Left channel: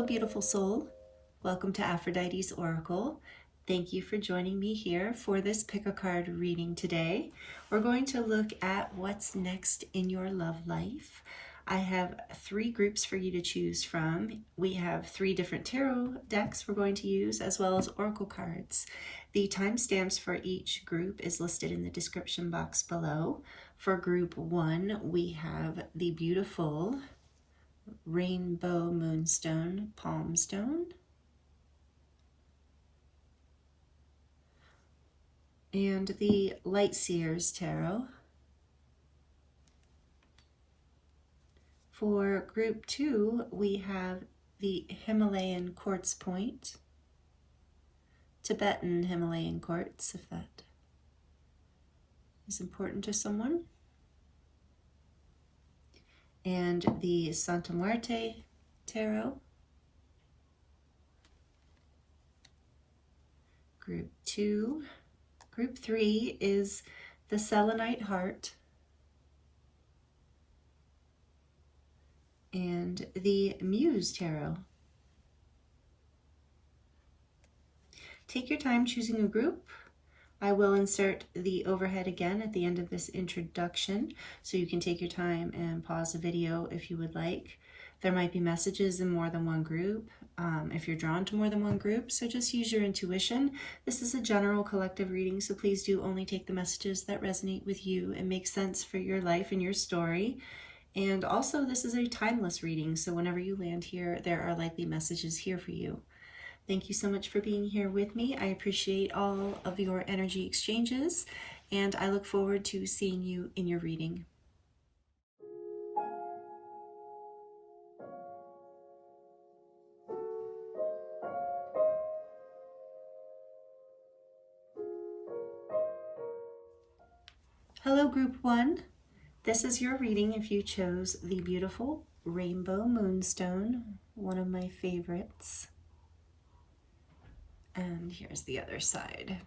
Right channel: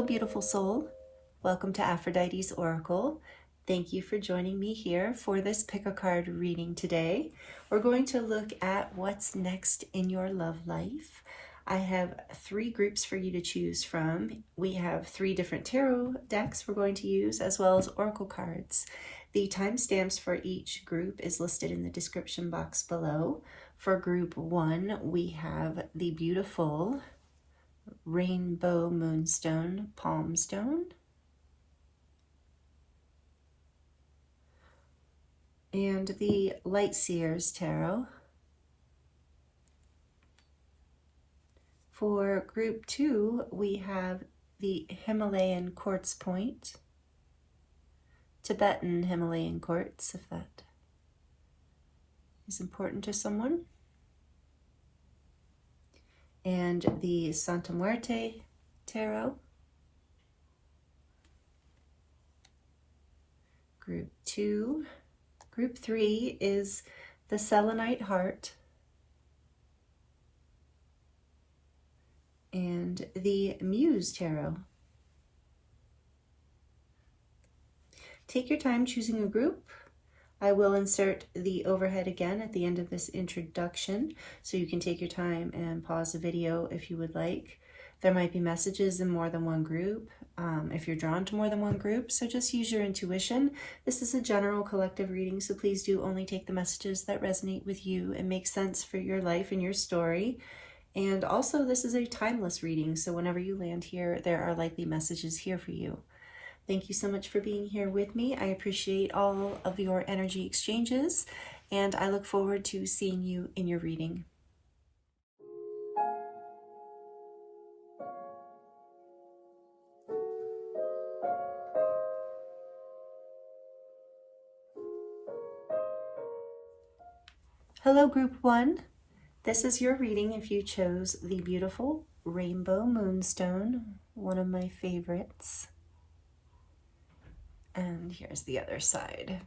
Hello, beautiful soul. Welcome to Aphrodite's Oracle. Thank you for joining me here for this pick a card reading today. We're going to look at what's next in your love life. I have 3 groups for you to choose from. We have 3 different tarot decks we're going to use, as well as oracle cards. The timestamps for each group is listed in the description box below. For group 1, we have the beautiful Rainbow Moonstone Palm Stone, and the Light Seers Tarot. For group 2, we have the Himalayan Quartz Point, Tibetan Himalayan Quartz, if that is important to someone, and the Santa Muerte Tarot. Group 2. Group 3 is the Selenite Heart and the Muse Tarot. Take your time choosing a group. I will insert the overhead again at the end of this introduction, so you can take your time and pause the video if you would like. There might be messages in more than one group if you're drawn to more than one group, so just use your intuition. This is a general collective reading, so please do only take the messages that resonate with you and make sense for your life and your story. And also, this is a timeless reading, so whenever you land here, there are likely messages here for you. Thank you so much for being here with me. I appreciate all of your energy exchanges, and I look forward to seeing you in your reading. Hello, Group 1. This is your reading if you chose the beautiful Rainbow Moonstone, one of my favorites. And here's the other side.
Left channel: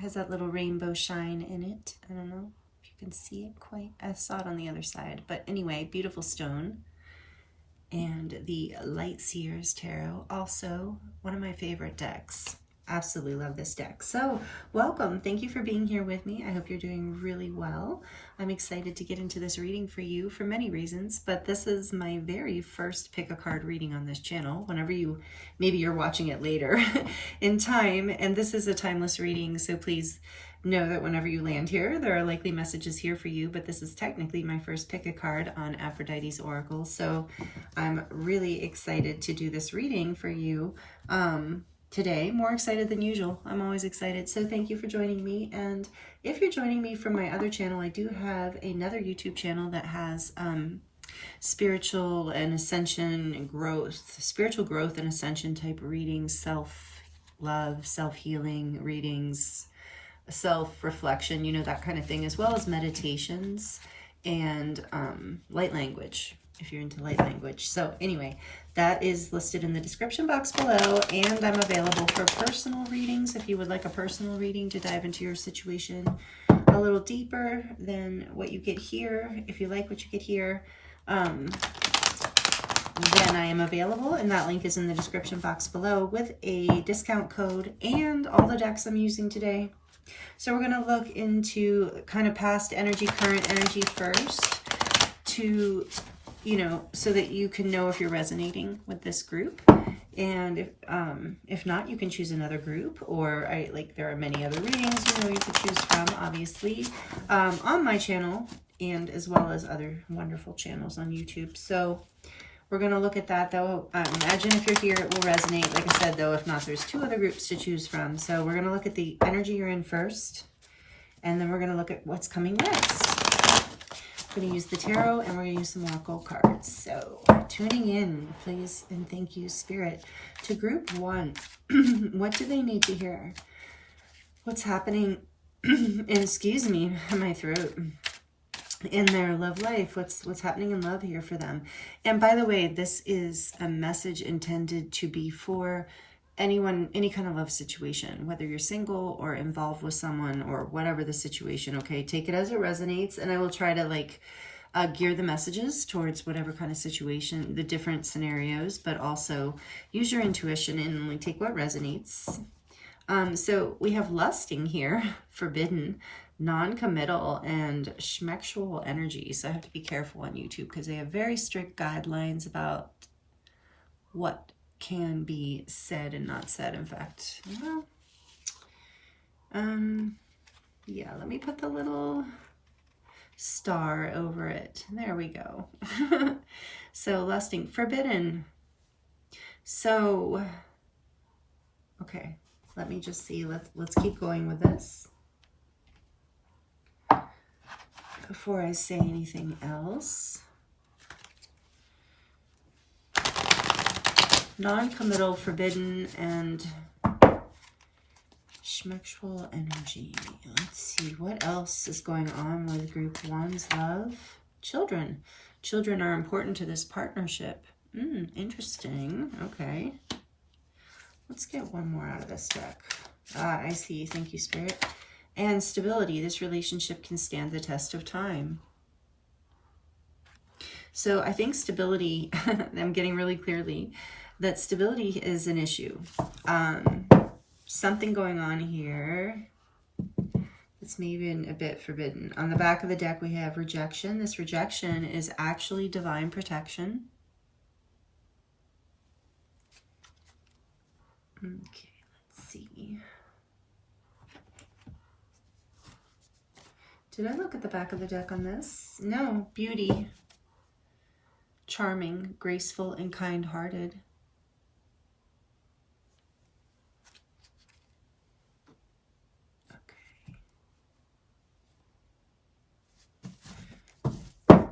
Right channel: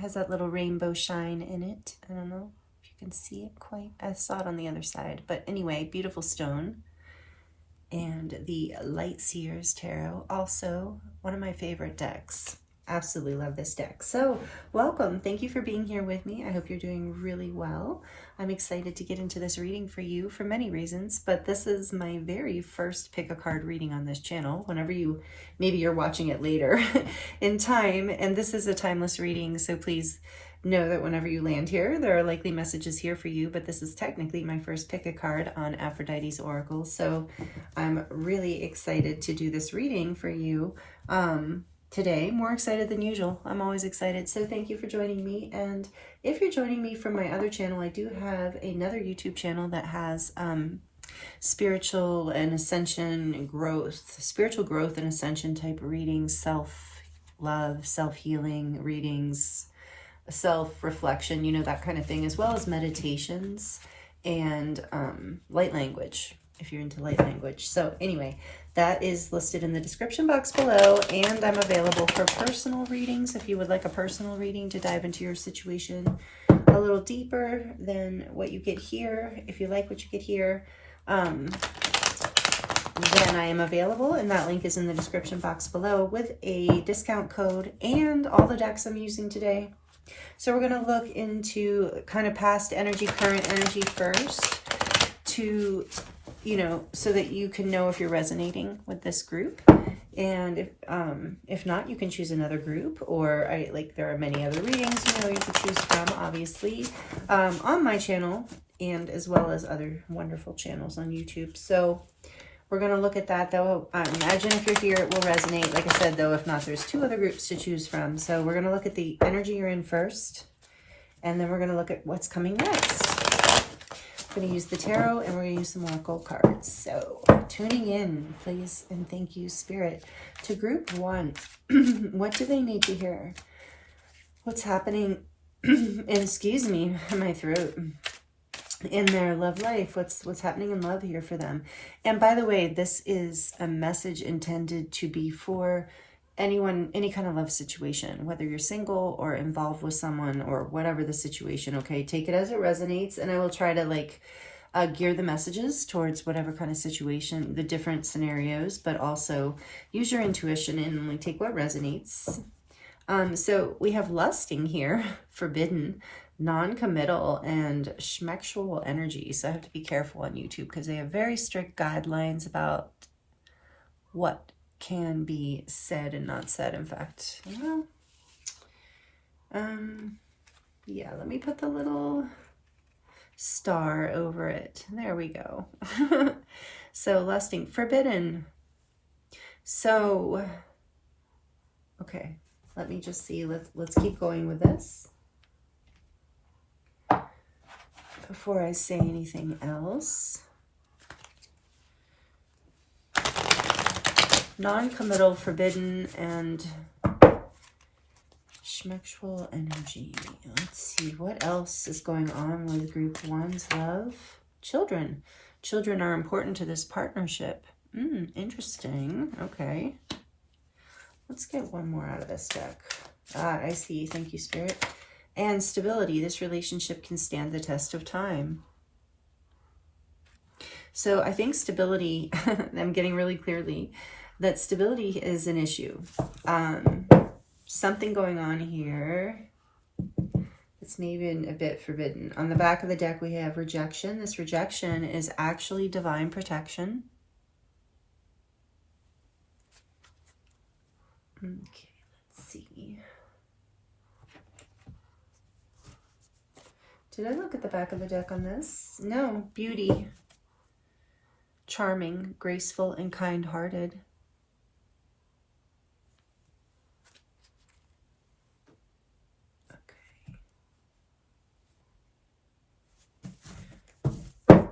Has that little rainbow shine in it. I don't know if you can see it quite. I saw it on the other side. But anyway, beautiful stone. And the Light Seers Tarot, also one of my favorite decks. Absolutely love this deck. So welcome. Thank you for being here with me. I hope you're doing really well. I'm excited to get into this reading for you for many reasons, but this is my very first pick a card reading on this channel. Maybe you're watching it later in time, and this is a timeless reading, so please know that whenever you land here, there are likely messages here for you, but this is technically my first pick a card on Aphrodite's Oracle, so I'm really excited to do this reading for you today, more excited than usual. I'm always excited, so thank you for joining me. And if you're joining me from my other channel, I do have another YouTube channel that has spiritual and ascension and growth, spiritual growth and ascension type readings, self-love, self-healing readings, self-reflection, you know, that kind of thing, as well as meditations and light language, if you're into light language. So anyway, that is listed in the description box below, and I'm available for personal readings if you would like a personal reading to dive into your situation a little deeper than what you get here. If you like what you get here, then I am available, and that link is in the description box below with a discount code and all the decks I'm using today. So we're going to look into kind of past energy, current energy first, to so that you can know if you're resonating with this group. And if not, you can choose another group, or there are many other readings you could choose from, obviously, on my channel, and as well as other wonderful channels on YouTube. So we're going to look at that, though. Imagine if you're here, it will resonate. Like I said, though, if not, there's 2 other groups to choose from. So we're going to look at the energy you're in first, and then we're going to look at what's coming next. We're going to use the tarot, and we're going to use some oracle cards. So tuning in, please, and thank you, Spirit. To group 1, what do they need to hear? What's happening, excuse me, my throat, in their love life? What's happening in love here for them? And by the way, this is a message intended to be for anyone, any kind of love situation, whether you're single or involved with someone or whatever the situation. Okay, take it as it resonates, and I will try to gear the messages towards whatever kind of situation, the different scenarios, but also use your intuition and only take what resonates. So we have lusting here, forbidden, non-committal, and schmexual energy. So I have to be careful on YouTube because they have very strict guidelines about what can be said and not said. In fact, yeah, let me put the little star over it. There we go. So lusting, forbidden. So, okay, let me just see. Let's keep going with this before I say anything else. Non-committal, forbidden, and schmexual energy. Let's see what else is going on with group 1's love. Children. Children are important to this partnership. Interesting. Okay. Let's get one more out of this deck. I see. Thank you, Spirit. And stability. This relationship can stand the test of time. So I think stability, I'm getting really clearly that stability is an issue. Something going on here. It's maybe a bit forbidden. On the back of the deck, we have rejection. This rejection is actually divine protection. Okay, let's see. Did I look at the back of the deck on this? No, beauty. Charming, graceful, and kind-hearted.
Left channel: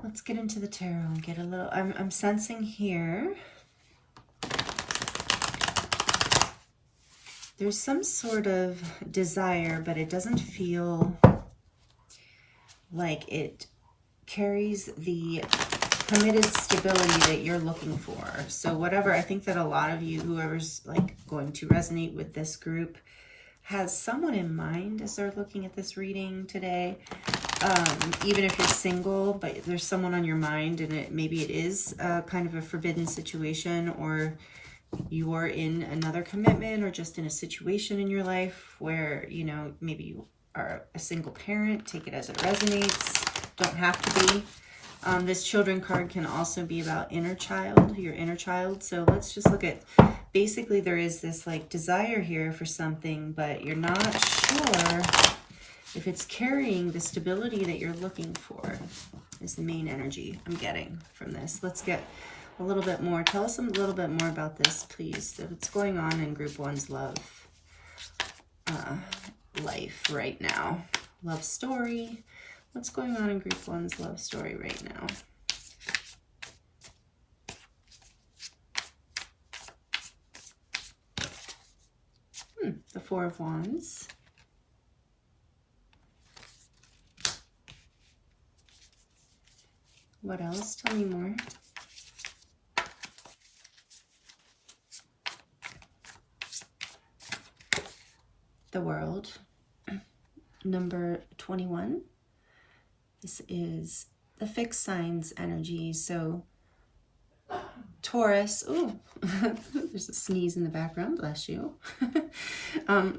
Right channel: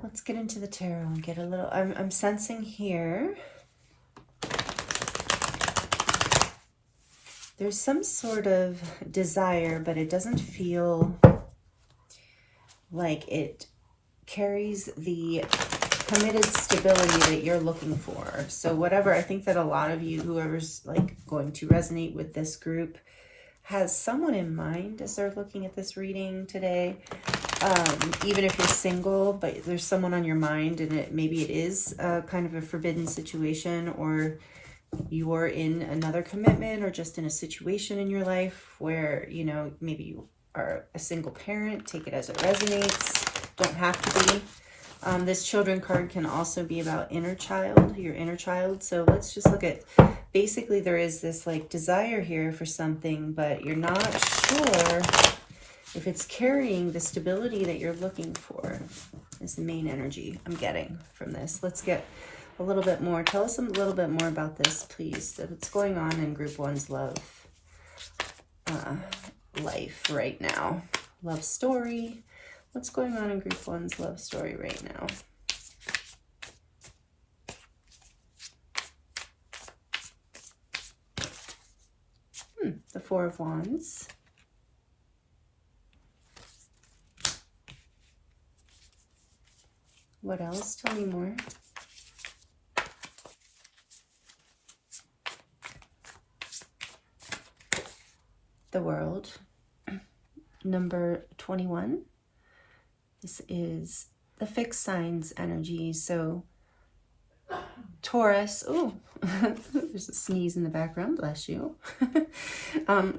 Let's get into the tarot and get a little, I'm sensing here, there's some sort of desire, but it doesn't feel like it carries the committed stability that you're looking for. So whatever, I think that a lot of you, whoever's like going to resonate with this group, has someone in mind as they're looking at this reading today. Even if you're single, but there's someone on your mind, and maybe it is kind of a forbidden situation, or you are in another commitment, or just in a situation in your life where, you know, maybe you are a single parent. Take it as it resonates. Don't have to be. This children card can also be about inner child, your inner child. So let's just look at, basically there is this like desire here for something, but you're not sure if it's carrying the stability that you're looking for, is the main energy I'm getting from this. Let's get a little bit more. Tell us a little bit more about this, please. What's going on in group 1's love life right now? Love story. What's going on in group 1's love story right now? The Four of Wands. What else? Tell me more. The World. Number 21. This is the fixed signs energy. So Taurus. Oh, there's a sneeze in the background. Bless you.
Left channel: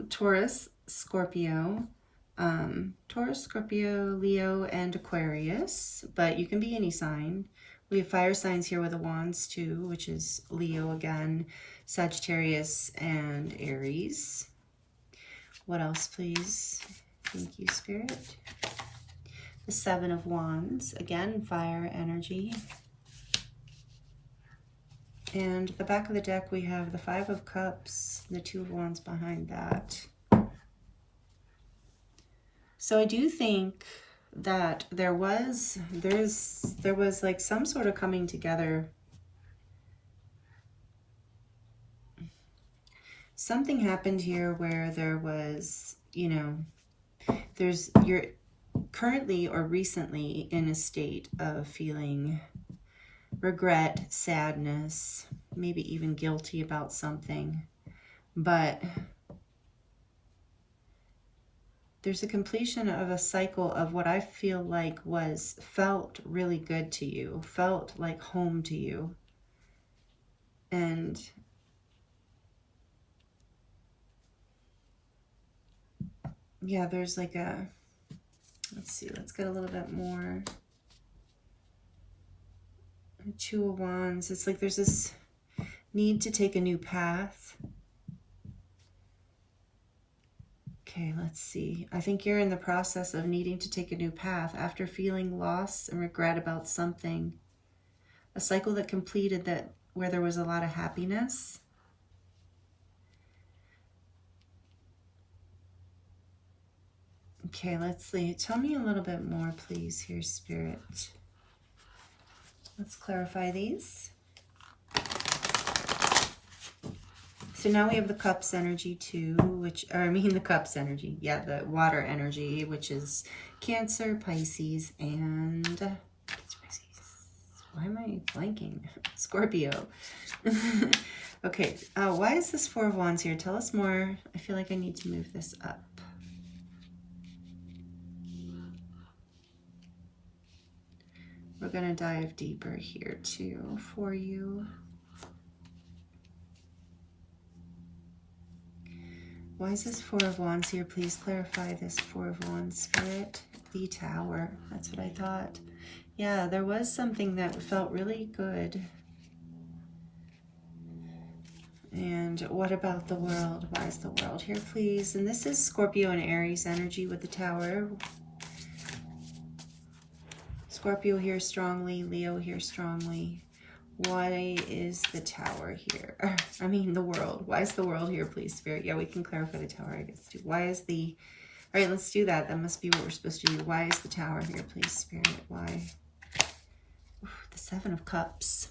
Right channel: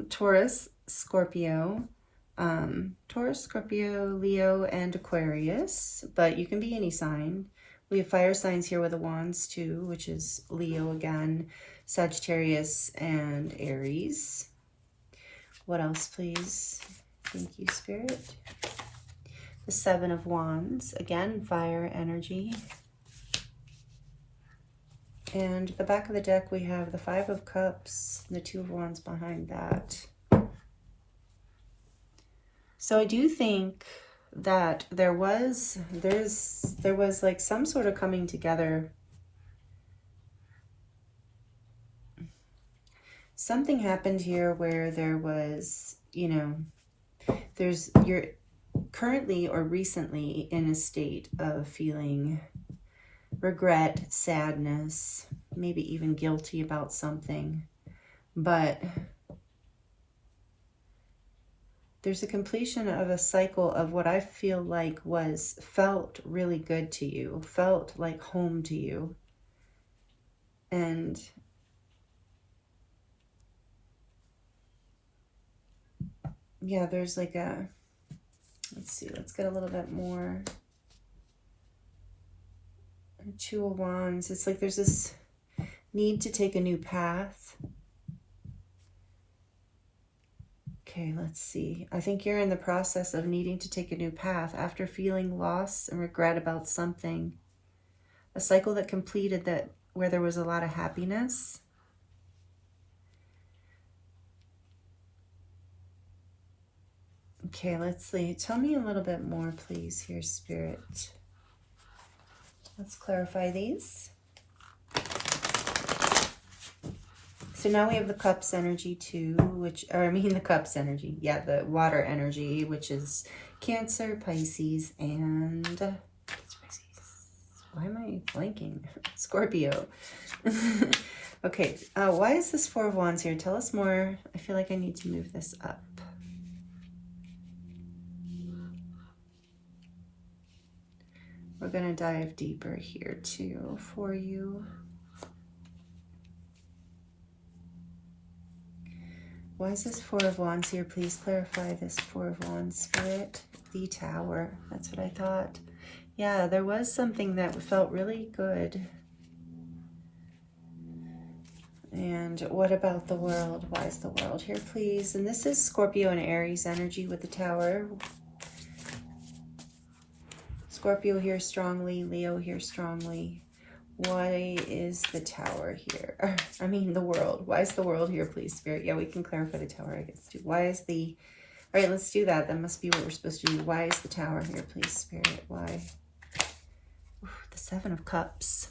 Taurus, Scorpio. Taurus, Scorpio, Leo, and Aquarius, but you can be any sign. We have fire signs here with the wands too, which is Leo again, Sagittarius, and Aries. What else, please? Thank you, Spirit. The Seven of Wands, again, fire energy. And the back of the deck, we have the Five of Cups, and the Two of Wands behind that. So I do think that there was like some sort of coming together. Something happened here where there was, you know, you're currently or recently in a state of feeling regret, sadness, maybe even guilty about something, but there's a completion of a cycle of what I feel like felt really good to you, felt like home to you. And yeah, there's like a, let's see, let's get a little bit more. Two of Wands. It's like there's this need to take a new path. Okay, let's see. I think you're in the process of needing to take a new path after feeling loss and regret about something. A cycle that completed that where there was a lot of happiness. Okay, let's see. Tell me a little bit more, please, here, Spirit. Let's clarify these. So now we have the Cups energy too, the Cups energy. Yeah, the water energy, which is Cancer, Pisces, and why am I blanking? Scorpio. Okay, why is this Four of Wands here? Tell us more. I feel like I need to move this up. We're going to dive deeper here too for you. Why is this Four of Wands here? Please clarify this Four of Wands, Spirit. The Tower. That's what I thought. Yeah, there was something that felt really good. And what about the World? Why is the World here, please? And this is Scorpio and Aries energy with the Tower. Scorpio here strongly, Leo here strongly. Why is the Tower here? I mean, the World. Why is the World here, please, Spirit? Yeah, we can clarify the Tower, I guess, too. Why is the... All right, let's do that. That must be what we're supposed to do. Why is the Tower here, please, Spirit? Why? Ooh, the Seven of Cups.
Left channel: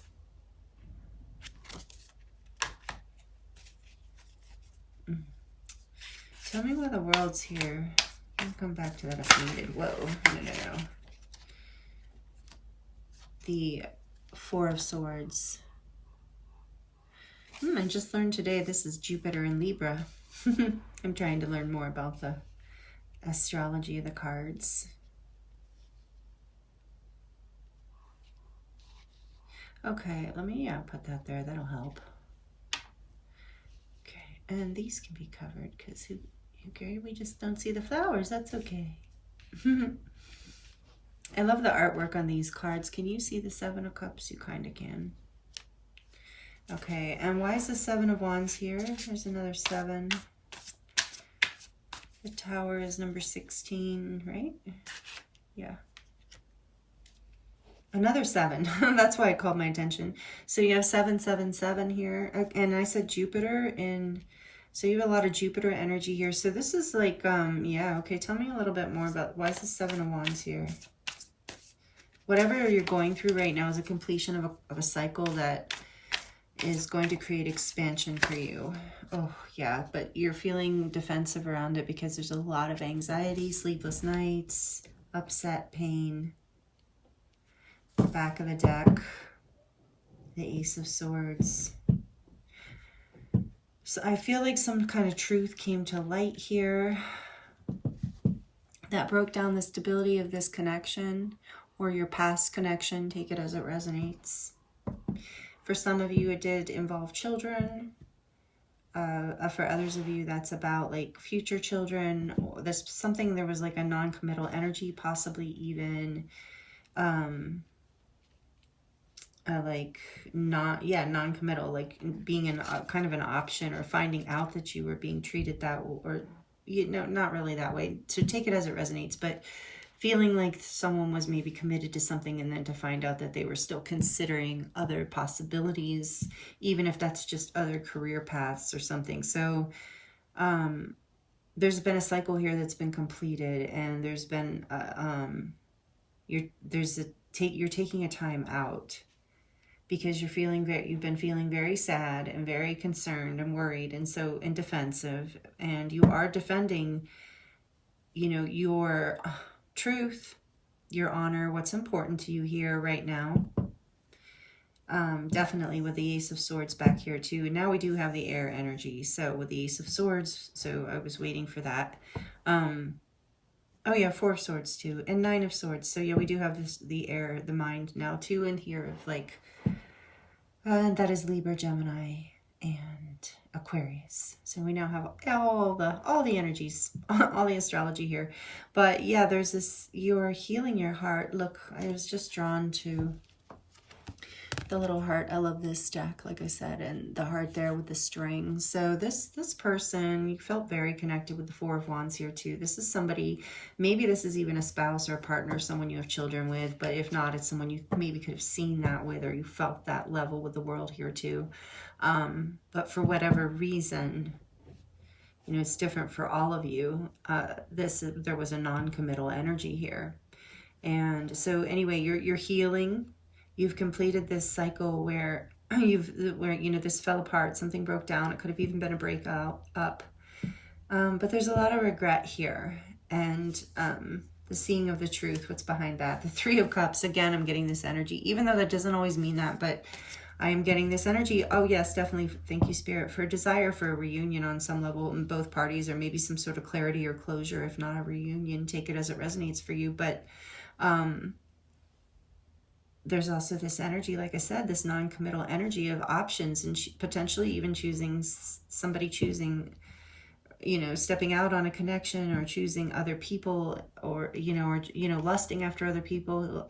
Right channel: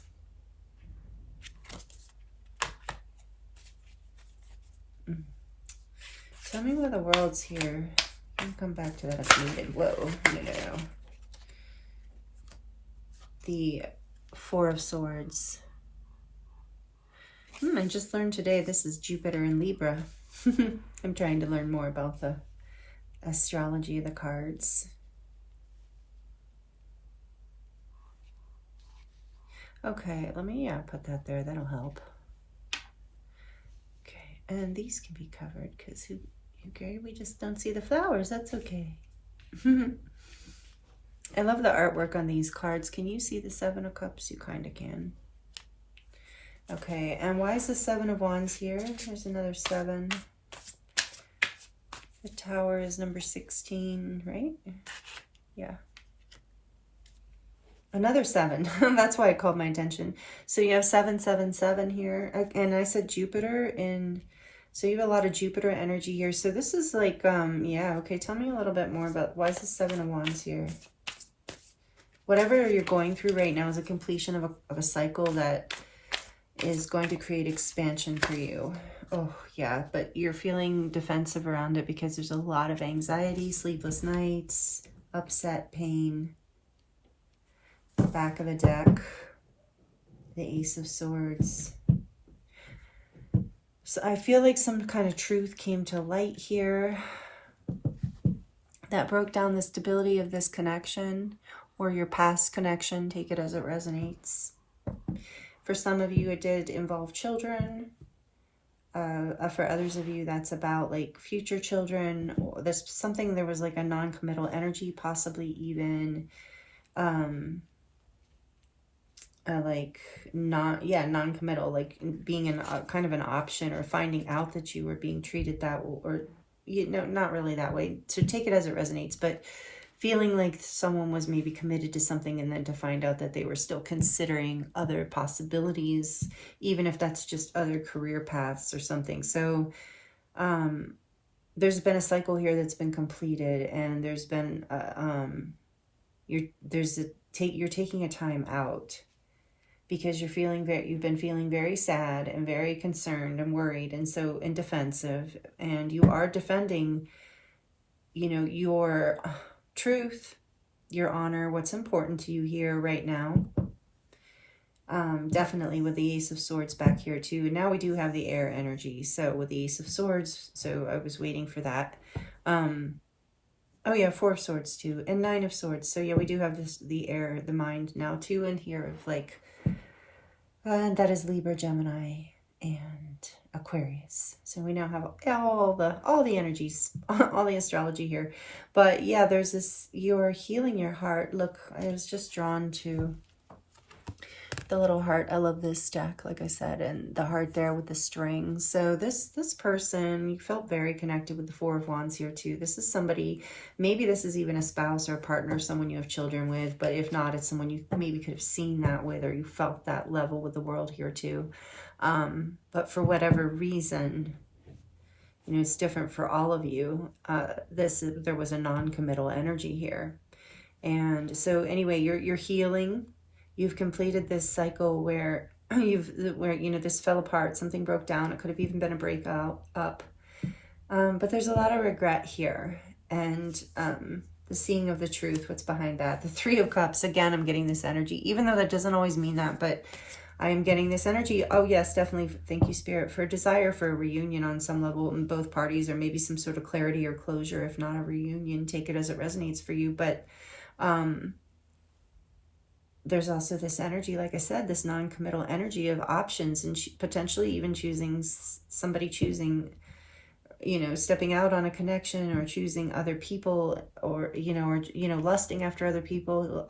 Tell me why the World's here. I'll come back to that if needed. Whoa, no. The Four of Swords. I just learned today this is Jupiter in Libra. I'm trying to learn more about the astrology of the cards. Okay, let me put that there. That'll help. Okay, and these can be covered because we just don't see the flowers. That's okay. I love the artwork on these cards. Can you see the Seven of Cups? You kind of can. Okay, and why is the Seven of Wands here? There's another 7. The Tower is number 16, right? Yeah. Another 7. That's why it called my attention. So you have 777 here. And I said Jupiter in... So you have a lot of Jupiter energy here. So this is like, yeah, okay. Tell me a little bit more about why is the Seven of Wands here? Whatever you're going through right now is a completion of a cycle that is going to create expansion for you. Oh, yeah, but you're feeling defensive around it because there's a lot of anxiety, sleepless nights, upset, pain. The back of the deck, the Ace of Swords. So I feel like some kind of truth came to light here that broke down the stability of this connection or your past connection. Take it as it resonates. For some of you, it did involve children. For others of you, that's about like future children. There was like a non-committal energy, possibly even non-committal, like being in kind of an option or finding out that you were being treated that, or not really that way. So take it as it resonates, but feeling like someone was maybe committed to something and then to find out that they were still considering other possibilities, even if that's just other career paths or something. So there's been a cycle here that's been completed, and there's been you're taking a time out because you've been feeling very sad and very concerned and worried and defensive, and you are defending, your truth, your honor, what's important to you here right now. Definitely with the Ace of Swords back here too. And now we do have the air energy. So with the Ace of Swords, so I was waiting for that. Oh yeah, Four of Swords too, and Nine of Swords. So yeah, we do have this, the air, the mind now too in here of like, that is Libra, Gemini, and Aquarius. So we now have all the energies, all the astrology here. But yeah, there's this, you're healing your heart. Look, I was just drawn to the little heart. I love this deck, like I said, and the heart there with the strings. So this person, you felt very connected with the Four of Wands here too. This is somebody, maybe this is even a spouse or a partner, someone you have children with, but if not, it's someone you maybe could have seen that with, or you felt that level with the world here too. But for whatever reason, you know, it's different for all of you. There was a non-committal energy here. And so anyway, you're healing. You've completed this cycle where you know, this fell apart, something broke down. It could have even been a breakup. But there's a lot of regret here, and the seeing of the truth, what's behind that. The Three of Cups, again, I'm getting this energy, even though that doesn't always mean that, but I am getting this energy. Oh yes, definitely. Thank you, Spirit, for a desire for a reunion on some level in both parties, or maybe some sort of clarity or closure. If not a reunion, take it as it resonates for you. But there's also this energy, like I said, this non-committal energy of options, and potentially even somebody choosing, you know, stepping out on a connection, or choosing other people, or lusting after other people,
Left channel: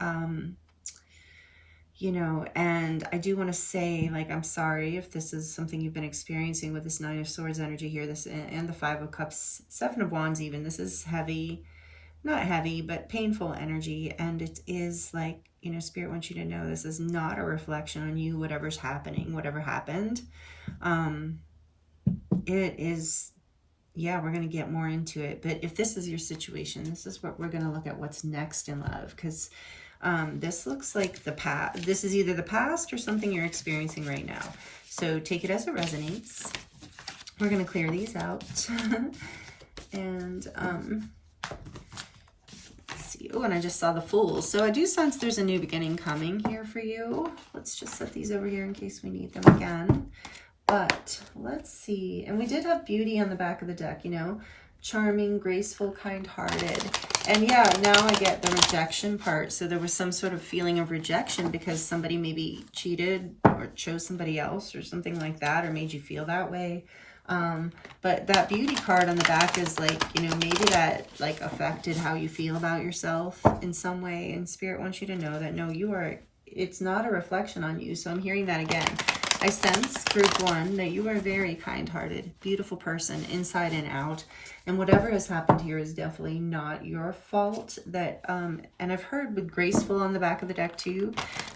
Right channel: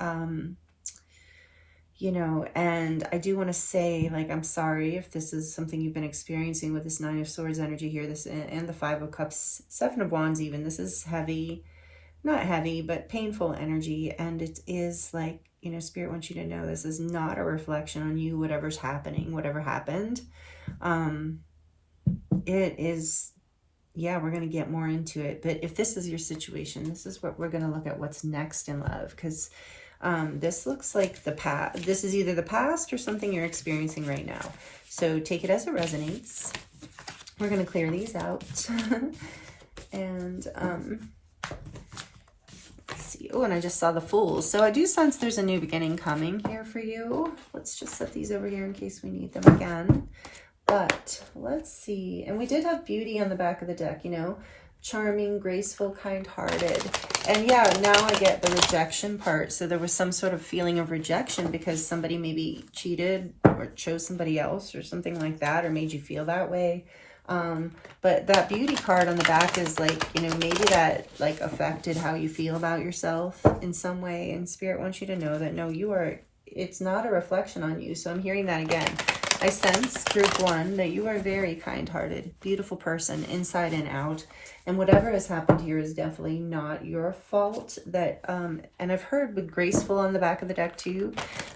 you know. And I do want to say, like, I'm sorry if this is something you've been experiencing with this Nine of Swords energy here, this, and the Five of Cups, Seven of Wands even. This is heavy, not heavy, but painful energy. And it is like, you know, Spirit wants you to know this is not a reflection on you, whatever's happening, whatever happened. It is, yeah, we're going to get more into it. But if this is your situation, this is what we're going to look at, what's next in love. Because this looks like the past. This is either the past or something you're experiencing right now. So take it as it resonates. We're going to clear these out. And oh, and I just saw the Fool. So I do sense there's a new beginning coming here for you. Let's just set these over here in case we need them again. But let's see. And we did have Beauty on the back of the deck, you know, charming, graceful, kind-hearted. And yeah, now I get the rejection part. So there was some sort of feeling of rejection because somebody maybe cheated or chose somebody else or something like that, or made you feel that way. But that Beauty card on the back is like, you know, maybe that like affected how you feel about yourself in some way. And Spirit wants you to know that, no, it's not a reflection on you. So I'm hearing that again. I sense, group one, that you are a very kind-hearted, beautiful person inside and out. And whatever has happened here is definitely not your fault. That, and I've heard with graceful on the back of the deck too,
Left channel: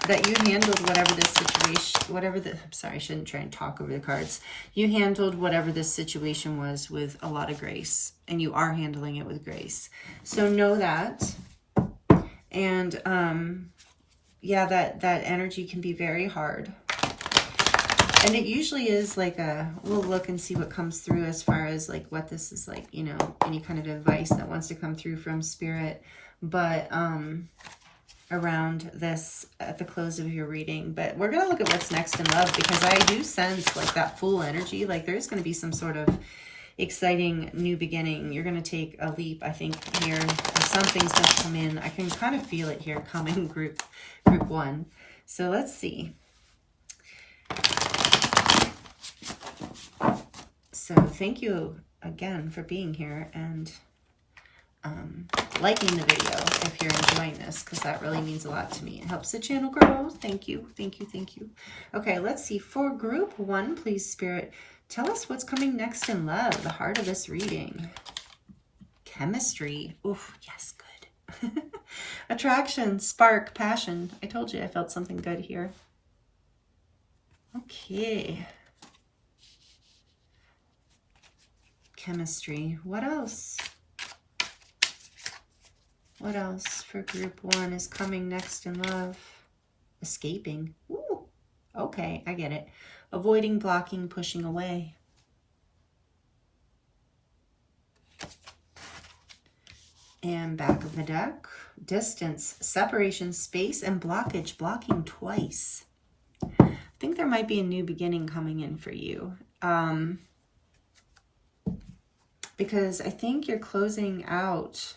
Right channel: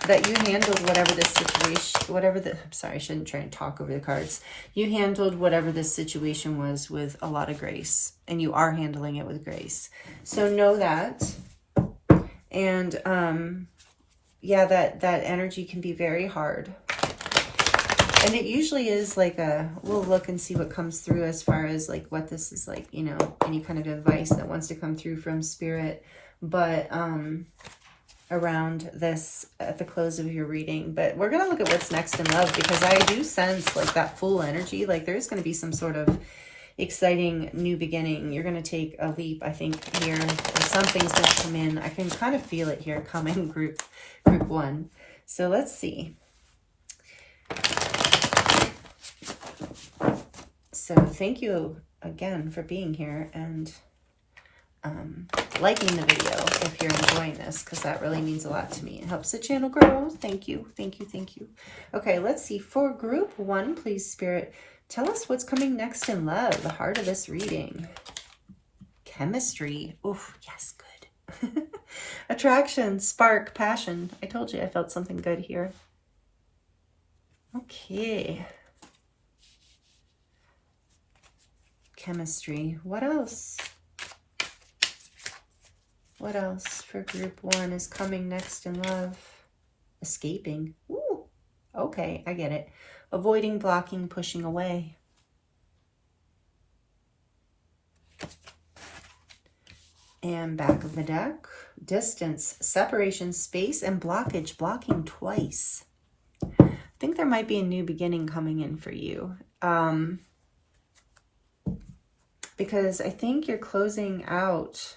that you handled whatever this situation, I'm sorry, I shouldn't try and talk over the cards. You handled whatever this situation was with a lot of grace, and you are handling it with grace. So know that. And, yeah, that energy can be very hard. And it usually is like we'll look and see what comes through as far as like what this is like, you know, any kind of advice that wants to come through from Spirit. But around this at the close of your reading. But we're going to look at what's next in love, because I do sense like that Fool energy. Like there's going to be some sort of exciting new beginning. You're going to take a leap, I think, here. Or something's going to come in. I can kind of feel it here coming, group one. So let's see. So thank you again for being here and liking the video if you're enjoying this, because that really means a lot to me. It helps the channel grow. Thank you, thank you, thank you. Okay, let's see. For group one, please, Spirit, tell us what's coming next in love, the heart of this reading. Chemistry. Oof, yes, good. Attraction, spark, passion. I told you I felt something good here. Okay. Chemistry. What else? What else for group one is coming next in love? Escaping. Ooh, okay, I get it. Avoiding, blocking, pushing away. And back of the deck. Distance, separation, space, and blockage. Blocking twice. I think there might be a new beginning coming in for you. Because I think you're closing out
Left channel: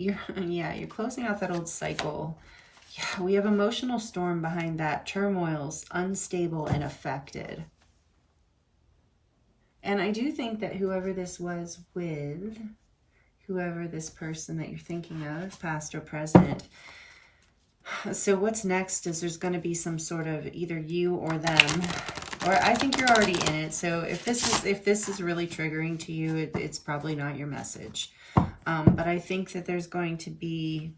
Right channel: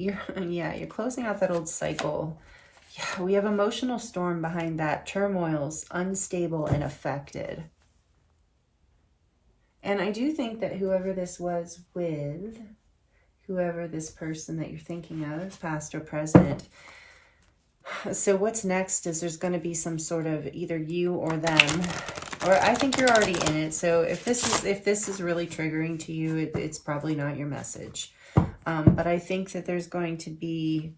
you're closing out that old cycle. Yeah, we have emotional storm behind that. Turmoils, unstable and affected. And I do think that whoever this was with, whoever this person that you're thinking of, past or present, so what's next is there's going to be some sort of either you or them, or I think you're already in it. So if this is really triggering to you, it's probably not your message. But I think that there's going to be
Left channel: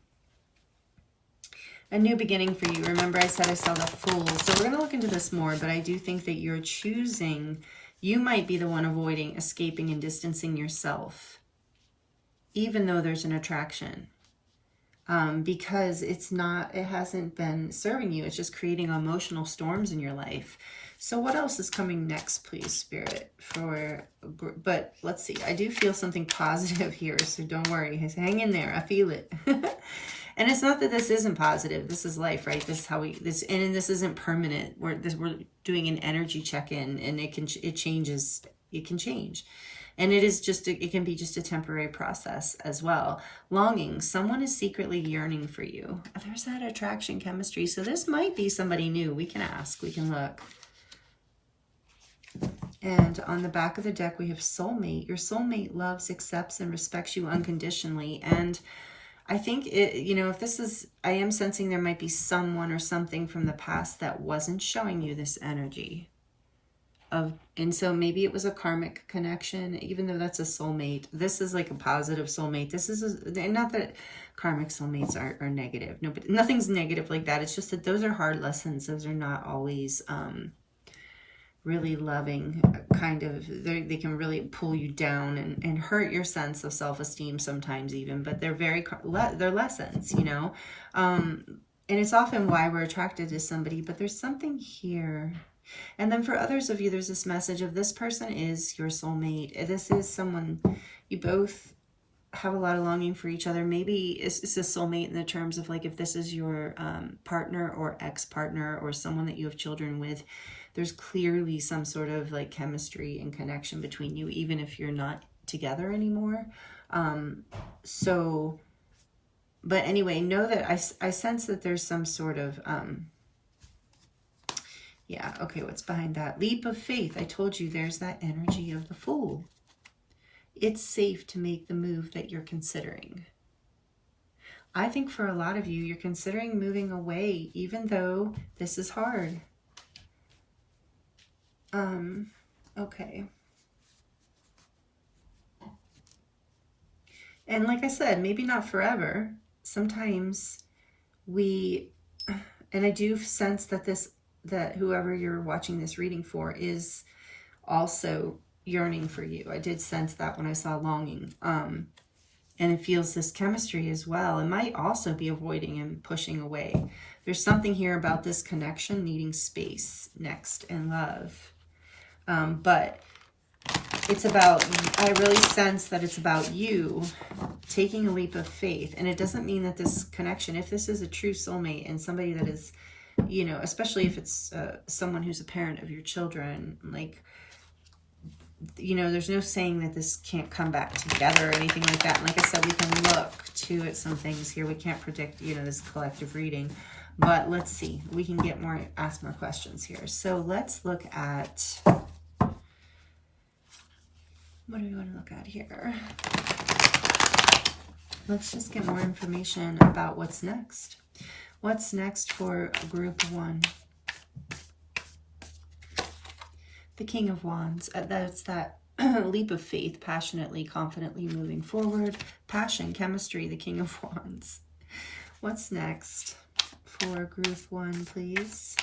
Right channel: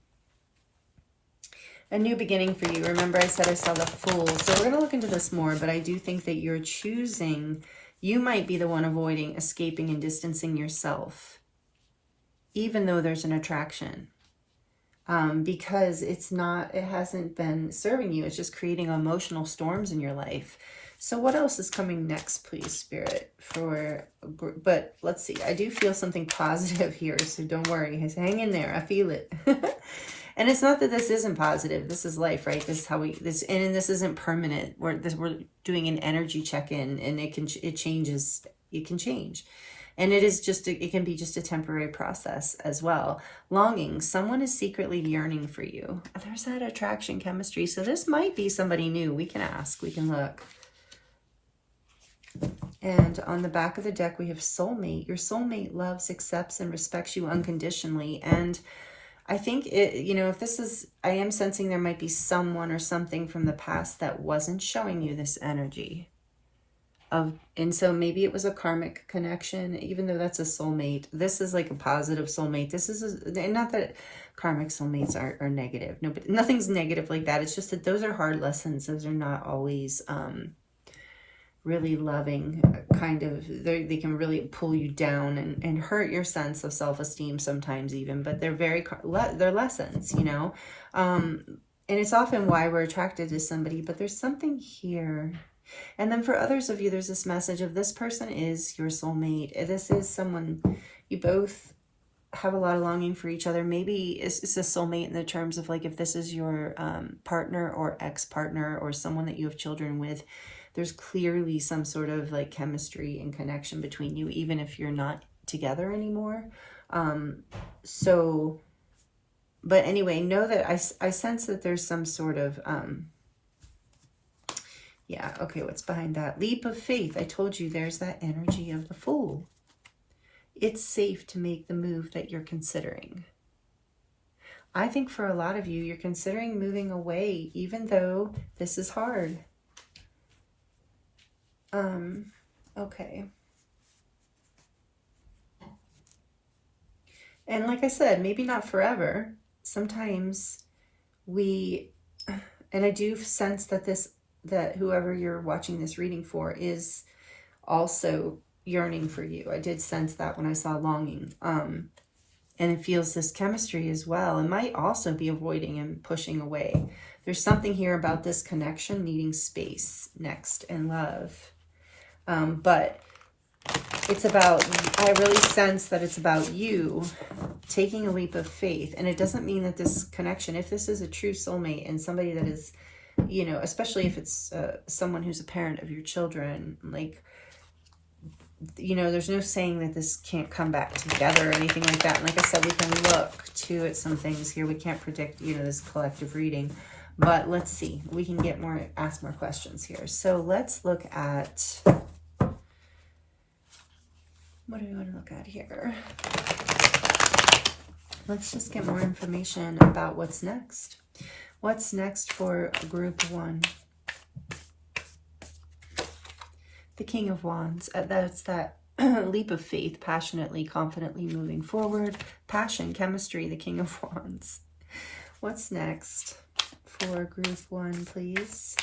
a new beginning for you. Remember I said I saw the Fool. So we're going to look into this more, but I do think that you're choosing, you might be the one avoiding, escaping, and distancing yourself, even though there's an attraction. Because it hasn't been serving you. It's just creating emotional storms in your life. So what else is coming next, please, Spirit? But let's see. I do feel something positive here, so don't worry. Hang in there. I feel it. And it's not that this isn't positive. This is life, right? This is how and this isn't permanent. We're doing an energy check-in, and it changes. It can change. And it can be just a temporary process as well. Longing, someone is secretly yearning for you. There's that attraction chemistry. So this might be somebody new. We can ask, we can look. And on the back of the deck, we have soulmate. Your soulmate loves, accepts, and respects you unconditionally. And I think, if this is, I am sensing there might be someone or something from the past that wasn't showing you this energy. And so maybe it was a karmic connection, even though that's a soulmate. This is like a positive soulmate. This is not that karmic soulmates are negative. No, but nothing's negative like that. It's just that those are hard lessons. Those are not always really loving, kind of. They can really pull you down and hurt your sense of self-esteem sometimes even. But they're they're lessons, And it's often why we're attracted to somebody. But there's something here. And then for others of you, there's this message of this person is your soulmate. This is someone you both have a lot of longing for each other. Maybe it's a soulmate in the terms of like if this is your partner or ex-partner or someone that you have children with, there's clearly some sort of like chemistry and connection between you, even if you're not together anymore. But anyway, know that I sense that there's some sort of... yeah, okay, what's behind that? Leap of faith. I told you there's that energy of the Fool. It's safe to make the move that you're considering. I think for a lot of you, you're considering moving away, even though this is hard. Okay. And like I said, maybe not forever. Sometimes and I do sense that whoever you're watching this reading for is also yearning for you. I did sense that when I saw longing. And it feels this chemistry as well. It might also be avoiding and pushing away. There's something here about this connection needing space next and love. But it's about, I really sense that it's about you taking a leap of faith. And it doesn't mean that this connection, if this is a true soulmate and somebody that is, especially if it's someone who's a parent of your children, like, there's no saying that this can't come back together or anything like that. And like I said, we can look too at some things here. We can't predict, this collective reading, but let's see. We can ask more questions here. So let's look at, what do we want to look at here? Let's just get more information about what's next. What's next for group 1? The King of Wands. That's that leap of faith, passionately, confidently moving forward. Passion, chemistry, the King of Wands. What's next for group 1, please?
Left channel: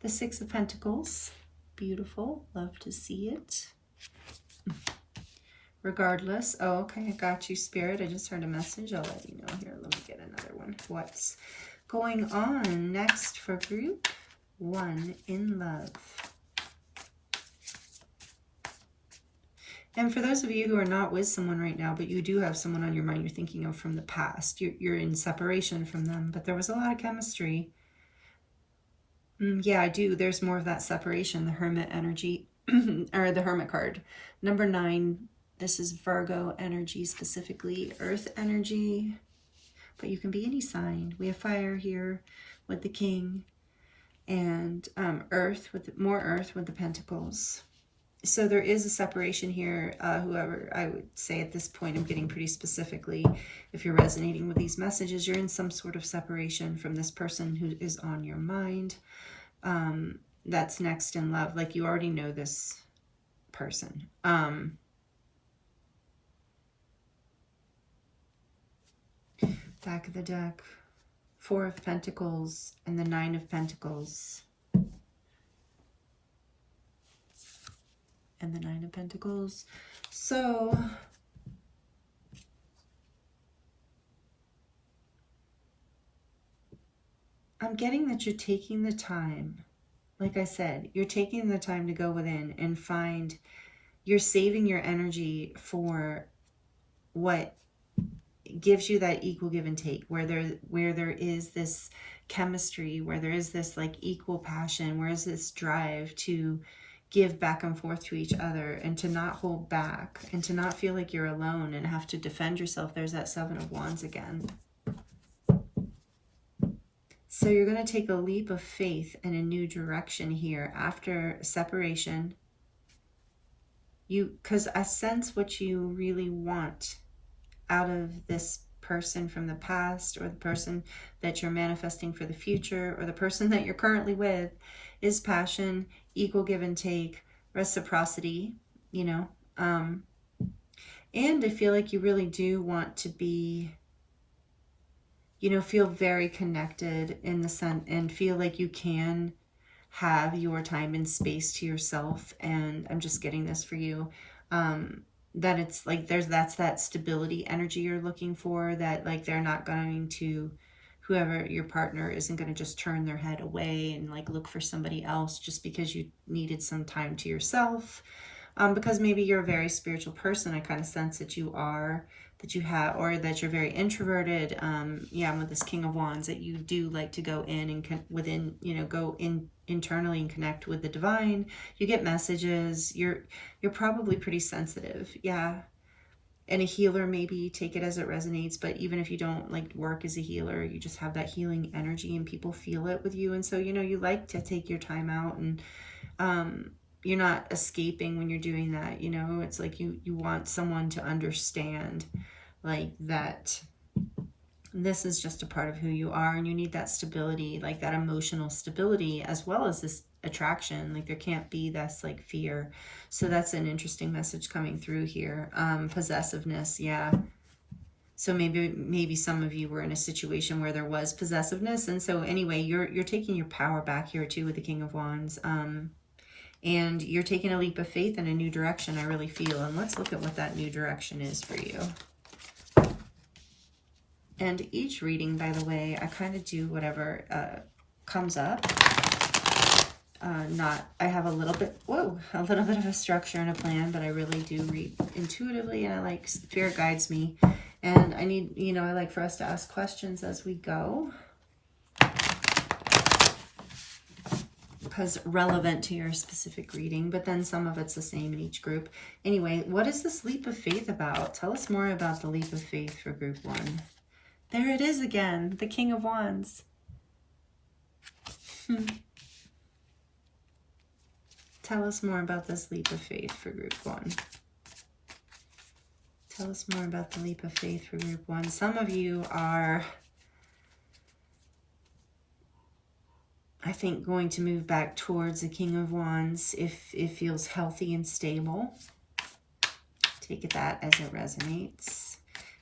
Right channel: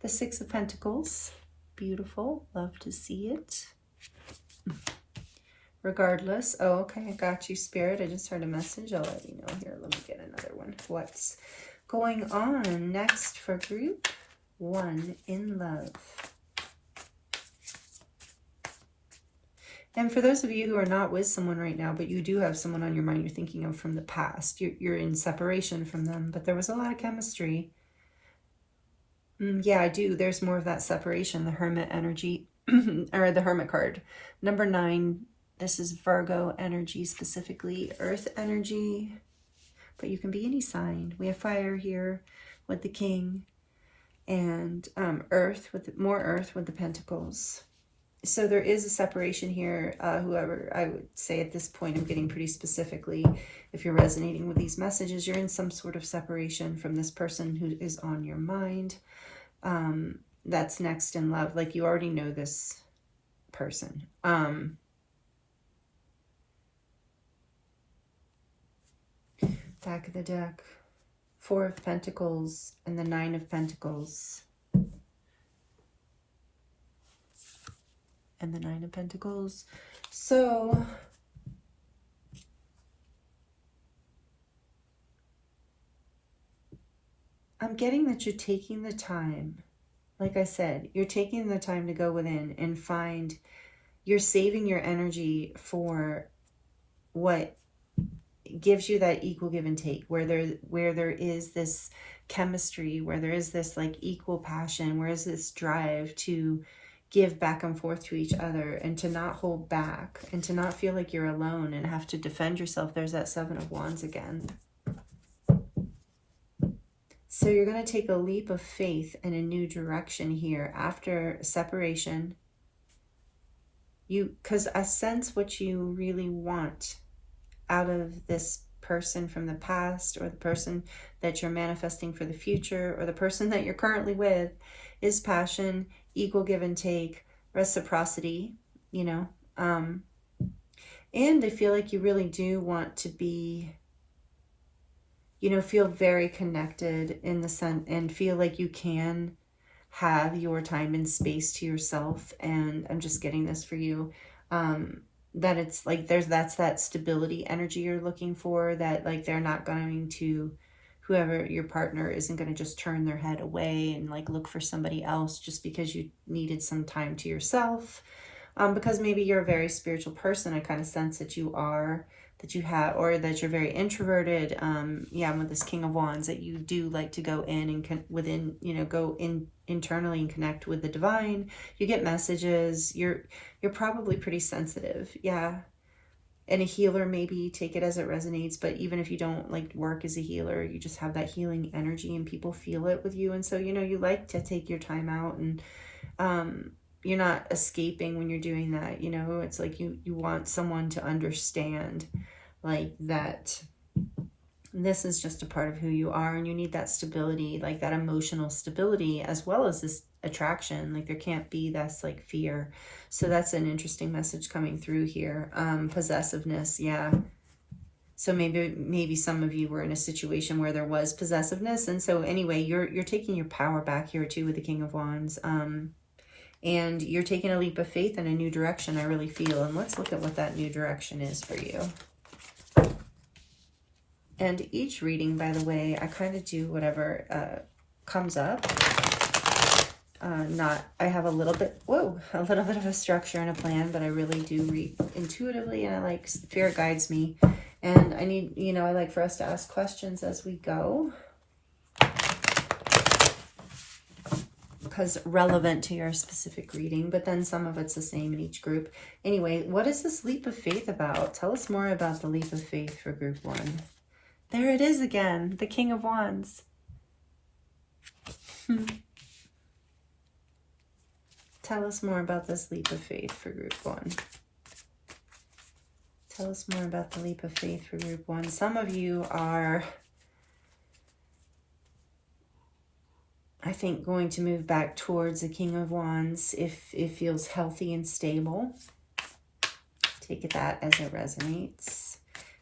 The Six of Pentacles. Beautiful. Love to see it. Regardless. Oh, okay. I got you, Spirit. I just heard a message. I'll let you know here. Let me get another one. What's going on next for group 1 in love? And for those of you who are not with someone right now, but you do have someone on your mind you're thinking of from the past, you're in separation from them, but there was a lot of chemistry. Yeah, I do. There's more of that separation, the Hermit energy, or the Hermit card. Number 9, This is Virgo energy, specifically earth energy, but you can be any sign. We have fire here with the king, and earth, with more earth with the pentacles. So there is a separation here. Whoever, I would say at this point, I'm getting pretty specifically, if you're resonating with these messages, you're in some sort of separation from this person who is on your mind. That's next in love. Like, you already know this person. Back of the deck, Four of Pentacles and the Nine of Pentacles. And the Nine of Pentacles. So I'm getting that you're taking the time. Like I said, you're taking the time to go within and find, you're saving your energy for what gives you that equal give and take, where there is this chemistry, where there is this like equal passion, where is this drive to give back and forth to each other, and to not hold back, and to not feel like you're alone and have to defend yourself. There's that Seven of Wands again. So you're going to take a leap of faith in a new direction here after separation. Because I sense what you really want out of this person from the past, or the person that you're manifesting for the future, or the person that you're currently with, is passion, equal give and take, reciprocity, you know. And I feel like you really do want to be, you know, feel very connected in the sense, and feel like you can have your time and space to yourself. And I'm just getting this for you, that it's like that's that stability energy you're looking for, that like they're not going to, whoever your partner isn't going to just turn their head away and like look for somebody else just because you needed some time to yourself. Because maybe you're a very spiritual person. I kind of sense that you are, that you have, or that you're very introverted. Yeah, with this King of Wands, that you do like to go in and within, you know, go in internally and connect with the divine. You get messages. You're probably pretty sensitive. Yeah. And a healer, maybe take it as it resonates. But even if you don't like work as a healer, you just have that healing energy and people feel it with you. And so, you know, you like to take your time out, and you're not escaping when you're doing that. You know, it's like you want someone to understand like that this is just a part of who you are, and you need that stability, like that emotional stability, as well as this attraction. Like there can't be this like fear. So that's an interesting message coming through here. Possessiveness, yeah. So maybe some of you were in a situation where there was possessiveness, and so anyway, you're taking your power back here too with the King of Wands. And you're taking a leap of faith in a new direction, I really feel. And let's look at what that new direction is for you. And each reading, by the way, I kind of do whatever comes up. I have a little bit of a structure and a plan, but I really do read intuitively, and I like, Spirit guides me. And I need, you know, I like for us to ask questions as we go, because relevant to your specific reading, but then some of it's the same in each group. Anyway, what is this leap of faith about? Tell us more about the leap of faith for group 1. There it is again, the King of Wands. Tell us more about this leap of faith for group 1. Tell us more about the leap of faith for group 1. Some of you are, I think, going to move back towards the King of Wands if it feels healthy and stable. Take that as it resonates.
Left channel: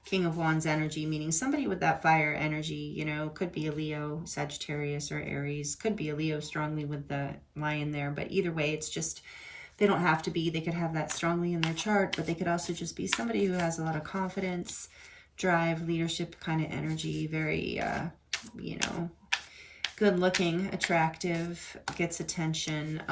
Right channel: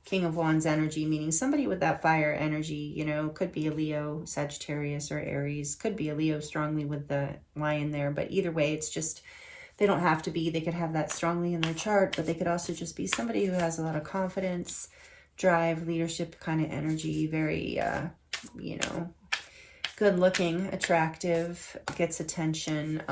King of Wands energy, meaning somebody with that fire energy, you know, could be a Leo, Sagittarius, or Aries. Could be a Leo strongly with the lion there. But either way, it's just, they don't have to be. They could have that strongly in their chart, but they could also just be somebody who has a lot of confidence, drive, leadership kind of energy. Very, you know, good looking, attractive, gets attention,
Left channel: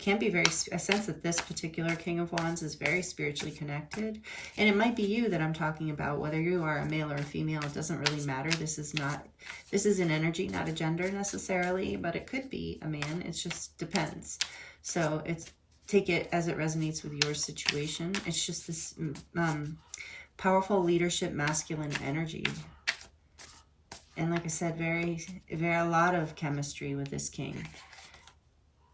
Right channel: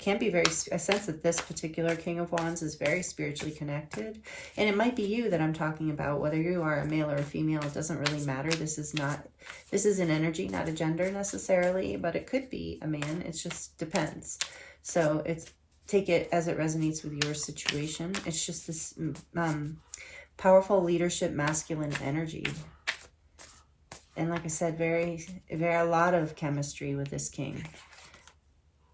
can be very, I sense that this particular King of Wands is very spiritually connected. And it might be you that I'm talking about, whether you are a male or a female, it doesn't really matter. This is an energy, not a gender necessarily, but it could be a man. It just depends. So it's take it as it resonates with your situation. It's just this powerful leadership, masculine energy. And like I said, a lot of chemistry with this king.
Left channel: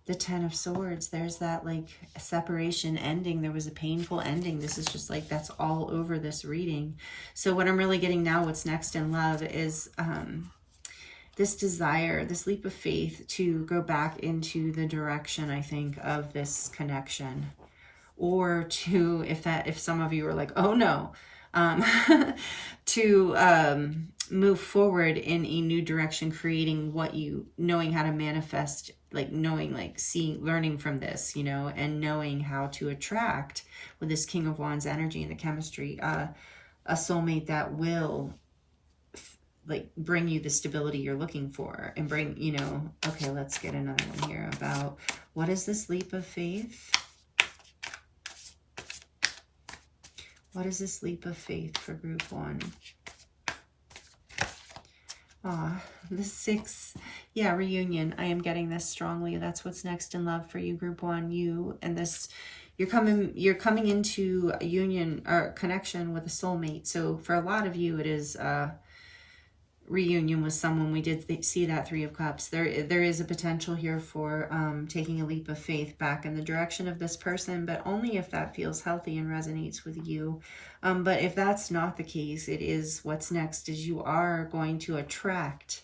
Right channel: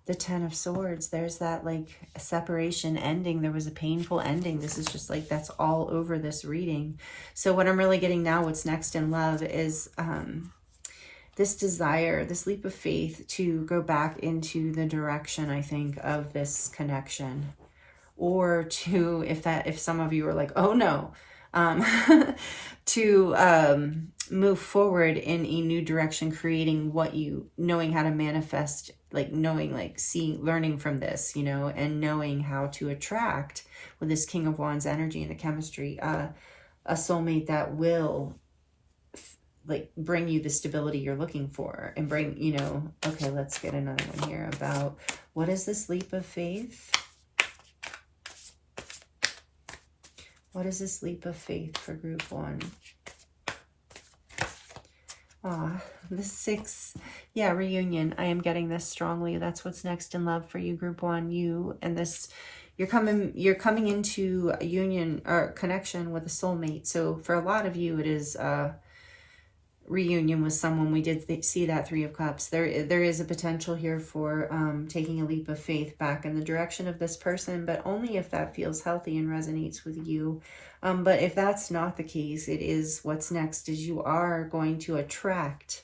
The Ten of Swords, there's that like a separation ending. There was a painful ending. This is just like, that's all over this reading. So what I'm really getting now, what's next in love is this desire, this leap of faith to go back into the direction, I think, of this connection. Or to, if some of you are like, oh no, to move forward in a new direction, creating what you, knowing how to manifest, like knowing, like seeing, learning from this, you know, and knowing how to attract with this King of Wands energy and the chemistry, a soulmate that will like bring you the stability you're looking for and bring, you know, okay, let's get another one here about what is this leap of faith? What is this leap of faith for group 1? The 6, yeah, reunion. I am getting this strongly. That's what's next in love for you, group 1. You and this, you're coming into a union or connection with a soulmate. So for a lot of you, it is reunion with someone. We did see that 3 of Cups. There is a potential here for taking a leap of faith back in the direction of this person, but only if that feels healthy and resonates with you. But if that's not the case, it is what's next is you are going to attract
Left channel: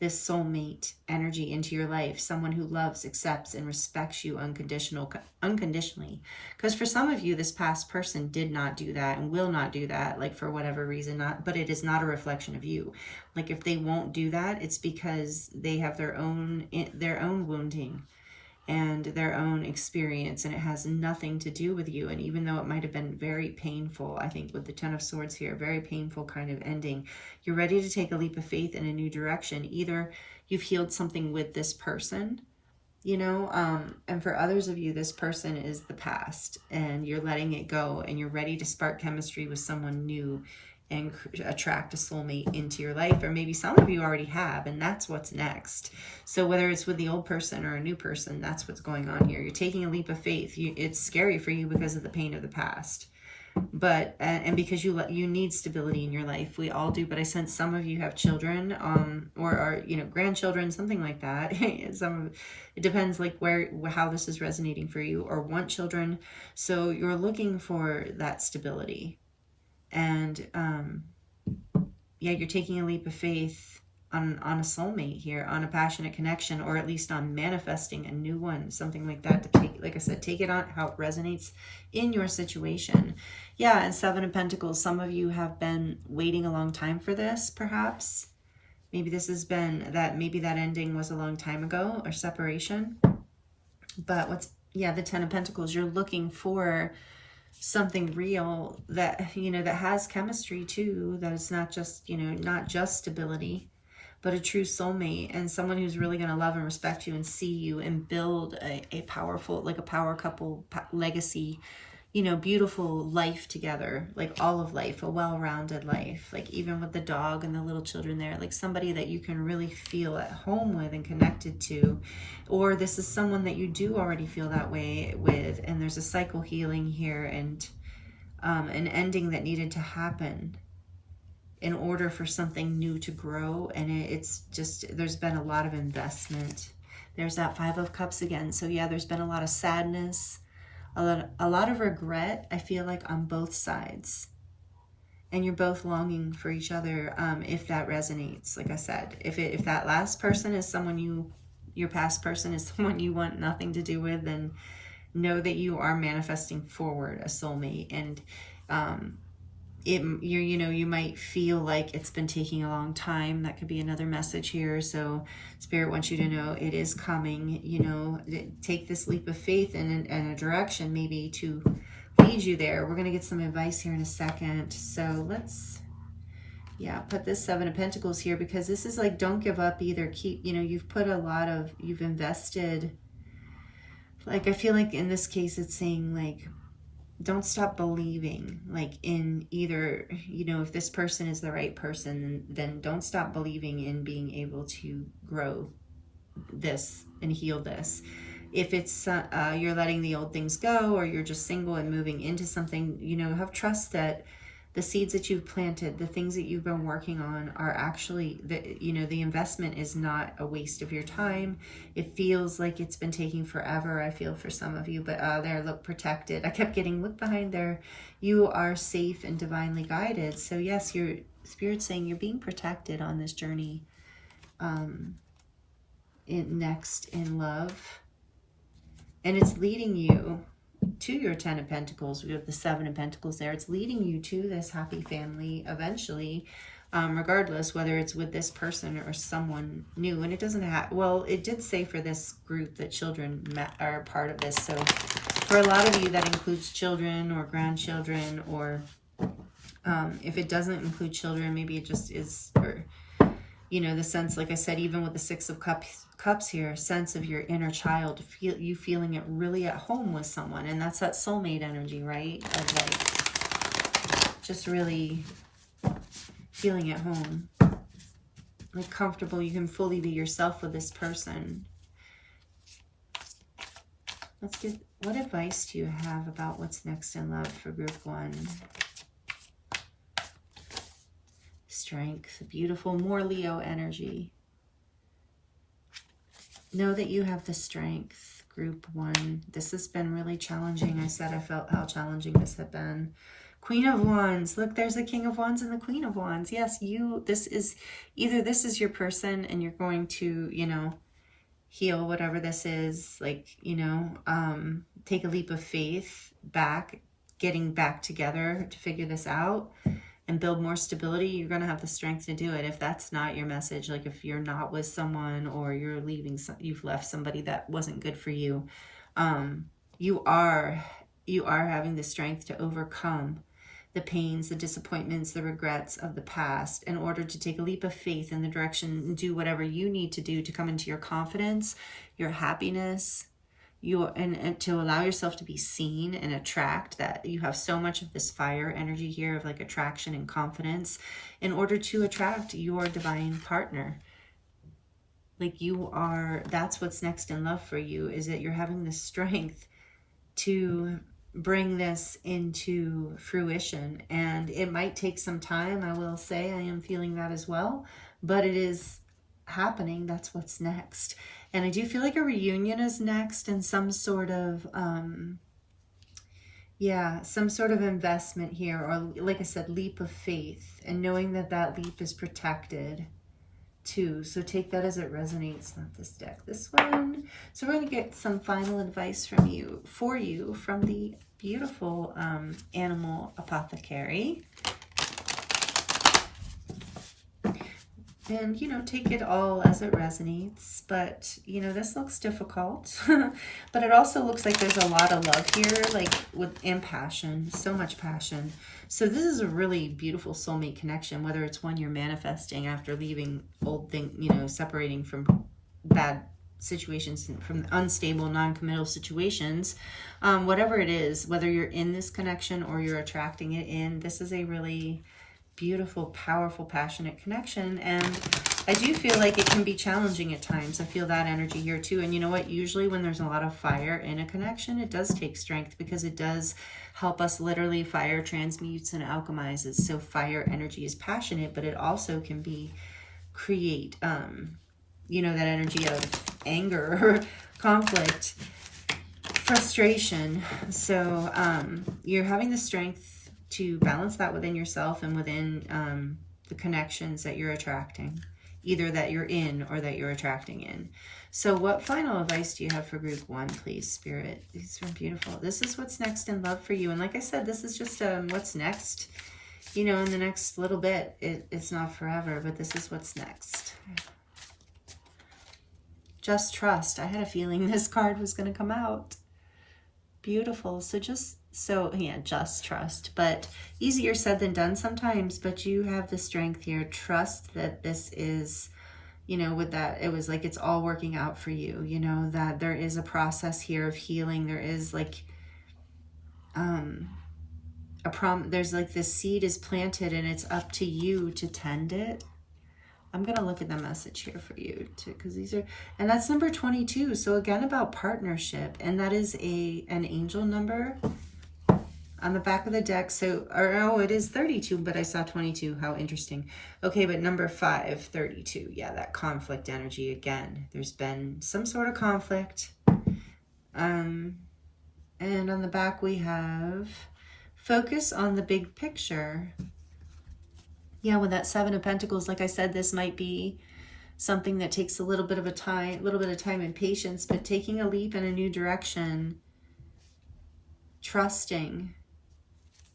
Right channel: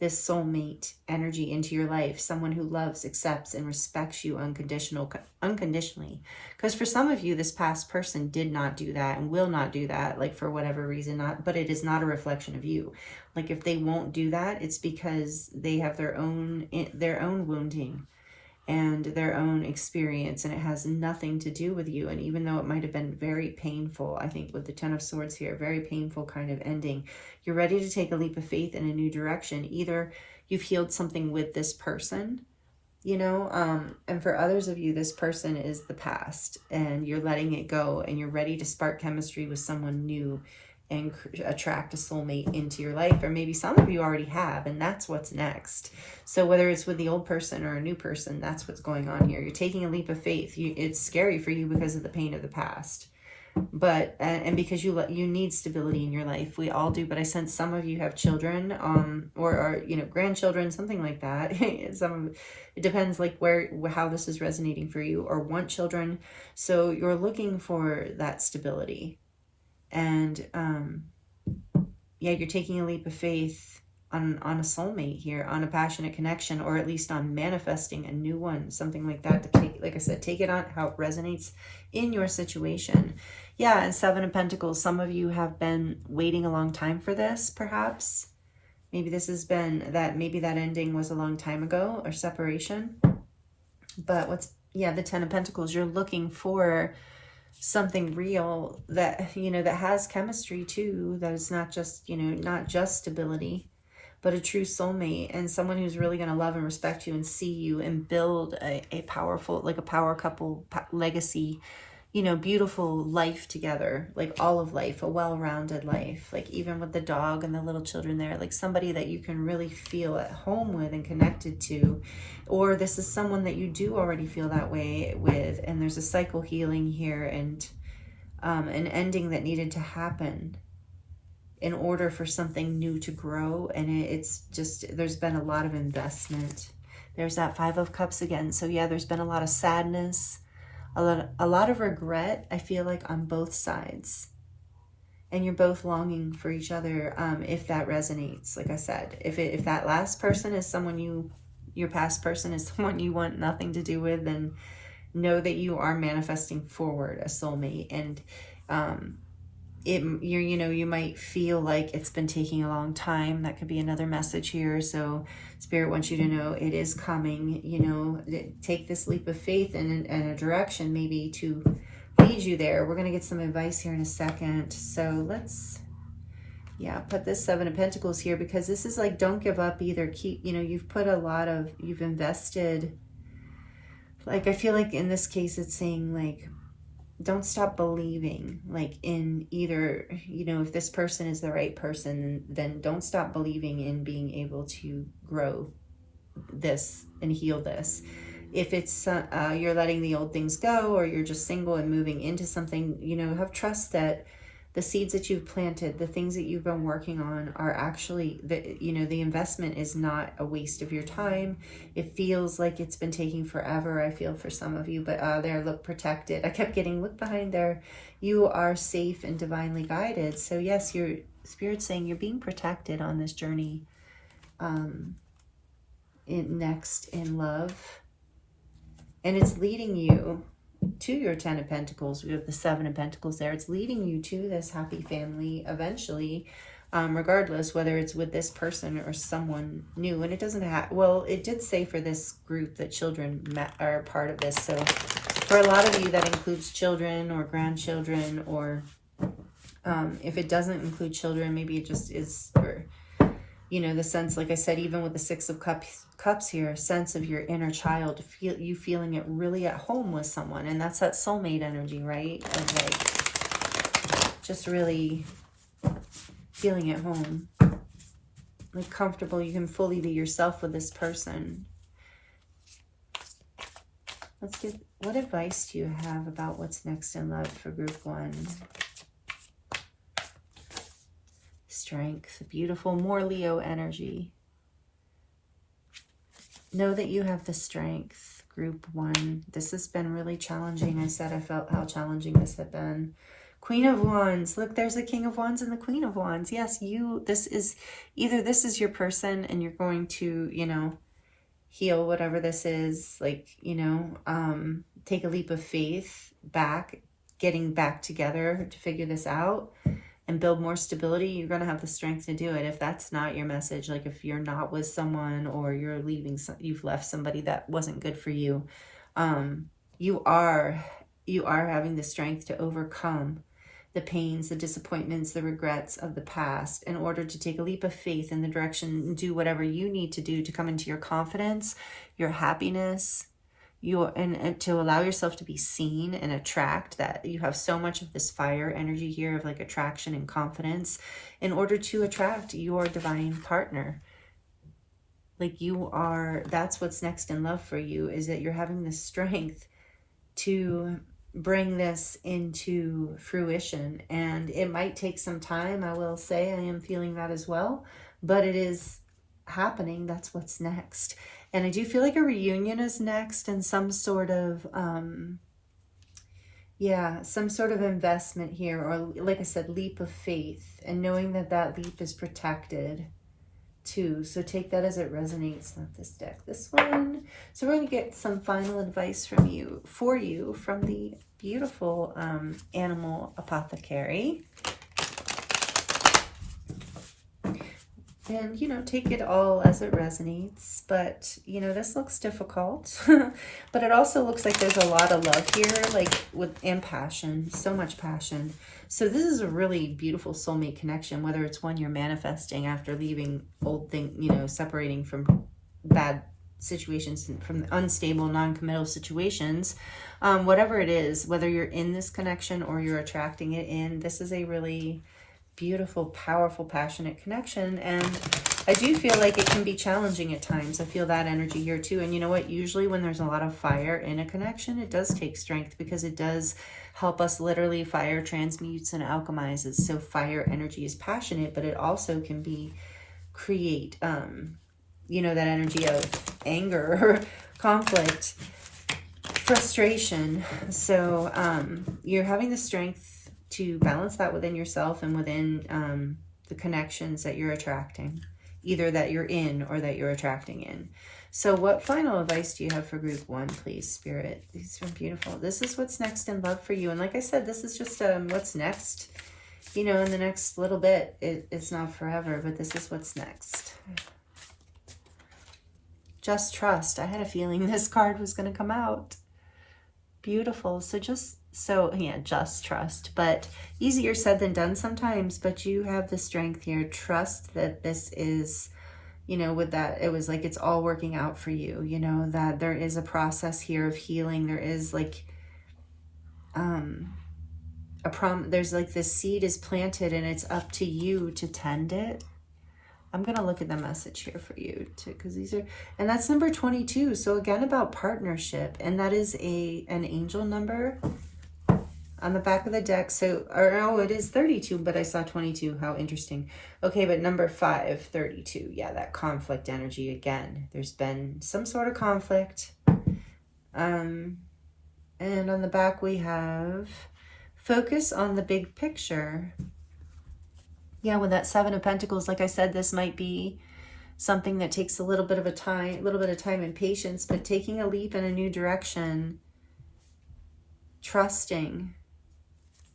this soulmate energy into your life, someone who loves, accepts, and respects you unconditionally. Because for some of you, this past person did not do that and will not do that, like for whatever reason, but it is not a reflection of you. Like if they won't do that, it's because they have their own wounding and their own experience, and it has nothing to do with you. And even though it might have been very painful, I think with the Ten of Swords here, very painful kind of ending, you're ready to take a leap of faith in a new direction. Either you've healed something with this person, you know, and for others of you, this person is the past and you're letting it go and you're ready to spark chemistry with someone new and attract a soulmate into your life. Or maybe some of you already have, and that's what's next. So whether it's with the old person or a new person, that's what's going on here. You're taking a leap of faith. It's scary for you because of the pain of the past, but and because you need stability in your life. We all do, but I sense some of you have children or are, you know, grandchildren, something like that. It depends like how this is resonating for you, or want children. So you're looking for that stability. And yeah, you're taking a leap of faith on a soulmate here, on a passionate connection, or at least on manifesting a new one, something like that. To take, like I said, take it on how it resonates in your situation. Yeah, and 7 of Pentacles. Some of you have been waiting a long time for this, perhaps. Maybe this has been maybe that ending was a long time ago, or separation. But the 10 of Pentacles, you're looking for something real that, you know, that has chemistry too, that it's not just, you know, not just stability, but a true soulmate and someone who's really going to love and respect you and see you and build a powerful, like a power couple legacy, you know, beautiful life together, like all of life, a well-rounded life, like even with the dog and the little children there, like somebody that you can really feel at home with and connected to. Or this is someone that you do already feel that way with, and there's a cycle healing here and an ending that needed to happen in order for something new to grow. And it's just, there's been a lot of investment. There's that 5 of Cups again. So yeah, there's been a lot of sadness, a lot of regret, I feel like, on both sides. And you're both longing for each other, if that resonates. Like I said, if that last person is someone your past person is someone you want nothing to do with, then know that you are manifesting forward a soulmate. And you might feel like it's been taking a long time. That could be another message here. So Spirit wants you to know it is coming. You know, take this leap of faith in a direction maybe to lead you there. We're going to get some advice here in a second. So let's, yeah, put this 7 of Pentacles here, because this is like, don't give up either. Keep, you know, you've invested. Like, I feel like in this case, it's saying like, don't stop believing, like in either, you know, if this person is the right person, then don't stop believing in being able to grow this and heal this. if it's you're letting the old things go, or you're just single and moving into something, you know, have trust that the seeds that you've planted, the things that you've been working on are actually, you know, the investment is not a waste of your time. It feels like it's been taking forever, I feel, for some of you, but there, look, protected. I kept getting, look behind there. You are safe and divinely guided. So yes, your Spirit's saying you're being protected on this journey next in love. And it's leading you to your 10 of Pentacles. We have the 7 of Pentacles there. It's leading you to this happy family eventually, regardless whether it's with this person or someone new. And it doesn't have, well, it did say for this group that children are part of this. So for a lot of you, that includes children or grandchildren, or if it doesn't include children, maybe it just is, or, you know, the sense, like I said, even with the 6 of Cups here, sense of your inner child, you feeling it really at home with someone. And that's that soulmate energy, right? Of like just really feeling at home, like comfortable. You can fully be yourself with this person. Let's do, what advice do you have about what's next in love for group 1? Strength, beautiful, more Leo energy. Know that you have the strength, group 1. This has been really challenging. I said I felt how challenging this had been. Queen of Wands. Look, there's the King of Wands and the Queen of Wands. Yes, this is, either this is your person and you're going to, you know, heal whatever this is, like, you know, take a leap of faith back, getting back together to figure this out and build more stability. You're going to have the strength to do it. If that's not your message, like if you're not with someone, or you're leaving, you've left somebody that wasn't good for you, you are having the strength to overcome the pains, the disappointments, the regrets of the past in order to take a leap of faith in the direction and do whatever you need to do to come into your confidence, your happiness, and to allow yourself to be seen and attract. That you have so much of this fire energy here of like attraction and confidence in order to attract your divine partner. Like you are, that's what's next in love for you, is that you're having the strength to bring this into fruition. And it might take some time, I will say, I am feeling that as well, but it is happening. That's what's next. And I do feel like a reunion is next, and some sort of, some sort of investment here, or like I said, leap of faith, and knowing that that leap is protected too. So take that as it resonates, not this deck, this one. So we're going to get some final advice from you, from the beautiful animal apothecary. And, you know, take it all as it resonates. But, you know, this looks difficult. But it also looks like there's a lot of love here, like and passion, so much passion. So this is a really beautiful soulmate connection, whether it's one you're manifesting after leaving old thing, you know, separating from bad situations, from unstable, non-committal situations, whatever it is, whether you're in this connection or you're attracting it in, this is a really beautiful, powerful, passionate connection. And I do feel like it can be challenging at times. I feel that energy here too. And you know what? Usually when there's a lot of fire in a connection, it does take strength, because it does help us literally. Fire transmutes and alchemizes. So fire energy is passionate, but it also can create, you know, that energy of anger or conflict, frustration. So you're having the strength to balance that within yourself and within the connections that you're attracting, either that you're in or that you're attracting in. So what final advice do you have for group 1, please, Spirit? These are beautiful. This is what's next in love for you. And like I said, this is just what's next, you know, in the next little bit. It's not forever, but this is what's next. Just trust. I had a feeling this card was going to come out. Beautiful. Just trust, but easier said than done sometimes. But you have the strength here. Trust that this is, you know, with that, it was like it's all working out for you, you know, that there is a process here of healing. There is like there's like this seed is planted, and it's up to you to tend it. I'm going to look at the message here for you too, because these are, and that's number 22. So again, about partnership, and that is an angel number on the back of the deck. So, oh, it is 32, but I saw 22. How interesting. Okay, but number 5, 32. Yeah, that conflict energy again. There's been some sort of conflict. And on the back we have focus on the big picture. Yeah, with that 7 of Pentacles, like I said, this might be something that takes a little bit of time and patience, but taking a leap in a new direction, trusting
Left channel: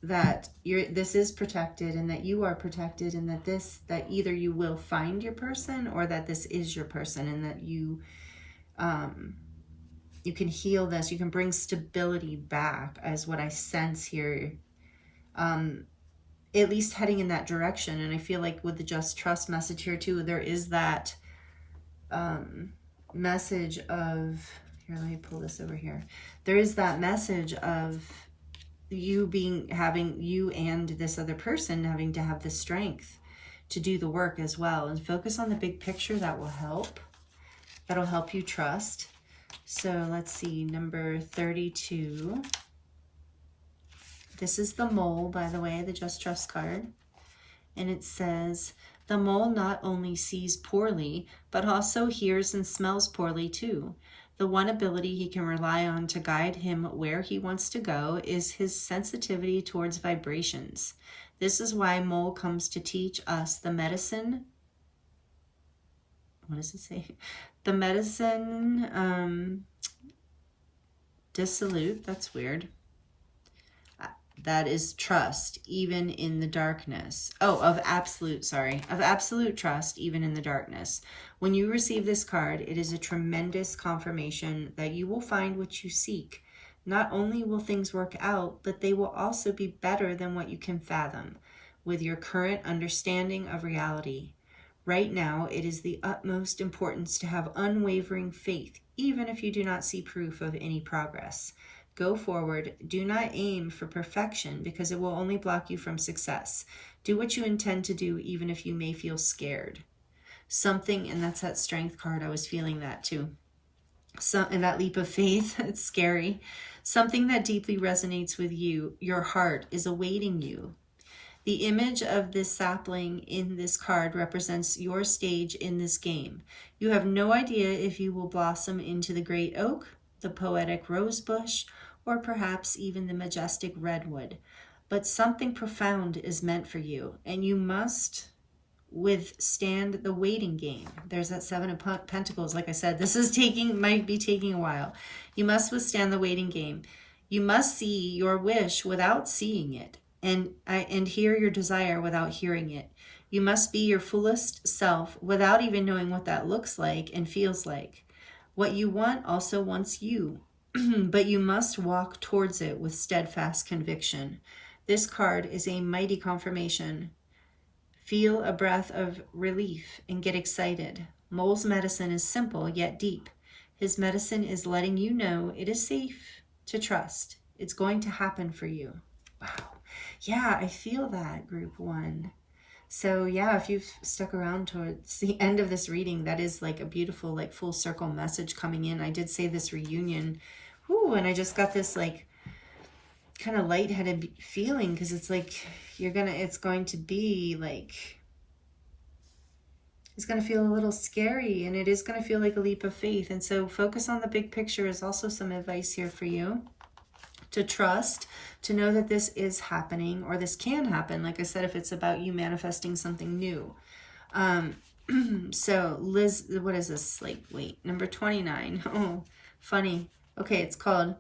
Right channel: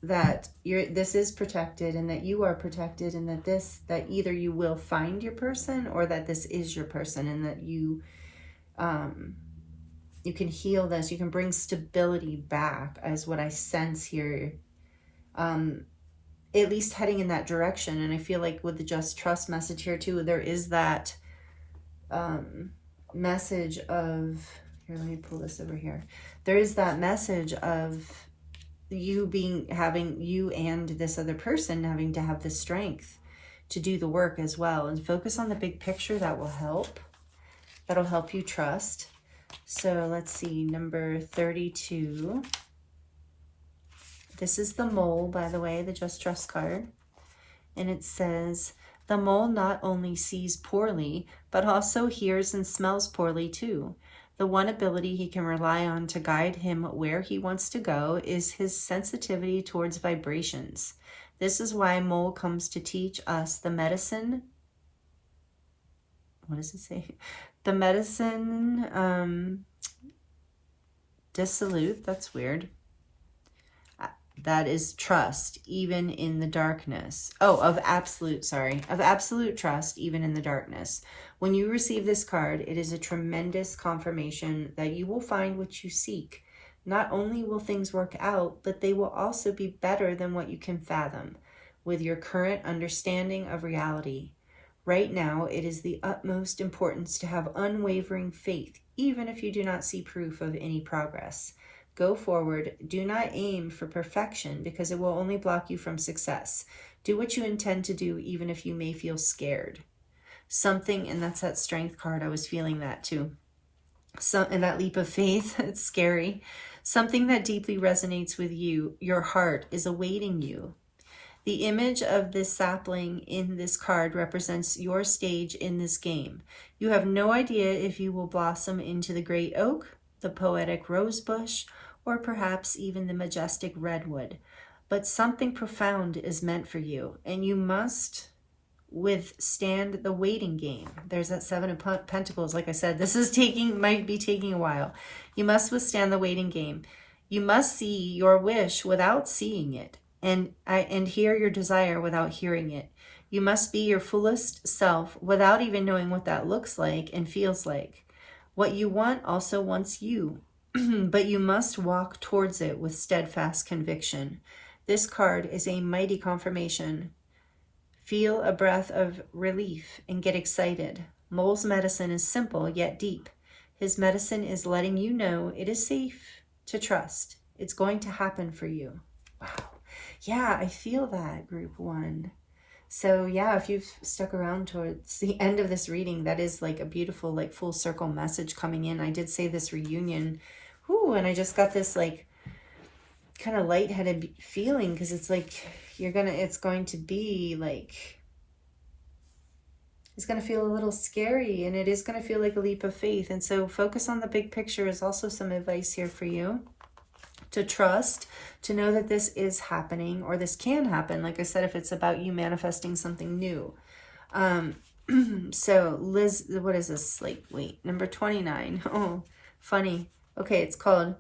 that this is protected and that you are protected, and that either you will find your person or that this is your person, and that you can heal this. You can bring stability back, as what I sense here. At least heading in that direction. And I feel like with the just trust message here too, there is that message of, here, let me pull this over here. There is that message of you and this other person having to have the strength to do the work as well, and focus on the big picture. That will help. That'll help you trust. So let's see, number 32. This is the mole, by the way, the Just Trust card. And it says, the mole not only sees poorly, but also hears and smells poorly too. The one ability he can rely on to guide him where he wants to go is his sensitivity towards vibrations. This is why mole comes to teach us the medicine. What does it say? The medicine dissolute. That's weird. That is trust, even in the darkness. Oh, of absolute trust, even in the darkness. When you receive this card, it is a tremendous confirmation that you will find what you seek. Not only will things work out, but they will also be better than what you can fathom with your current understanding of reality. Right now, it is the utmost importance to have unwavering faith, even if you do not see proof of any progress. Go forward. Do not aim for perfection, because it will only block you from success. Do what you intend to do, even if you may feel scared. Something, and that's that strength card. I was feeling that too. And that leap of faith, it's scary. Something that deeply resonates with you, your heart, is awaiting you. The image of this sapling in this card represents your stage in this game. You have no idea if you will blossom into the great oak, the poetic rose bush, or perhaps even the majestic redwood. But something profound is meant for you, and you must withstand the waiting game. There's that 7 of Pentacles. Like I said, this is might be taking a while. You must withstand the waiting game. You must see your wish without seeing it, and hear your desire without hearing it. You must be your fullest self without even knowing what that looks like and feels like. What you want also wants you, but you must walk towards it with steadfast conviction. This card is a mighty confirmation. Feel a breath of relief and get excited. Mole's medicine is simple yet deep. His medicine is letting you know it is safe to trust. It's going to happen for you. Wow. Yeah, I feel that, group 1. So yeah, if you've stuck around towards the end of this reading, that is like a beautiful, like full circle message coming in. I did say this reunion, and I just got this like kind of lightheaded feeling, because it's like it's going to be like, it's going to feel a little scary, and it is going to feel like a leap of faith. And so focus on the big picture is also some advice here for you. To trust, to know that this is happening, or this can happen. Like I said, if it's about you manifesting something new. So Liz, what is this? Like, wait, number 29. Oh, funny. Okay, it's called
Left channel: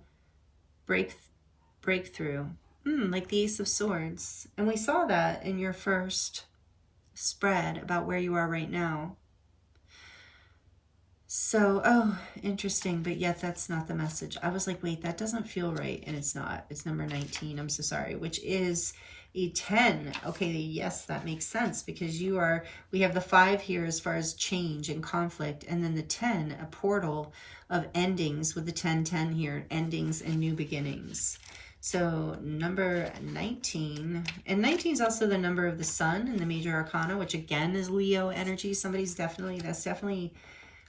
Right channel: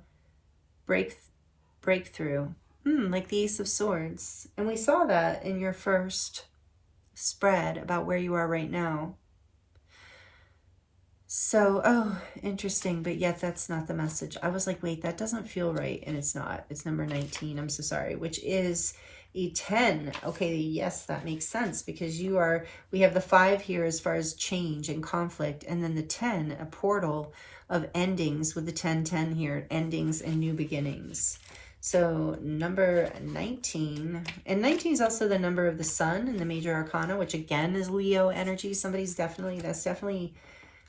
Breakthrough. Like the Ace of Swords. And we saw that in your first spread about where you are right now. So, oh, interesting, but yet that's not the message. I was like, wait, that doesn't feel right, and it's not. It's number 19, I'm so sorry, which is a 10. Okay, yes, that makes sense, because we have the 5 here as far as change and conflict, and then the 10, a portal of endings with the 10-10 here, endings and new beginnings. So number 19, and 19 is also the number of the sun in the major arcana, which again is Leo energy. That's definitely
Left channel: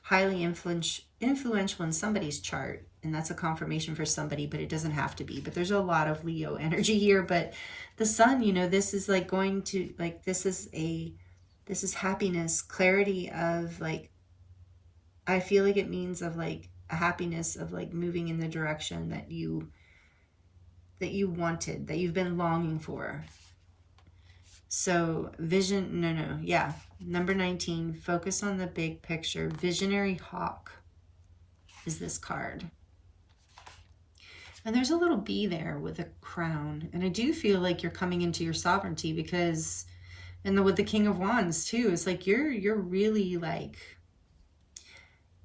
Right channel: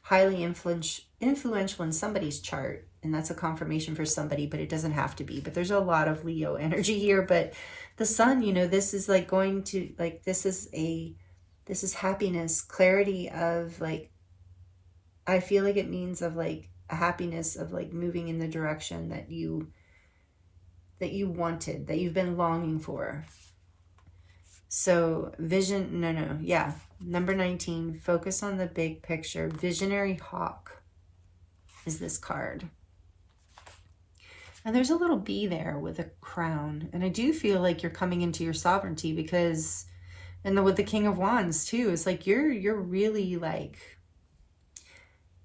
highly influential in somebody's chart, and that's a confirmation for somebody, but it doesn't have to be. But there's a lot of Leo energy here. But the sun, you know, this is like going to, like, this is happiness, clarity of, like, I feel like it means of like a happiness of like moving in the direction that you wanted, that you've been longing for. So vision, yeah. Number 19, focus on the big picture. Visionary hawk is this card. And there's a little bee there with a crown. And I do feel like you're coming into your sovereignty because, and with the King of Wands too, it's like you're really like,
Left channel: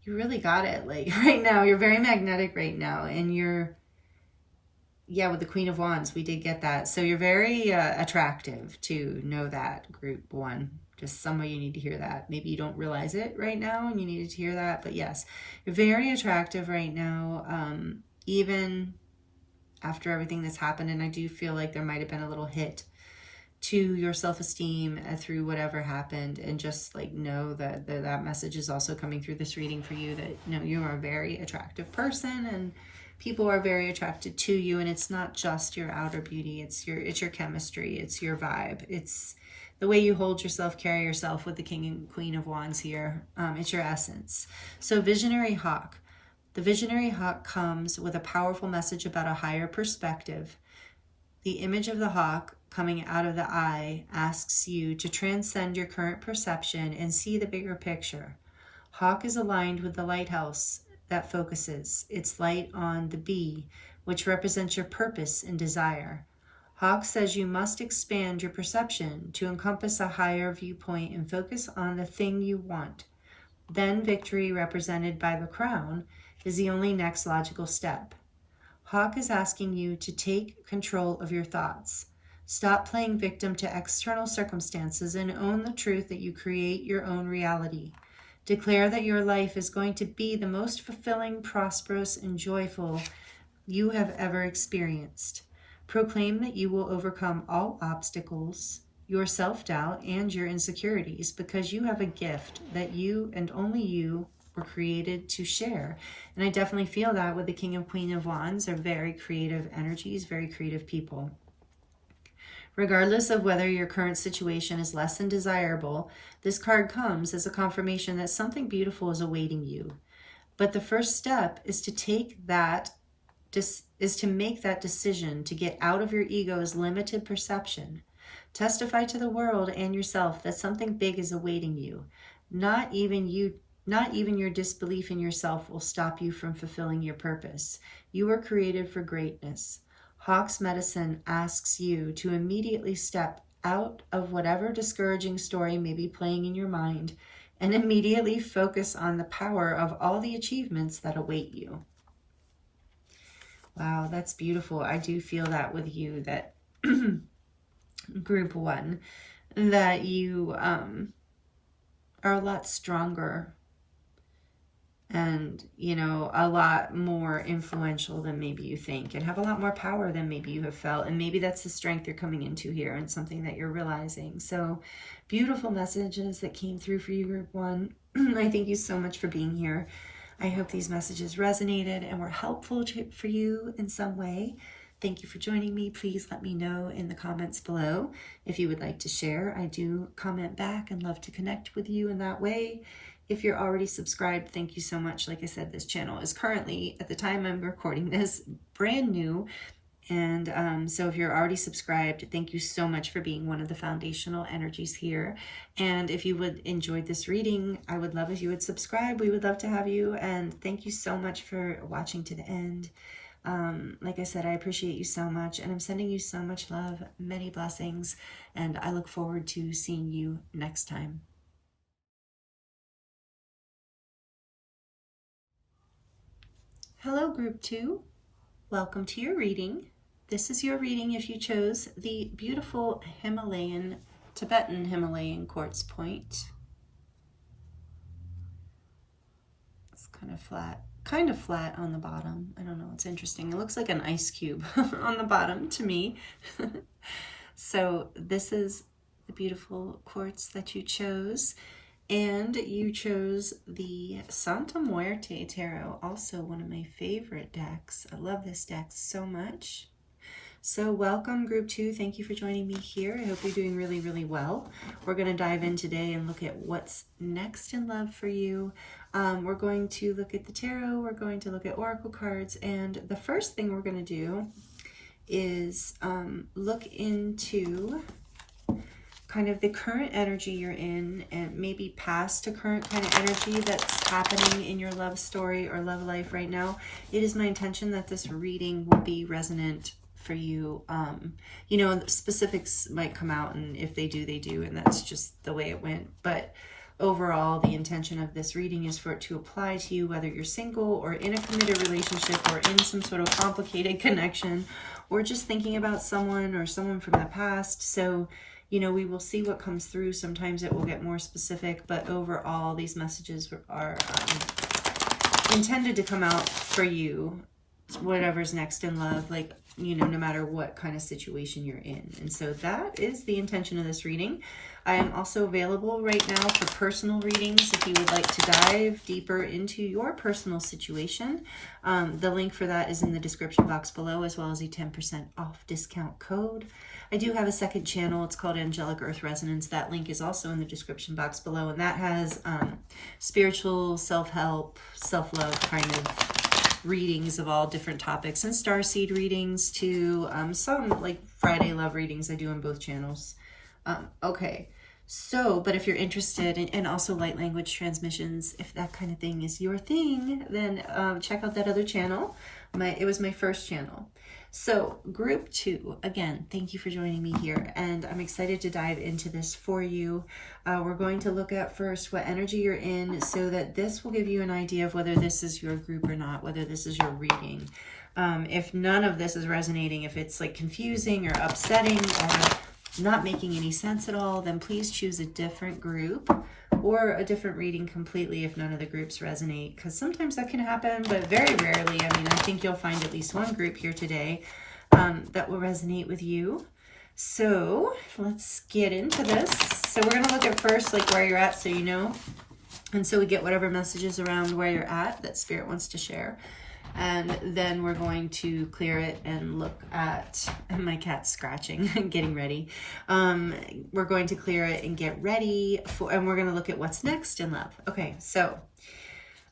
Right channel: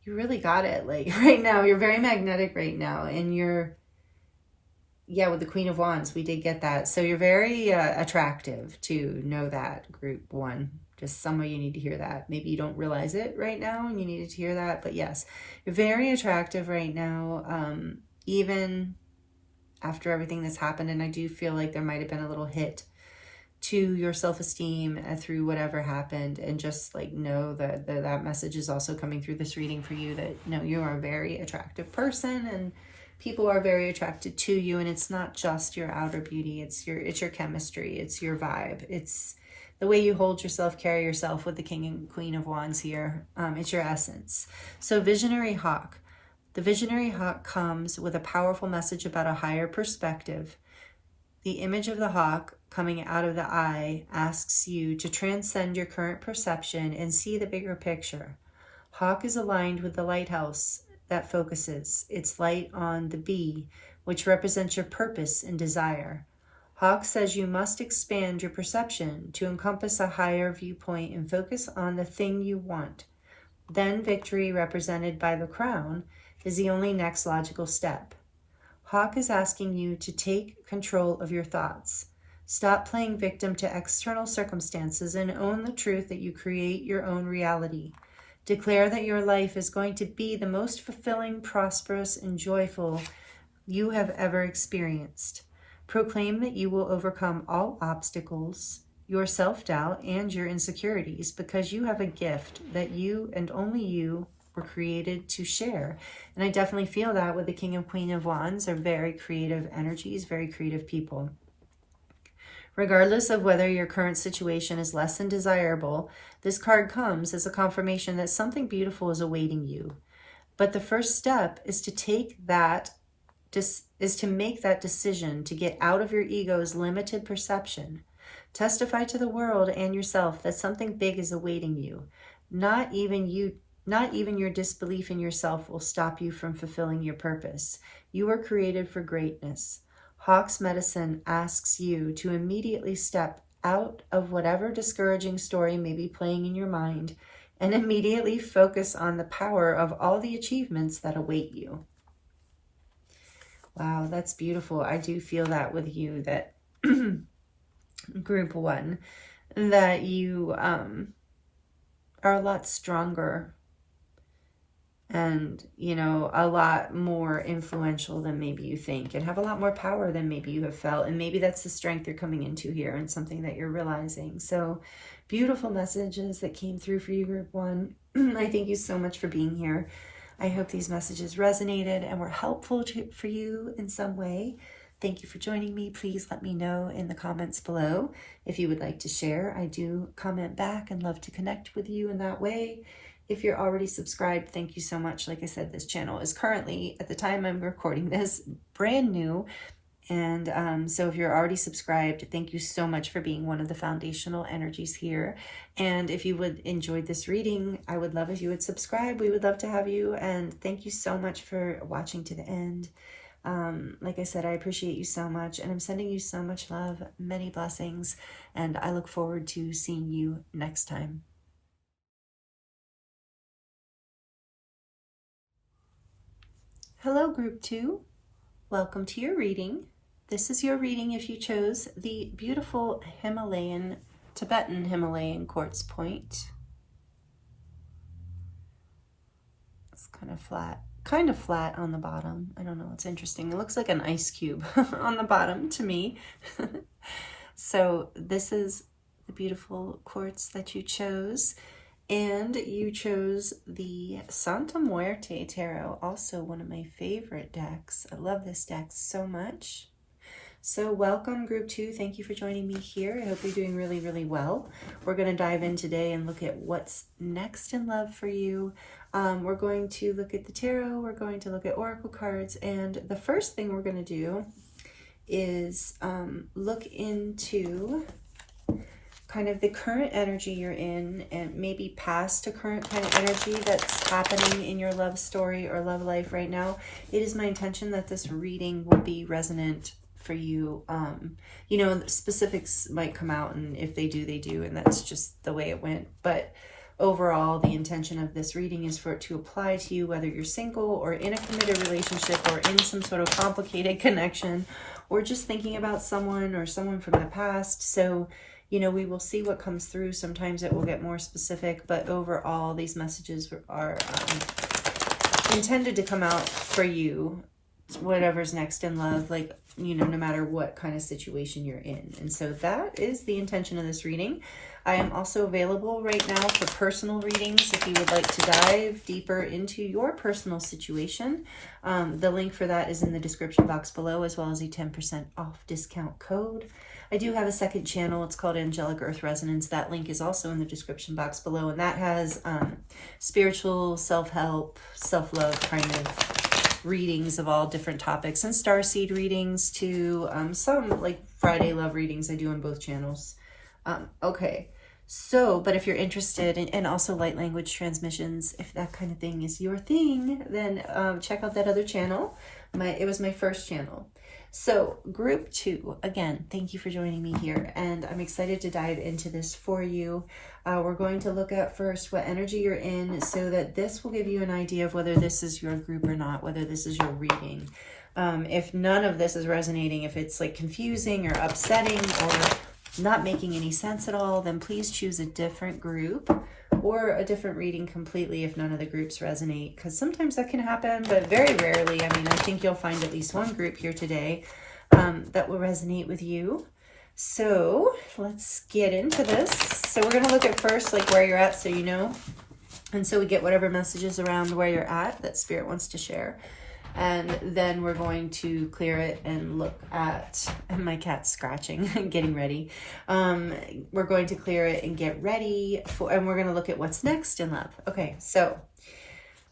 you really got it. Like right now, you're very magnetic right now. And you're, yeah, with the Queen of Wands, we did get that. So you're very attractive, to know that, group one. Just some of you need to hear that. Maybe you don't realize it right now and you needed to hear that. But yes, you're very attractive right now, even after everything that's happened. And I do feel like there might have been a little hit to your self-esteem through whatever happened. And just like know that that message is also coming through this reading for you, that you are a very attractive person and people are very attracted to you. And it's not just your outer beauty, it's your chemistry, it's your vibe, it's the way you hold yourself, carry yourself with the King and Queen of Wands here. It's your essence. So visionary hawk. The visionary hawk comes with a powerful message about a higher perspective. The image of the hawk coming out of the eye asks you to transcend your current perception and see the bigger picture. Hawk is aligned with the lighthouse that focuses its light on the bee, which represents your purpose and desire. Hawk says you must expand your perception to encompass a higher viewpoint and focus on the thing you want. Then victory, represented by the crown, is the only next logical step. Hawk is asking you to take control of your thoughts. Stop playing victim to external circumstances and own the truth that you create your own reality. Declare that your life is going to be the most fulfilling, prosperous, and joyful you have ever experienced. Proclaim that you will overcome all obstacles, your self-doubt, and your insecurities, because you have a gift that you and only you were created to share. And I definitely feel that with the King and Queen of Wands are very creative energies, very creative people. Regardless of whether your current situation is less than desirable, this card comes as a confirmation that something beautiful is awaiting you. But the first step is to make that decision to get out of your ego's limited perception. Testify to the world and yourself that something big is awaiting you. Not even your disbelief in yourself will stop you from fulfilling your purpose. You are created for greatness. Hawk's medicine asks you to immediately step out of whatever discouraging story may be playing in your mind and immediately focus on the power of all the achievements that await you. Wow, that's beautiful. I do feel that with you, that group one, that you are a lot stronger and, a lot more influential than maybe you think, and have a lot more power than maybe you have felt. And maybe that's the strength you're coming into here and something that you're realizing. So beautiful messages that came through for you, group one. I thank you so much for being here. I hope these messages resonated and were helpful for you in some way. Thank you for joining me. Please let me know in the comments below if you would like to share. I do comment back and love to connect with you in that way. If you're already subscribed, thank you so much. Like I said, this channel is currently, at the time I'm recording this, brand new. And so if you're already subscribed, thank you so much for being one of the foundational energies here. And if you would enjoy this reading, I would love if you would subscribe. We would love to have you. And thank you so much for watching to the end. Like I said, I appreciate you so much. And I'm sending you so much love, many blessings. And I look forward to seeing you next time. Hello, group 2. Welcome to your reading. This is your reading if you chose the beautiful Tibetan Himalayan quartz point. It's kind of flat. kind of flat on the bottom. I don't know, it's interesting. It looks like an ice cube on the bottom to me. So this is the beautiful quartz that you chose. And you chose the Santa Muerte Tarot, also one of my favorite decks. I love this deck so much. So welcome group 2. Thank you for joining me here. I hope you're doing really, really well. We're going to dive in today and look at what's next in love for you. We're going to look at the tarot. We're going to look at oracle cards. And the first thing we're going to do is look into kind of the current energy you're in, and maybe past to current kind of energy that's happening in your love story or love life right now. It is my intention that this reading will be resonant for you. You know, specifics might come out, and if they do, they do, and that's just the way it went. But overall, the intention of this reading is for it to apply to you, whether you're single or in a committed relationship or in some sort of complicated connection, or just thinking about someone or someone from the past. So, you know, we will see what comes through. Sometimes it will get more specific, but overall, these messages are intended to come out for you, whatever's next in love, like, you know, no matter what kind of situation you're in. And so that is the intention of this reading. I am also available right now for personal readings if you would like to dive deeper into your personal situation. The link for that is in the description box below, as well as a 10% off discount code. I do have a second channel. It's called Angelic Earth Resonance. That link is also in the description box below, and that has spiritual, self-help, self-love kind of readings of all different topics, and starseed readings to some like Friday love readings I do on both channels. Okay, so, but if you're interested in, and also light language transmissions, if that kind of thing is your thing, then check out that other channel. It was my first channel. So group 2, again, thank you for joining me here, and I'm excited to dive into this for you. We're going to look at first what energy you're in, so that this will give you an idea of whether this is your group or not, whether this is your reading. If none of this is resonating, if it's like confusing or upsetting or not making any sense at all, then please choose a different group or a different reading completely if none of the groups resonate, because sometimes that can happen, but very rarely. I mean, I think you'll find at least one group here today that will resonate with you. So let's get into this. So we're going to look at first like where you're at, so you know, and so we get whatever messages around where you're at that Spirit wants to share. And then we're going to clear it and look at, my cat's scratching and getting ready. We're going to clear it and get ready for, and we're going to look at what's next in love. Okay, so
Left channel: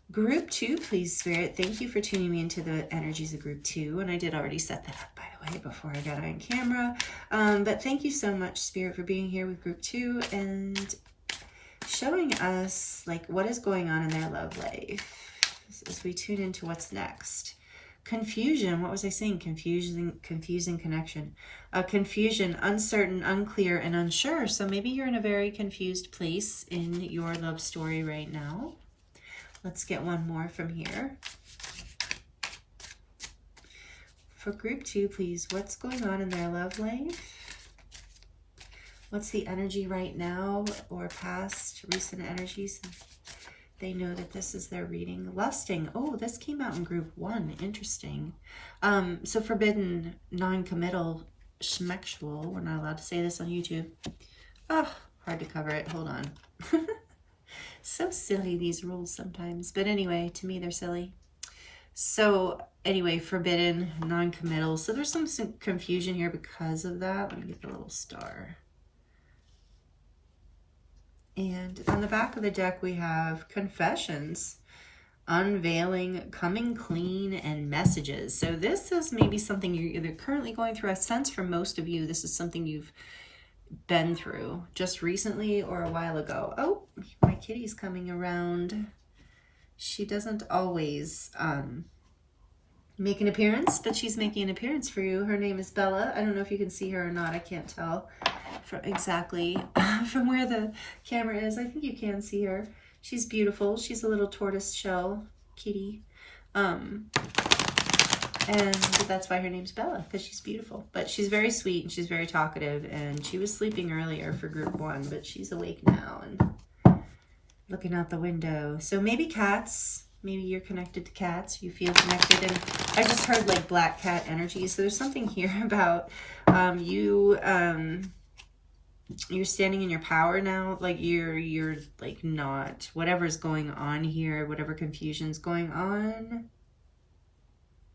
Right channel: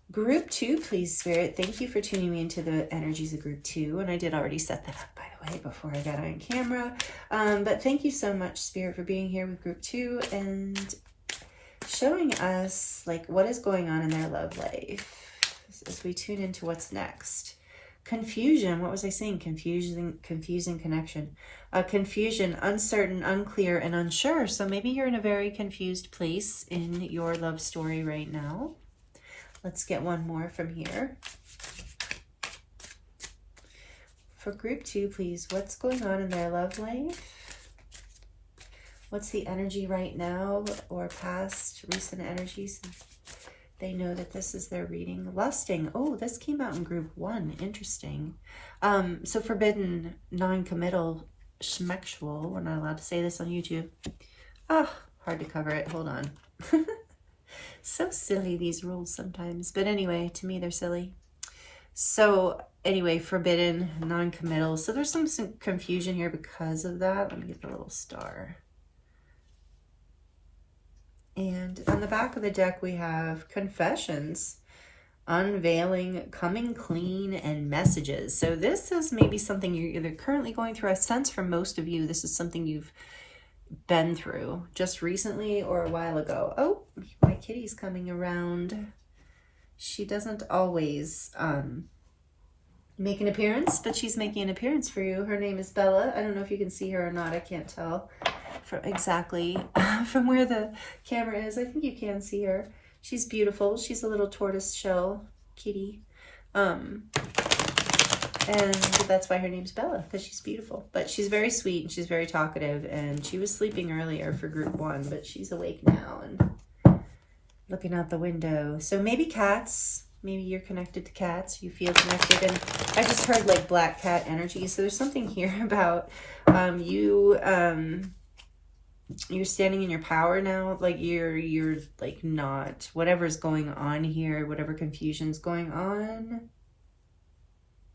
group 2, please, Spirit. Thank you for tuning me into the energies of group 2. And I did already set that up, by the way, before I got on camera. But thank you so much, Spirit, for being here with group 2 and showing us like what is going on in their love life as we tune into what's next. Confusion. What was I saying? Confusing connection. Confusion, uncertain, unclear, and unsure. So maybe you're in a very confused place in your love story right now. Let's get one more from here. For group 2, please, what's going on in their love life? What's the energy right now or past recent energies? They know that this is their reading. Lusting. Oh, this came out in group 1. Interesting. So forbidden, non-committal, schmexual. We're not allowed to say this on YouTube. Oh, hard to cover it. Hold on. So silly, these rules sometimes. But anyway, to me, they're silly. So anyway, forbidden, non-committal. So there's some confusion here because of that. Let me get the little star. And on the back of the deck, we have confessions, unveiling, coming clean, and messages. So this is maybe something you're either currently going through. I sense for most of you, this is something you've been through just recently or a while ago. Oh, my kitty's coming around. She doesn't always make an appearance, but she's making an appearance for you. Her name is Bella. I don't know if you can see her or not. I can't tell exactly from where the camera is. I think you can see her. She's beautiful. She's a little tortoise shell kitty. And that's why her name's Bella, because she's beautiful. But she's very sweet and she's very talkative, and she was sleeping earlier for group 1, but she's awake now and looking out the window. So maybe cats, Maybe you're connected to cats. You feel connected. And I just heard like black cat energy. So there's something here about you're standing in your power now. Like you're like not, whatever's going on here, whatever confusion's going on,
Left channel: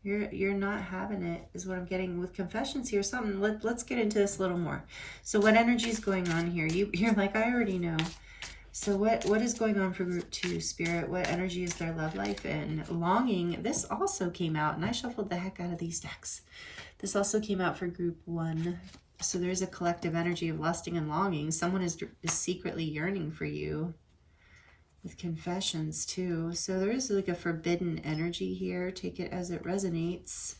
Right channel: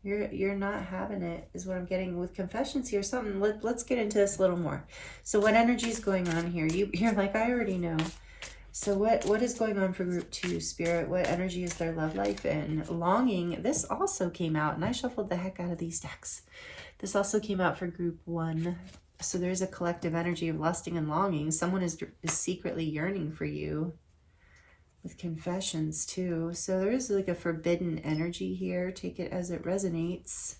you're not having it, is what I'm getting with confessions here. Something, let's get into this a little more. So what energy is going on here? You're like, I already know. So what is going on for group 2, Spirit? What energy is their love life in? Longing. This also came out, and I shuffled the heck out of these decks. This also came out for group 1. So there's a collective energy of lusting and longing. Someone is secretly yearning for you. With confessions too. So there is like a forbidden energy here. Take it as it resonates.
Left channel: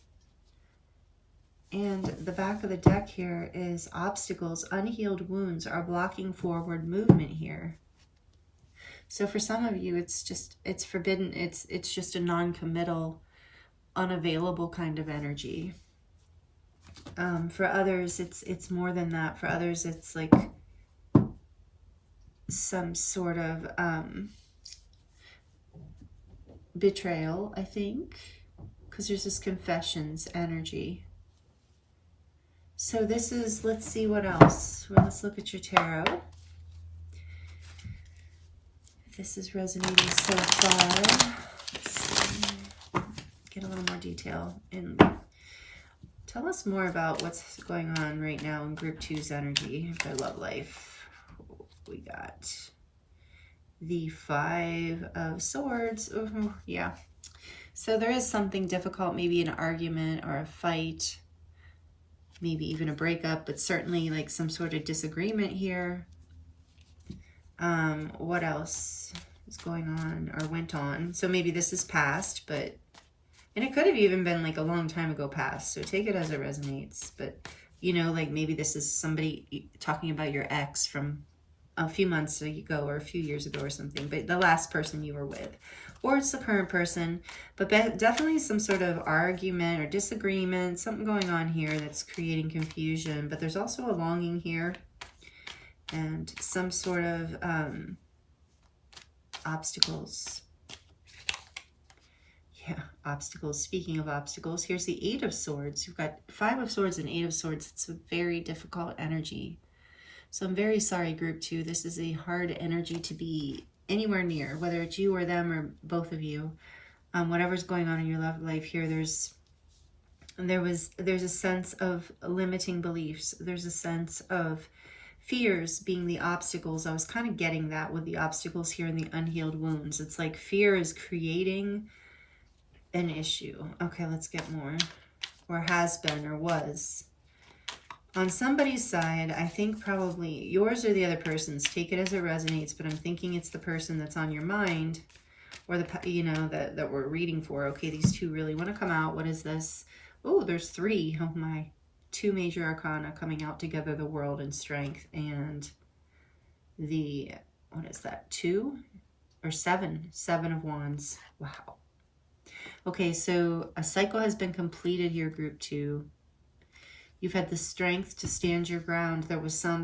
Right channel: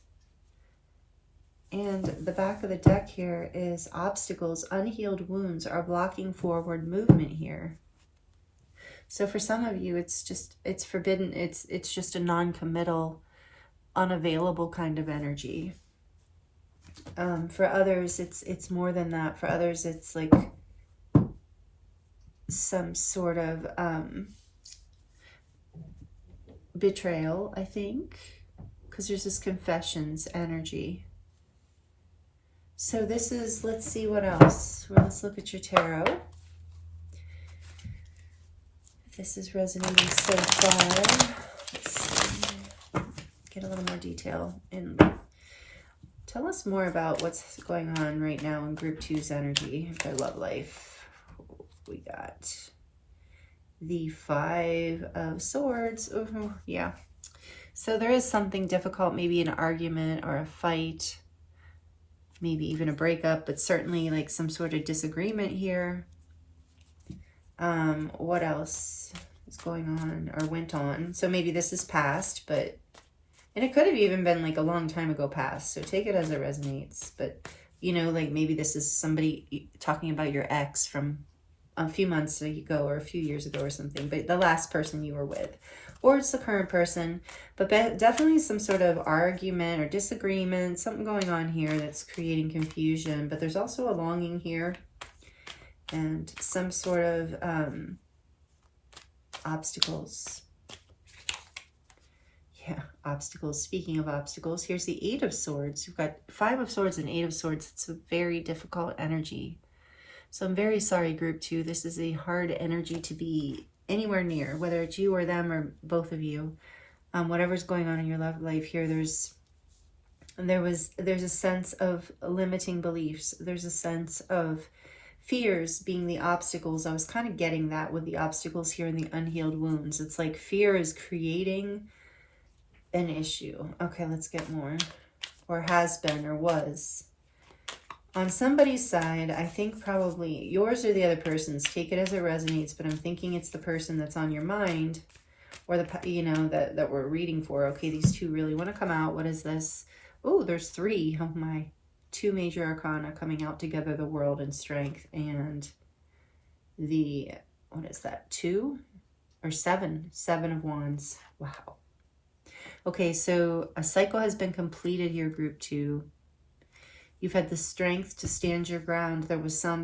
And the back of the deck here is obstacles. Unhealed wounds are blocking forward movement here. So for some of you, it's forbidden. It's just a non-committal, unavailable kind of energy. For others, it's more than that. For others, it's like some sort of betrayal, I think, because there's this confessions energy. So this is, let's see what else. Well, let's look at your tarot. This is resonating so far. Let's get a little more detail and tell us more about what's going on right now in group 2's energy, their love life. We got the 5 of Swords. Oh, yeah. So there is something difficult, maybe an argument or a fight, maybe even a breakup, but certainly like some sort of disagreement here. What else is going on or went on? So maybe this is past, but, and it could have even been like a long time ago past. So take it as it resonates. But, you know, like maybe this is somebody talking about your ex from a few months ago or a few years ago or something, but the last person you were with, or it's the current person, but definitely some sort of argument or disagreement, something going on here that's creating confusion. But there's also a longing here and some sort of obstacles. Yeah, obstacles. Speaking of obstacles, here's the 8 of Swords. You've got 5 of Swords and 8 of Swords. It's a very difficult energy. So I'm very sorry, group 2. This is a hard energy to be anywhere near, whether it's you or them or both of you. Whatever's going on in your love life here, there's a sense of limiting beliefs. There's a sense of fears being the obstacles. I was kind of getting that with the obstacles here in the unhealed wounds. It's like fear is creating an issue. Okay, let's get more. Or has been or was. On somebody's side, I think probably yours or the other person's. Take it as it resonates, but I'm thinking it's the person that's on your mind, or the, you know, that we're reading for. Okay, these two really want to come out. What is this? Oh, there's 3. Oh my. 2 major arcana coming out together, the World and Strength, and the, what is that, 2 or 7? 7 of Wands. Wow. Okay, so a cycle has been completed here, group 2. You've had the strength to stand your ground. There was I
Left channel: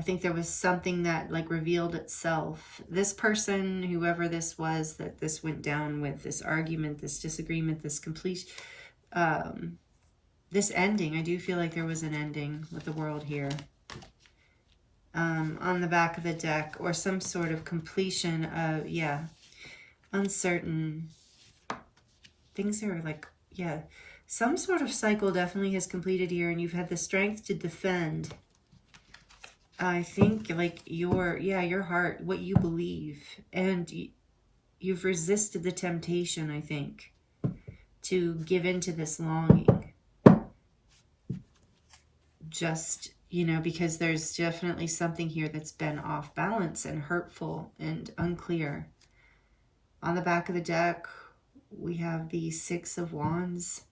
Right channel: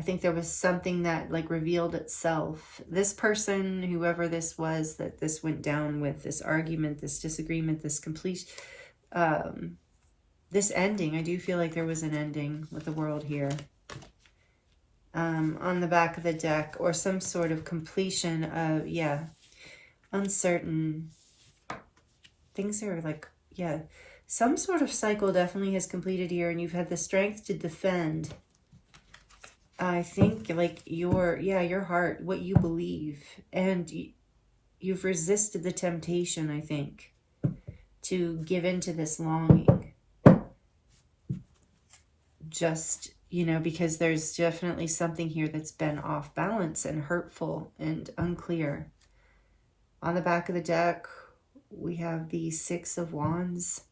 think there was something that like revealed itself. This person, whoever this was, that this went down with, this argument, this disagreement, this complete, this ending. I do feel like there was an ending with the World here. On the back of the deck, or some sort of completion of, yeah, uncertain. Things are like, yeah, some sort of cycle definitely has completed here, and you've had the strength to defend. I think like your heart, what you believe, and you've resisted the temptation, I think, to give into this longing. Just, you know, because there's definitely something here that's been off balance and hurtful and unclear. On the back of the deck, we have the 6 of Wands.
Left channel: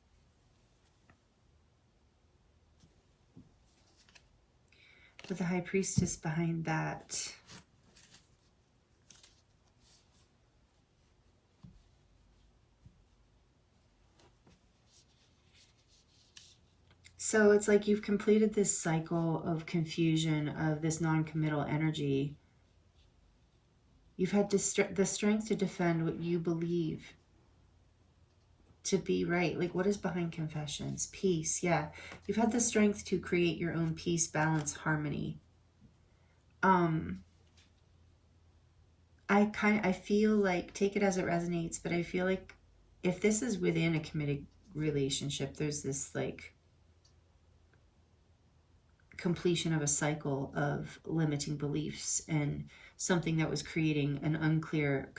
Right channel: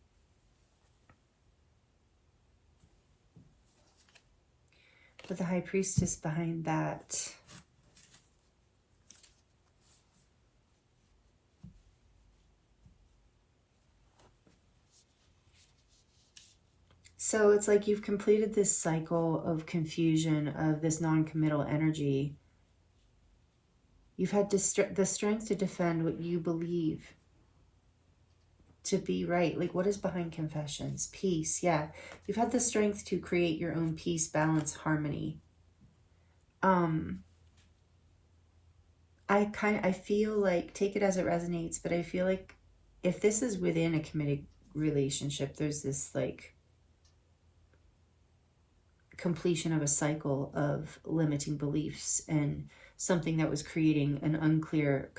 With the High Priestess behind that. So it's like you've completed this cycle of confusion, of this non-committal energy. You've had the strength to defend what you believe to be right. Like, what is behind confessions? Peace. Yeah. You've had the strength to create your own peace, balance, harmony. I feel like, take it as it resonates, but I feel like if this is within a committed relationship, there's this like completion of a cycle of limiting beliefs and something that was creating an unclear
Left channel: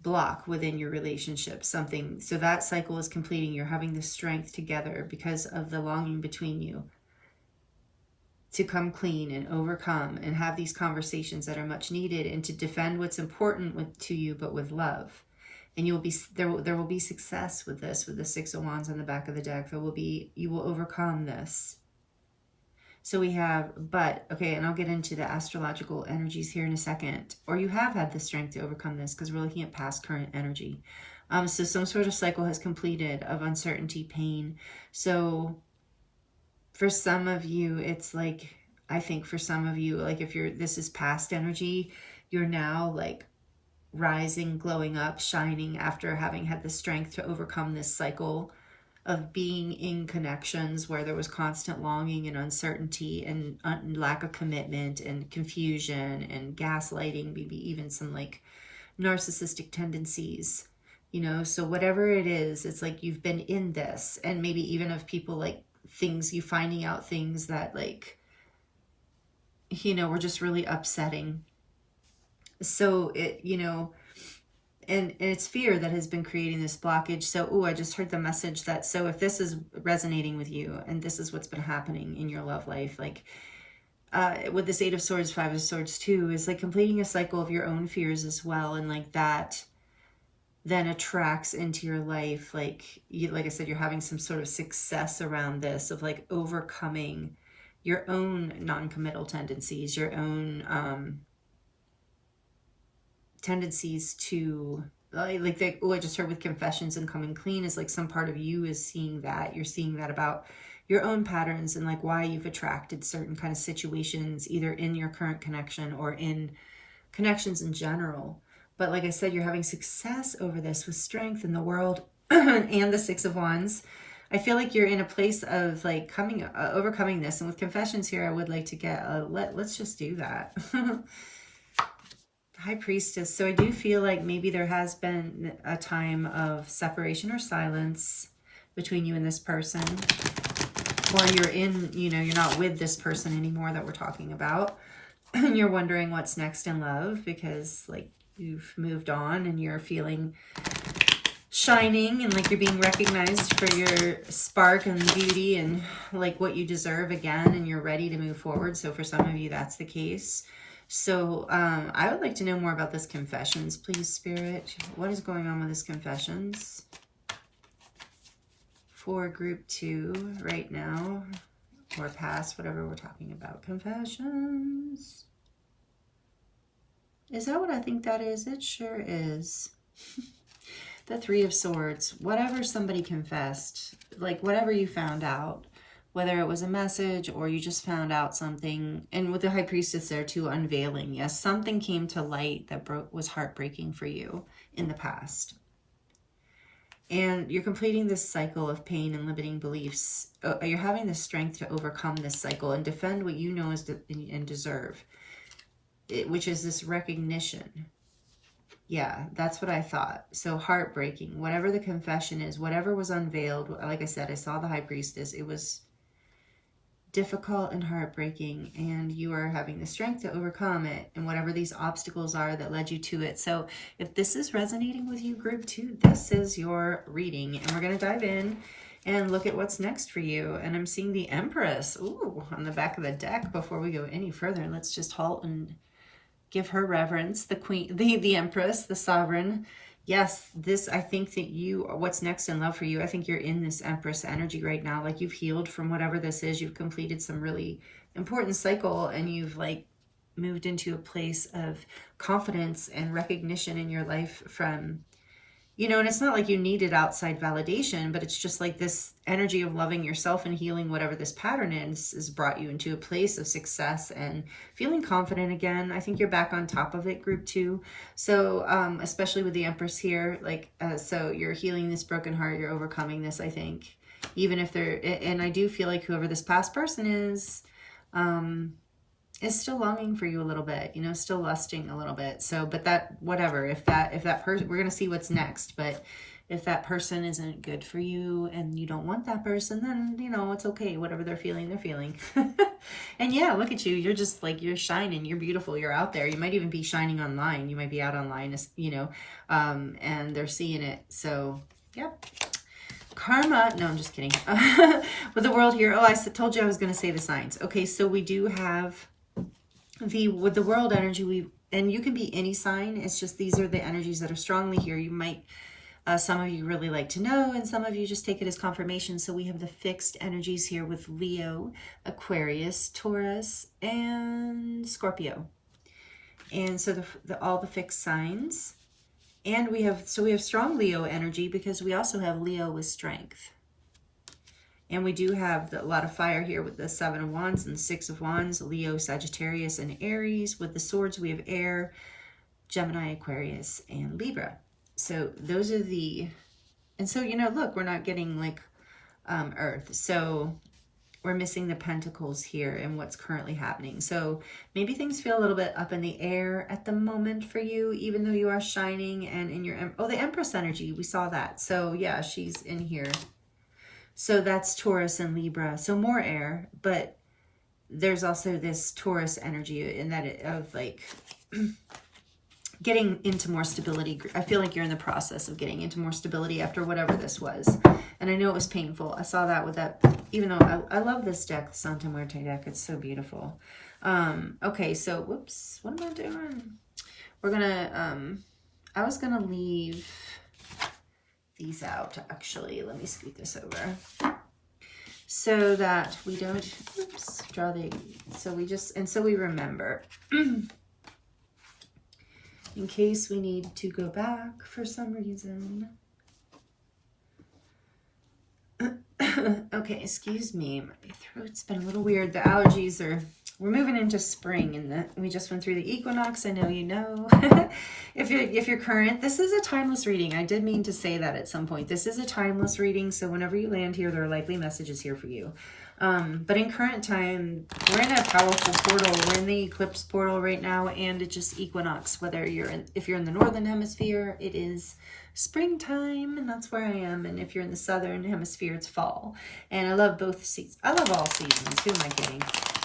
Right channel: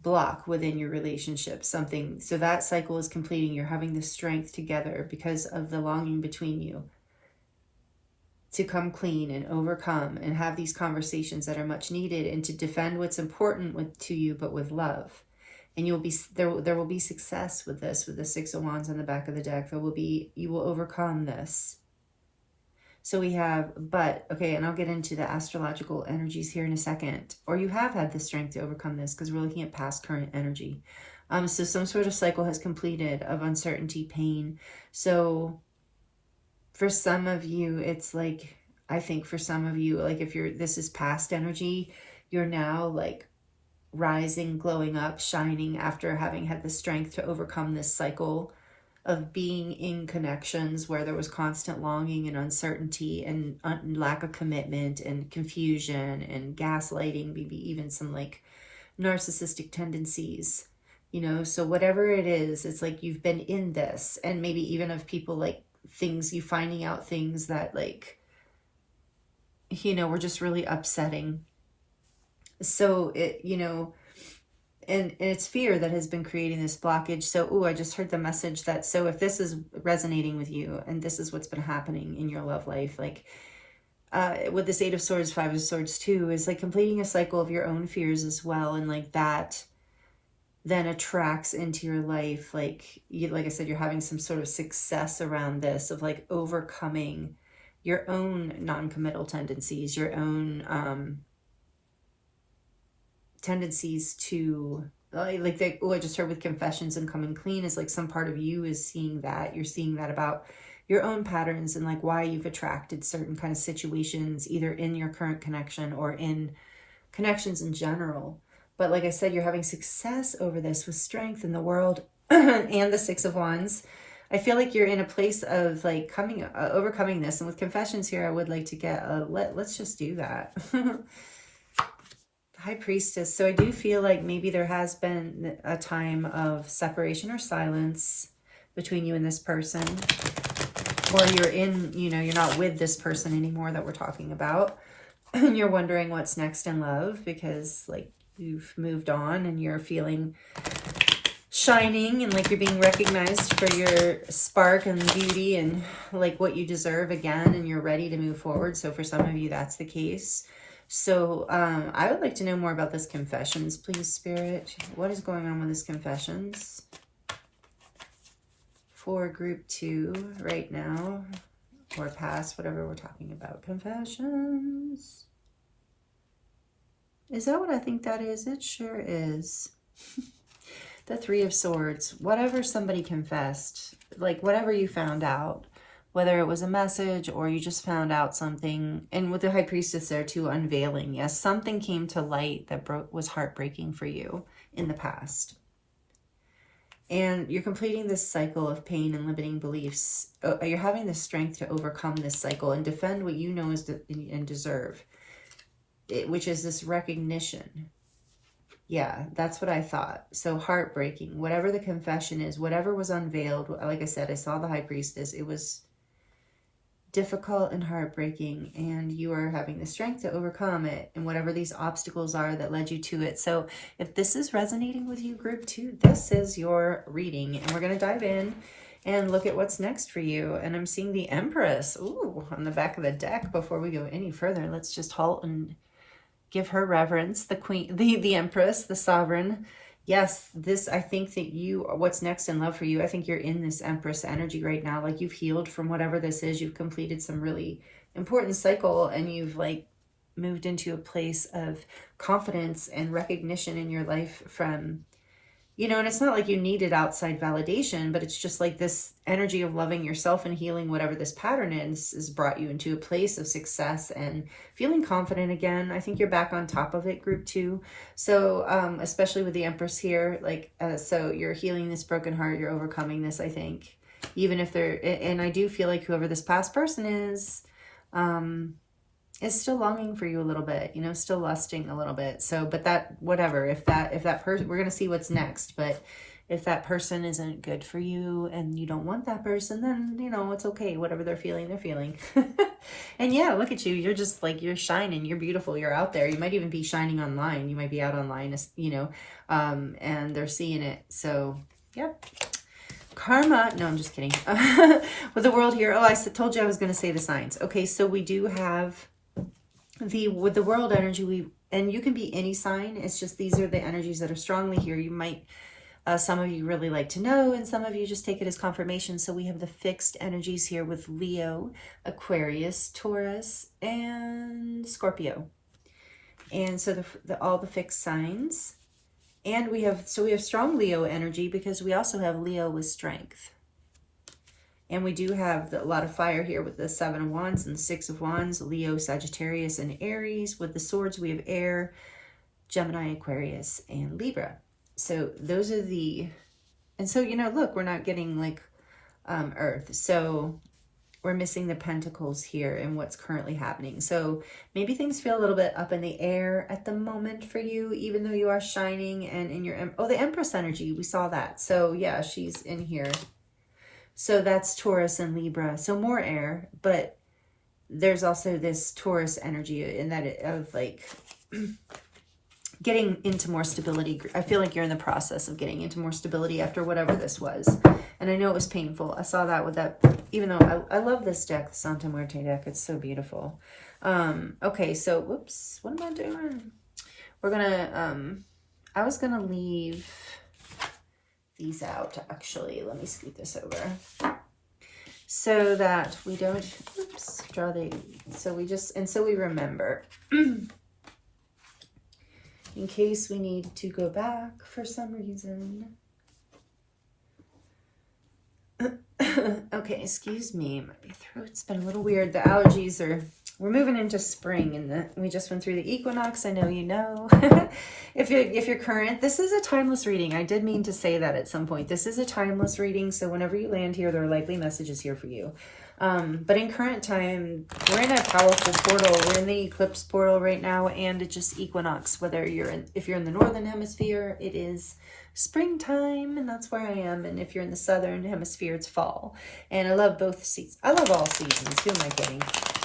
block within your relationship, something. So that cycle is completing. You're having the strength together because of the longing between you to come clean and overcome and have these conversations that are much needed and to defend what's important to you, but with love. And you'll be there will be success with this, with the Six of Wands on the back of the deck. You will overcome this. So we have, but, okay, and I'll get into the astrological energies here in a second. Or you have had the strength to overcome this because we're looking at past current energy. So some sort of cycle has completed of uncertainty, pain. So for some of you, it's like, I think for some of you, like if this is past energy, you're now like rising, glowing up, shining after having had the strength to overcome this cycle of being in connections where there was constant longing and uncertainty and lack of commitment and confusion and gaslighting, maybe even some like narcissistic tendencies, you know. So whatever it is, it's like you've been in this, and maybe even of people like you finding out things that like, you know, were just really upsetting. So it, you know, and it's fear that has been creating this blockage. So, I just heard the message that, so if this is resonating with you and this is what's been happening in your love life, like with this Eight of Swords, Five of Swords too, is like completing a cycle of your own fears as well. And like that then attracts into your life, like I said, you're having some sort of success around this of like overcoming your own non-committal tendencies, your own tendencies to I just heard with confessions and coming clean is like some part of you is seeing that. You're seeing that about your own patterns and like why you've attracted certain kind of situations, either in your current connection or in connections in general. But like I said, you're having success over this with strength in the world and the Six of Wands. I feel like you're in a place of like overcoming this. And with confessions here, I would like to get let's just do that. High Priestess. So I do feel like maybe there has been a time of separation or silence between you and this person, or you're not with this person anymore that we're talking about, and you're wondering what's next in love because like you've moved on and you're feeling shining and like you're being recognized for your spark and beauty and like what you deserve again, and you're ready to move forward. So for some of you, that's the case. So I would like to know more about this confessions, please, Spirit. What is going on with this confessions for group 2 right now, or past, whatever we're talking about? Confessions. Is that what I think that is? It sure is. The Three of Swords. Whatever somebody confessed, like whatever you found out, whether it was a message or you just found out something. And with the High Priestess there too, unveiling. Yes, something came to light that was heartbreaking for you in the past. And you're completing this cycle of pain and limiting beliefs. You're having the strength to overcome this cycle and defend what you know and deserve, which is this recognition. Yeah, that's what I thought. So heartbreaking, whatever the confession is, whatever was unveiled. Like I said, I saw the High Priestess. It was difficult and heartbreaking, and you are having the strength to overcome it and whatever these obstacles are that led you to it. So if this is resonating with you, group 2, this is your reading, and we're going to dive in and look at what's next for you. And I'm seeing the Empress on the back of the deck. Before we go any further, let's just halt and give her reverence. The Queen, the Empress, the Sovereign. Yes, I think that what's next in love for you, I think you're in this Empress energy right now. Like you've healed from whatever this is. You've completed some really important cycle, and you've like moved into a place of confidence and recognition in your life from you know, and it's not like you needed outside validation, but it's just like this energy of loving yourself and healing whatever this pattern is has brought you into a place of success and feeling confident again. I think you're back on top of it, group 2. So especially with the Empress here, like, so you're healing this broken heart, you're overcoming this, I think, even if they're, and I do feel like whoever this past person is still longing for you a little bit, you know, still lusting a little bit. So, but that, whatever, if that person, we're going to see what's next, but if that person isn't good for you and you don't want that person, then, you know, it's okay. Whatever they're feeling, they're feeling. And yeah, look at you. You're just like, you're shining. You're beautiful. You're out there. You might even be shining online. You might be out online, you know, and they're seeing it. So, yep. Karma, no, I'm just kidding. With the world here, oh, I told you I was going to say the signs. Okay, so we do have with the world energy, and you can be any sign. It's just these are the energies that are strongly here. You might, some of you really like to know, and some of you just take it as confirmation. So we have the fixed energies here with Leo, Aquarius, Taurus, and Scorpio. And so all the fixed signs. And we have strong Leo energy because we also have Leo with strength. And we do have a lot of fire here with the 7 of Wands and the 6 of Wands, Leo, Sagittarius, and Aries. With the swords, we have air, Gemini, Aquarius, and Libra. So those are and so, you know, look, we're not getting like Earth. So we're missing the pentacles here and what's currently happening. So maybe things feel a little bit up in the air at the moment for you, even though you are shining and in your, oh, the Empress energy, we saw that. So yeah, she's in here. So that's Taurus and Libra. So more air, but there's also this Taurus energy in that of like getting into more stability. I feel like you're in the process of getting into more stability after whatever this was. And I know it was painful. I saw that with that, even though I love this deck, the Santa Muerte deck. It's so beautiful. Okay, so whoops, what am I doing? We're gonna, I was gonna leave these out actually. Let me scoot this over so that we don't, oops, draw the, so we just, and so we remember. In case we need to go back for some reason. Okay, excuse me, my throat's been a little weird. The allergies we're moving into spring, and we just went through the equinox. I know you know. If you're current, this is a timeless reading. I did mean to say that at some point. This is a timeless reading, so whenever you land here, there are likely messages here for you. But in current time, we're in a powerful portal. We're in the eclipse portal right now, and it's just equinox. If you're in the northern hemisphere, it is springtime, and that's where I am. And if you're in the southern hemisphere, it's fall. And I love both seasons. I love all seasons. Who am I kidding?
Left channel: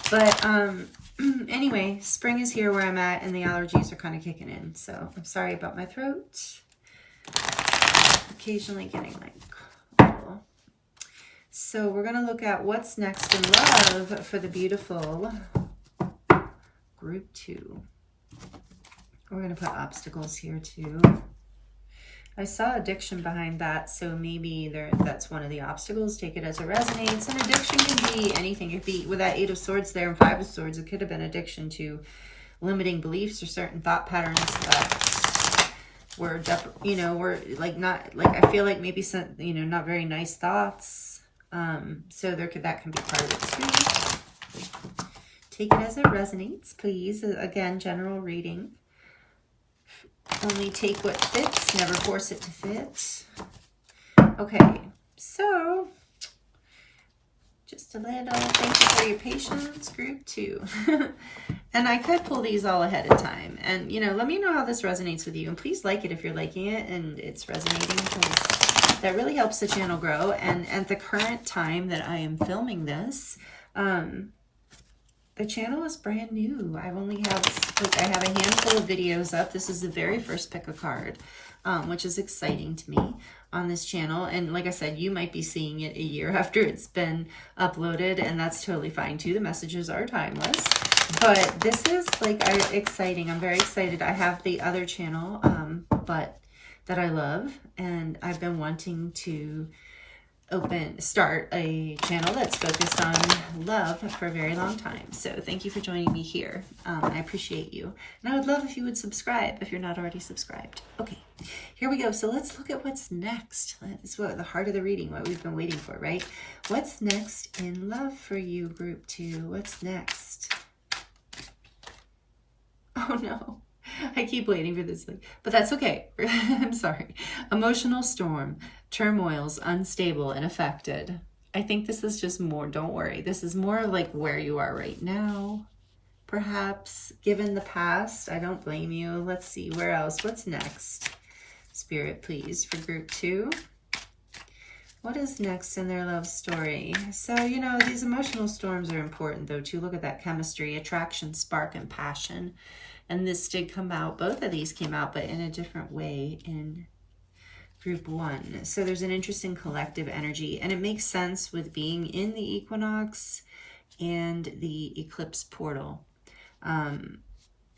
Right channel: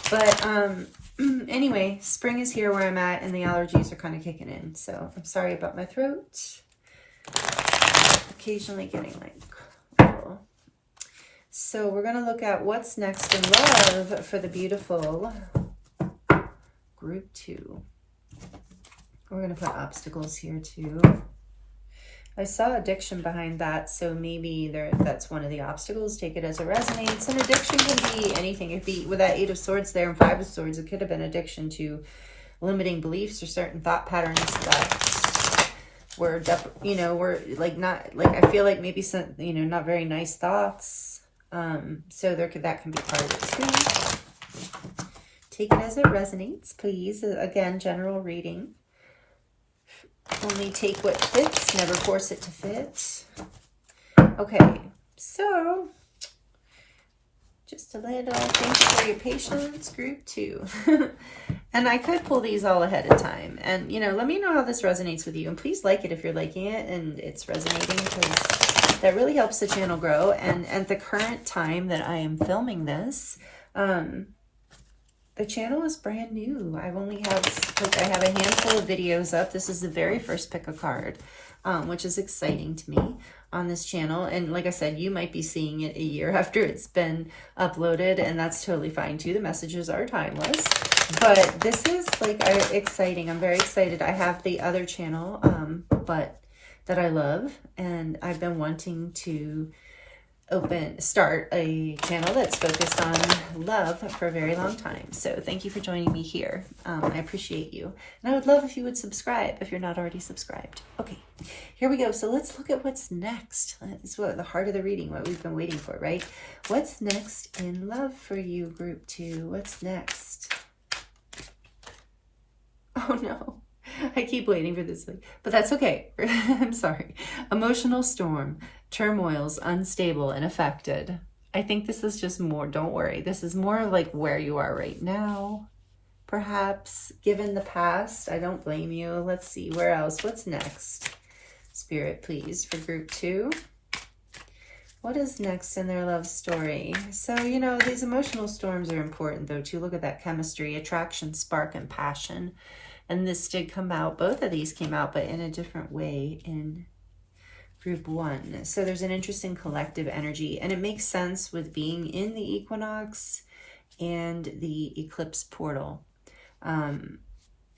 But anyway, spring is here where I'm at, and the allergies are kind of kicking in. So I'm sorry about my throat. Occasionally getting like, oh. So we're going to look at what's next in love for the beautiful group 2. We're going to put obstacles here too. I saw addiction behind that, so maybe that's one of the obstacles. Take it as it resonates. And addiction can be anything. It be with that 8 of Swords there and 5 of Swords, it could have been addiction to limiting beliefs or certain thought patterns that were, you know, were like not like, I feel like maybe some, you know, not very nice thoughts. So that can be part of it too. Take it as it resonates, please. Again, general reading. Only take what fits, never force it to fit. Okay, so just a little thank you for your patience, group 2. And I could pull these all ahead of time. And, you know, let me know how this resonates with you. And please like it if you're liking it and it's resonating, because that really helps the channel grow. And at the current time that I am filming this, the channel is brand new. I have a handful of videos up. This is the very first pick a card, which is exciting to me on this channel. And like I said, you might be seeing it a year after it's been uploaded, and that's totally fine too. The messages are timeless, but this is like exciting. I'm very excited. I have the other channel, but that I love, and I've been wanting to start a channel that's focused on love for a very long time. So thank you for joining me here. I appreciate you. And I would love if you would subscribe if you're not already subscribed. Okay, here we go. So let's look at what's next. That's what the heart of the reading, what we've been waiting for, right? What's next in love for you, group 2? What's next? Oh no. I keep waiting for this thing, but that's okay. I'm sorry. Emotional storm, turmoils, unstable and affected. I think this is just more, don't worry. This is more like where you are right now. Perhaps given the past, I don't blame you. Let's see where else. What's next? Spirit, please, for group 2. What is next in their love story? So, you know, these emotional storms are important though too. Look at that chemistry, attraction, spark, and passion. And this did come out, both of these came out, but in a different way in group 1. So there's an interesting collective energy, and it makes sense with being in the equinox and the eclipse portal. And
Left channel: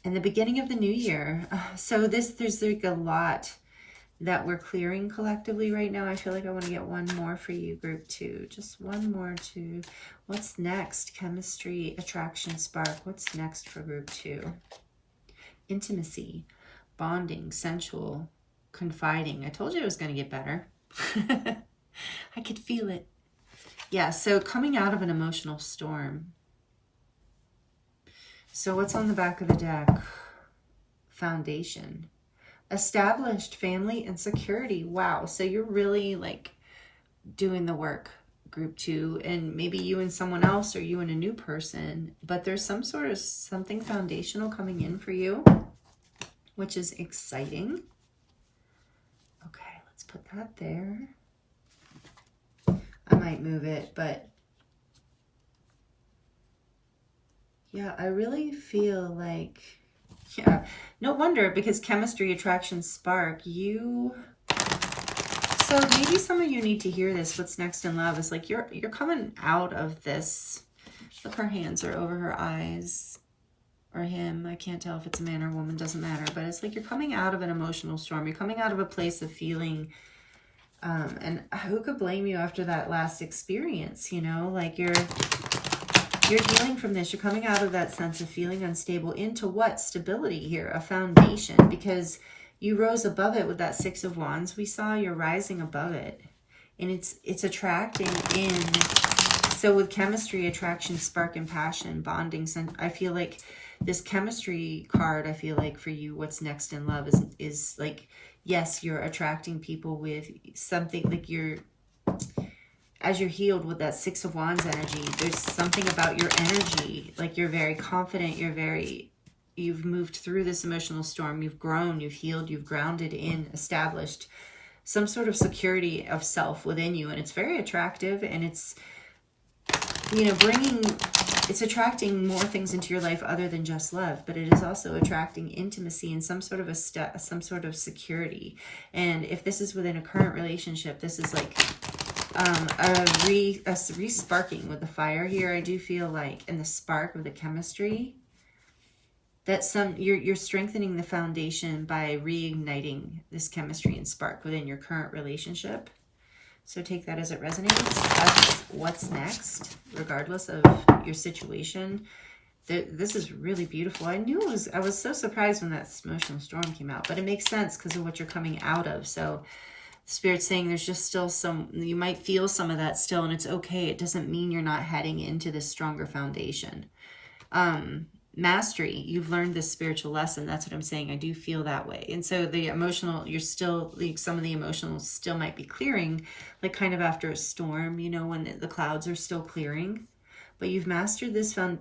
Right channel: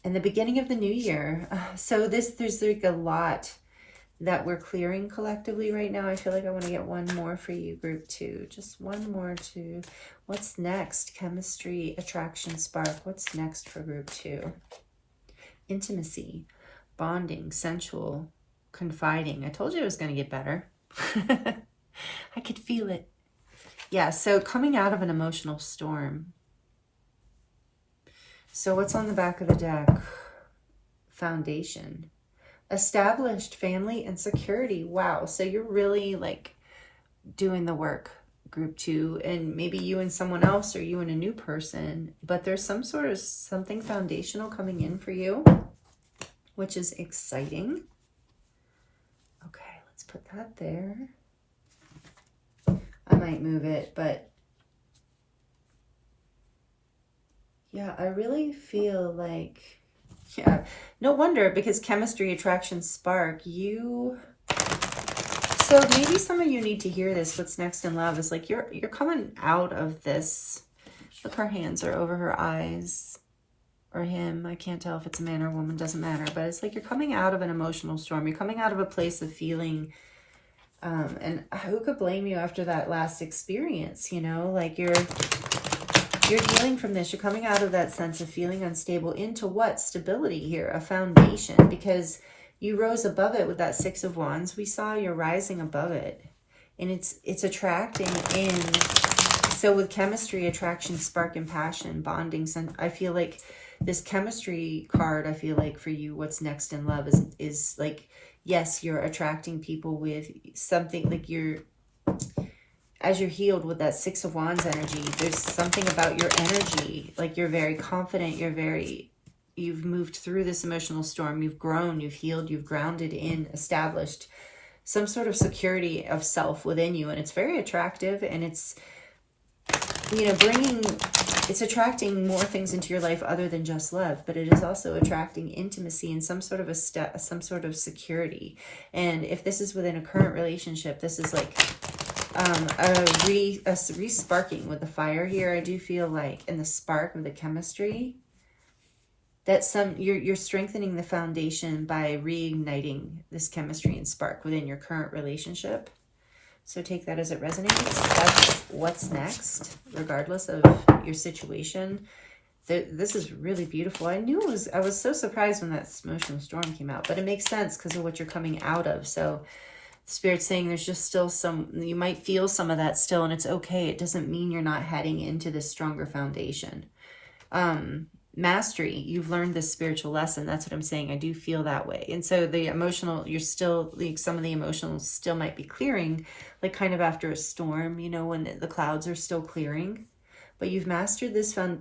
the beginning of the new year. So there's like a lot that we're clearing collectively right now. I feel like I want to get one more for you, group 2. Just one more to what's next? Chemistry, attraction, spark. What's next for group 2? Intimacy, bonding, sensual, confiding. I told you it was going to get better. I could feel it. Yeah, so coming out of an emotional storm. So what's on the back of the deck? Foundation. Established family and security. Wow, so you're really like doing the work, group 2, and maybe you and someone else or you and a new person, but there's some sort of something foundational coming in for you, which is exciting. Okay, let's put that there. I might move it, but yeah, I really feel like, yeah, no wonder, because chemistry, attraction, spark, so maybe some of you need to hear this. What's next in love is like you're coming out of this. Look, her hands are over her eyes, or him. I can't tell if it's a man or a woman, doesn't matter. But it's like you're coming out of an emotional storm. You're coming out of a place of feeling, and who could blame you after that last experience, you know? Like you're healing from this. You're coming out of that sense of feeling unstable into what? Stability here, a foundation, because you rose above it with that 6 of Wands. We saw you're rising above it, and it's attracting in. So with chemistry, attraction, spark, and passion, bonding, I feel like this chemistry card, I feel like for you, what's next in love is like, yes, you're attracting people with something like as you're healed with that 6 of Wands energy, there's something about your energy, like you're very confident, you've moved through this emotional storm, you've grown, you've healed, you've grounded in, established some sort of security of self within you. And it's very attractive, and it's, you know, it's attracting more things into your life other than just love, but it is also attracting intimacy and some sort of security. And if this is within a current relationship, this is like a re-sparking with the fire here. I do feel like, and the spark of the chemistry, that you're strengthening the foundation by reigniting this chemistry and spark within your current relationship. So take that as it resonates. That's what's next, regardless of your situation. This is really beautiful. I was so surprised when that emotional storm came out, but it makes sense because of what you're coming out of. So Spirit's saying there's just still you might feel some of that still, and it's okay. It doesn't mean you're not heading into this stronger foundation. Mastery, you've learned this spiritual lesson. That's what I'm saying. I do feel that way. And so the emotional, you're still, like, some of the emotional still might be clearing, like kind of after a storm, you know, when the clouds are still clearing. But you've mastered this I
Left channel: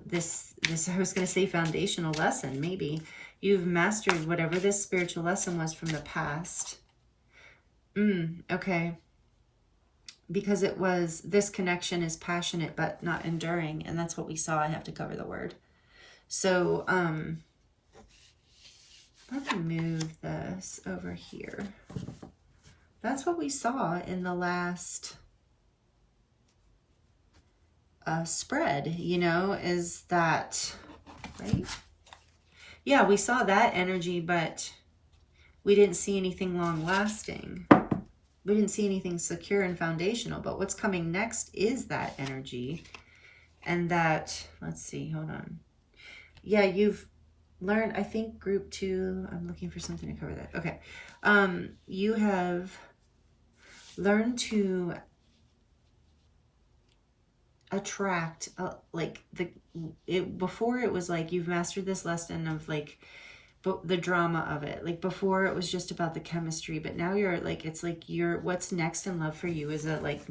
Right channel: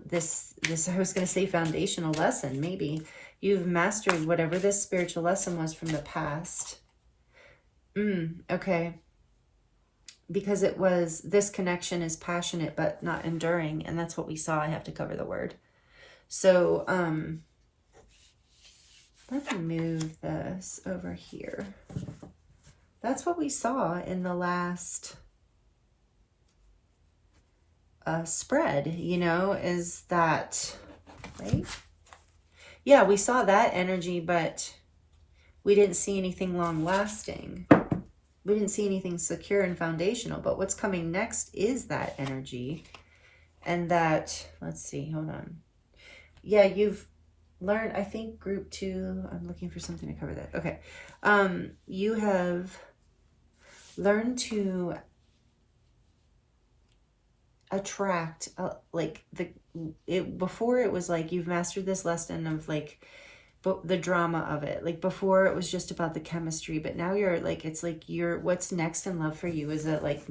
was going to say foundational lesson, maybe. You've mastered whatever this spiritual lesson was from the past. Okay. Because it was, this connection is passionate but not enduring. And that's what we saw. I have to cover the word. So, let me move this over here. That's what we saw in the last spread, you know, is that, right? Yeah, we saw that energy, but we didn't see anything long lasting. we didn't see anything secure and foundational, but what's coming next is that energy. And that, let's see, hold on. Yeah, you've learned, I think group 2, I'm looking for something to cover that. Okay. You have learned to attract, like before it was like you've mastered this lesson of like the drama of it. Like before it was just about the chemistry, but now you're like, it's like what's next in love for you is a like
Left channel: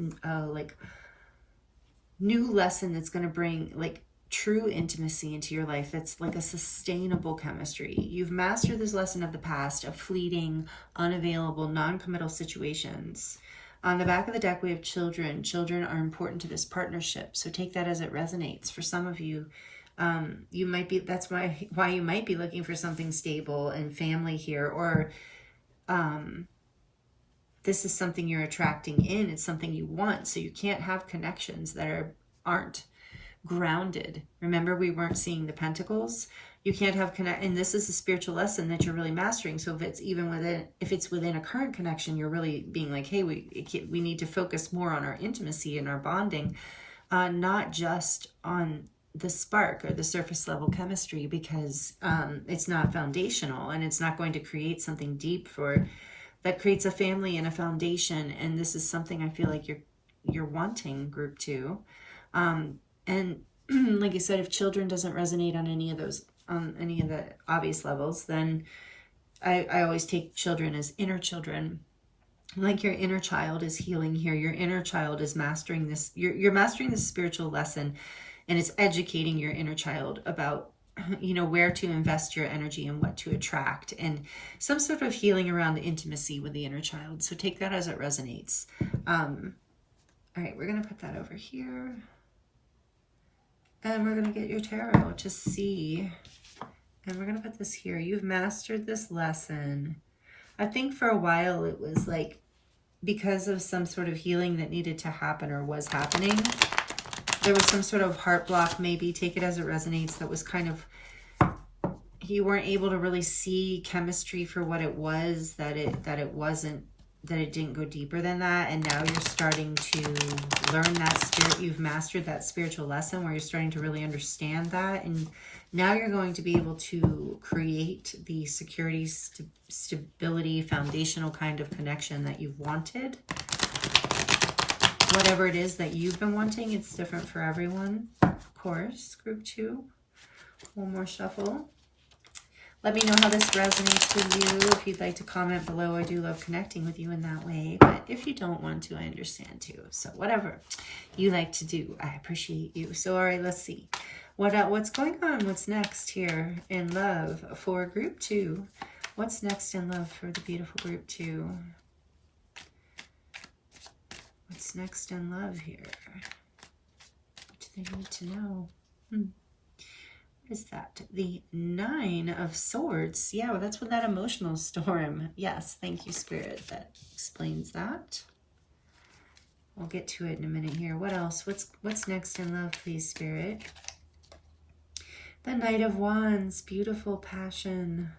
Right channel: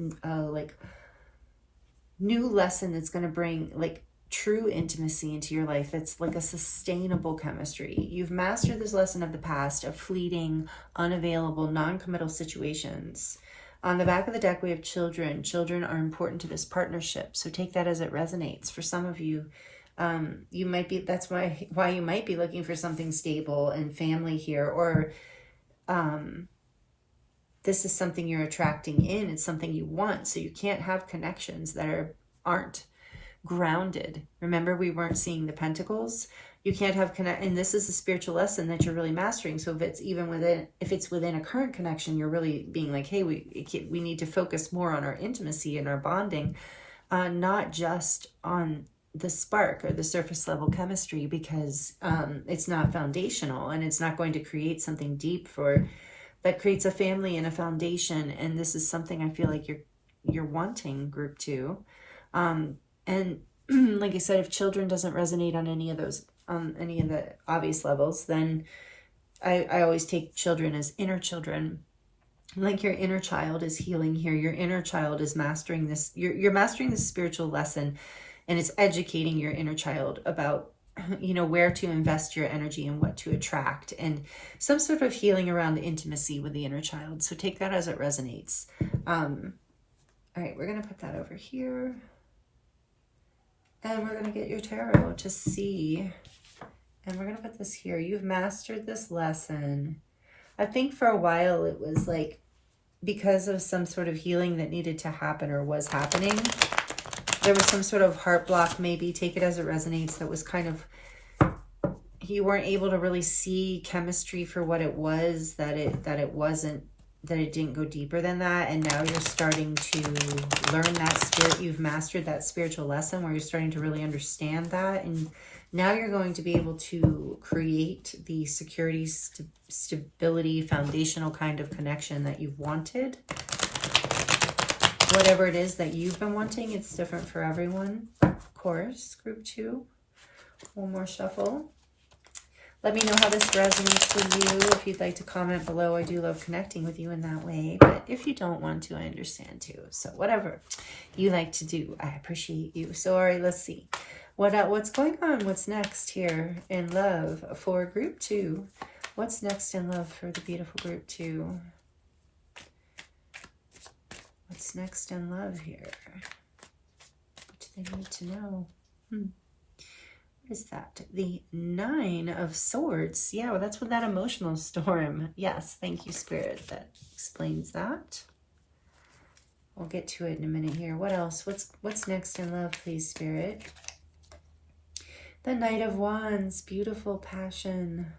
new lesson that's going to bring like true intimacy into your life. That's like a sustainable chemistry. You've mastered this lesson of the past, of fleeting, unavailable, non-committal situations. On the back of the deck, we have children. Children are important to this partnership. So take that as it resonates. For some of you, you might be, that's why you might be looking for something stable and family here, or this is something you're attracting in. It's something you want. So you can't have connections that aren't grounded. Remember, we weren't seeing the pentacles. You can't have and this is a spiritual lesson that you're really mastering. So if it's if it's within a current connection, you're really being like, hey, we need to focus more on our intimacy and our bonding, not just on the spark or the surface level chemistry, because it's not foundational and it's not going to create something deep that creates a family and a foundation. And this is something I feel like you're wanting, group 2. And like I said, if children doesn't resonate on any of those, any of the obvious levels, then I always take children as inner children. Like your inner child is healing here. Your inner child is mastering this. You're mastering this spiritual lesson, and it's educating your inner child about, where to invest your energy and what to attract, and some sort of healing around intimacy with the inner child. So take that as it resonates. All right, we're going to put that over here. And we're going to get your tarot to see. And we're going to put this here. You've mastered this lesson. I think for a while it was like because of some sort of healing that needed to happen or was happening. There was some sort of heart block, maybe. Take it as it resonates. That was kind of, you weren't able to really see chemistry for what it was, that it didn't go deeper than that. And now you're starting to learn that spirit. You've mastered that spiritual lesson where you're starting to really understand that. And now you're going to be able to create the security, stability, foundational kind of connection that you've wanted. Whatever it is that you've been wanting, it's different for everyone. Of course, group 2. One more shuffle. Let me know how this resonates with you. If you'd like to comment below, I do love connecting with you in that way. But if you don't want to, I understand too. So whatever you like to do, I appreciate you. So all right, let's see. What's going on? What's next here in love for group 2? What's next in love for the beautiful group 2? What's next in love here? What do they need to know? What is that? The 9 of Swords. Yeah, well, that's with that emotional storm. Yes, thank you, Spirit. That explains that. We'll get to it in a minute here. What else? What's next in love, please, Spirit? The Knight of Wands. Beautiful passion.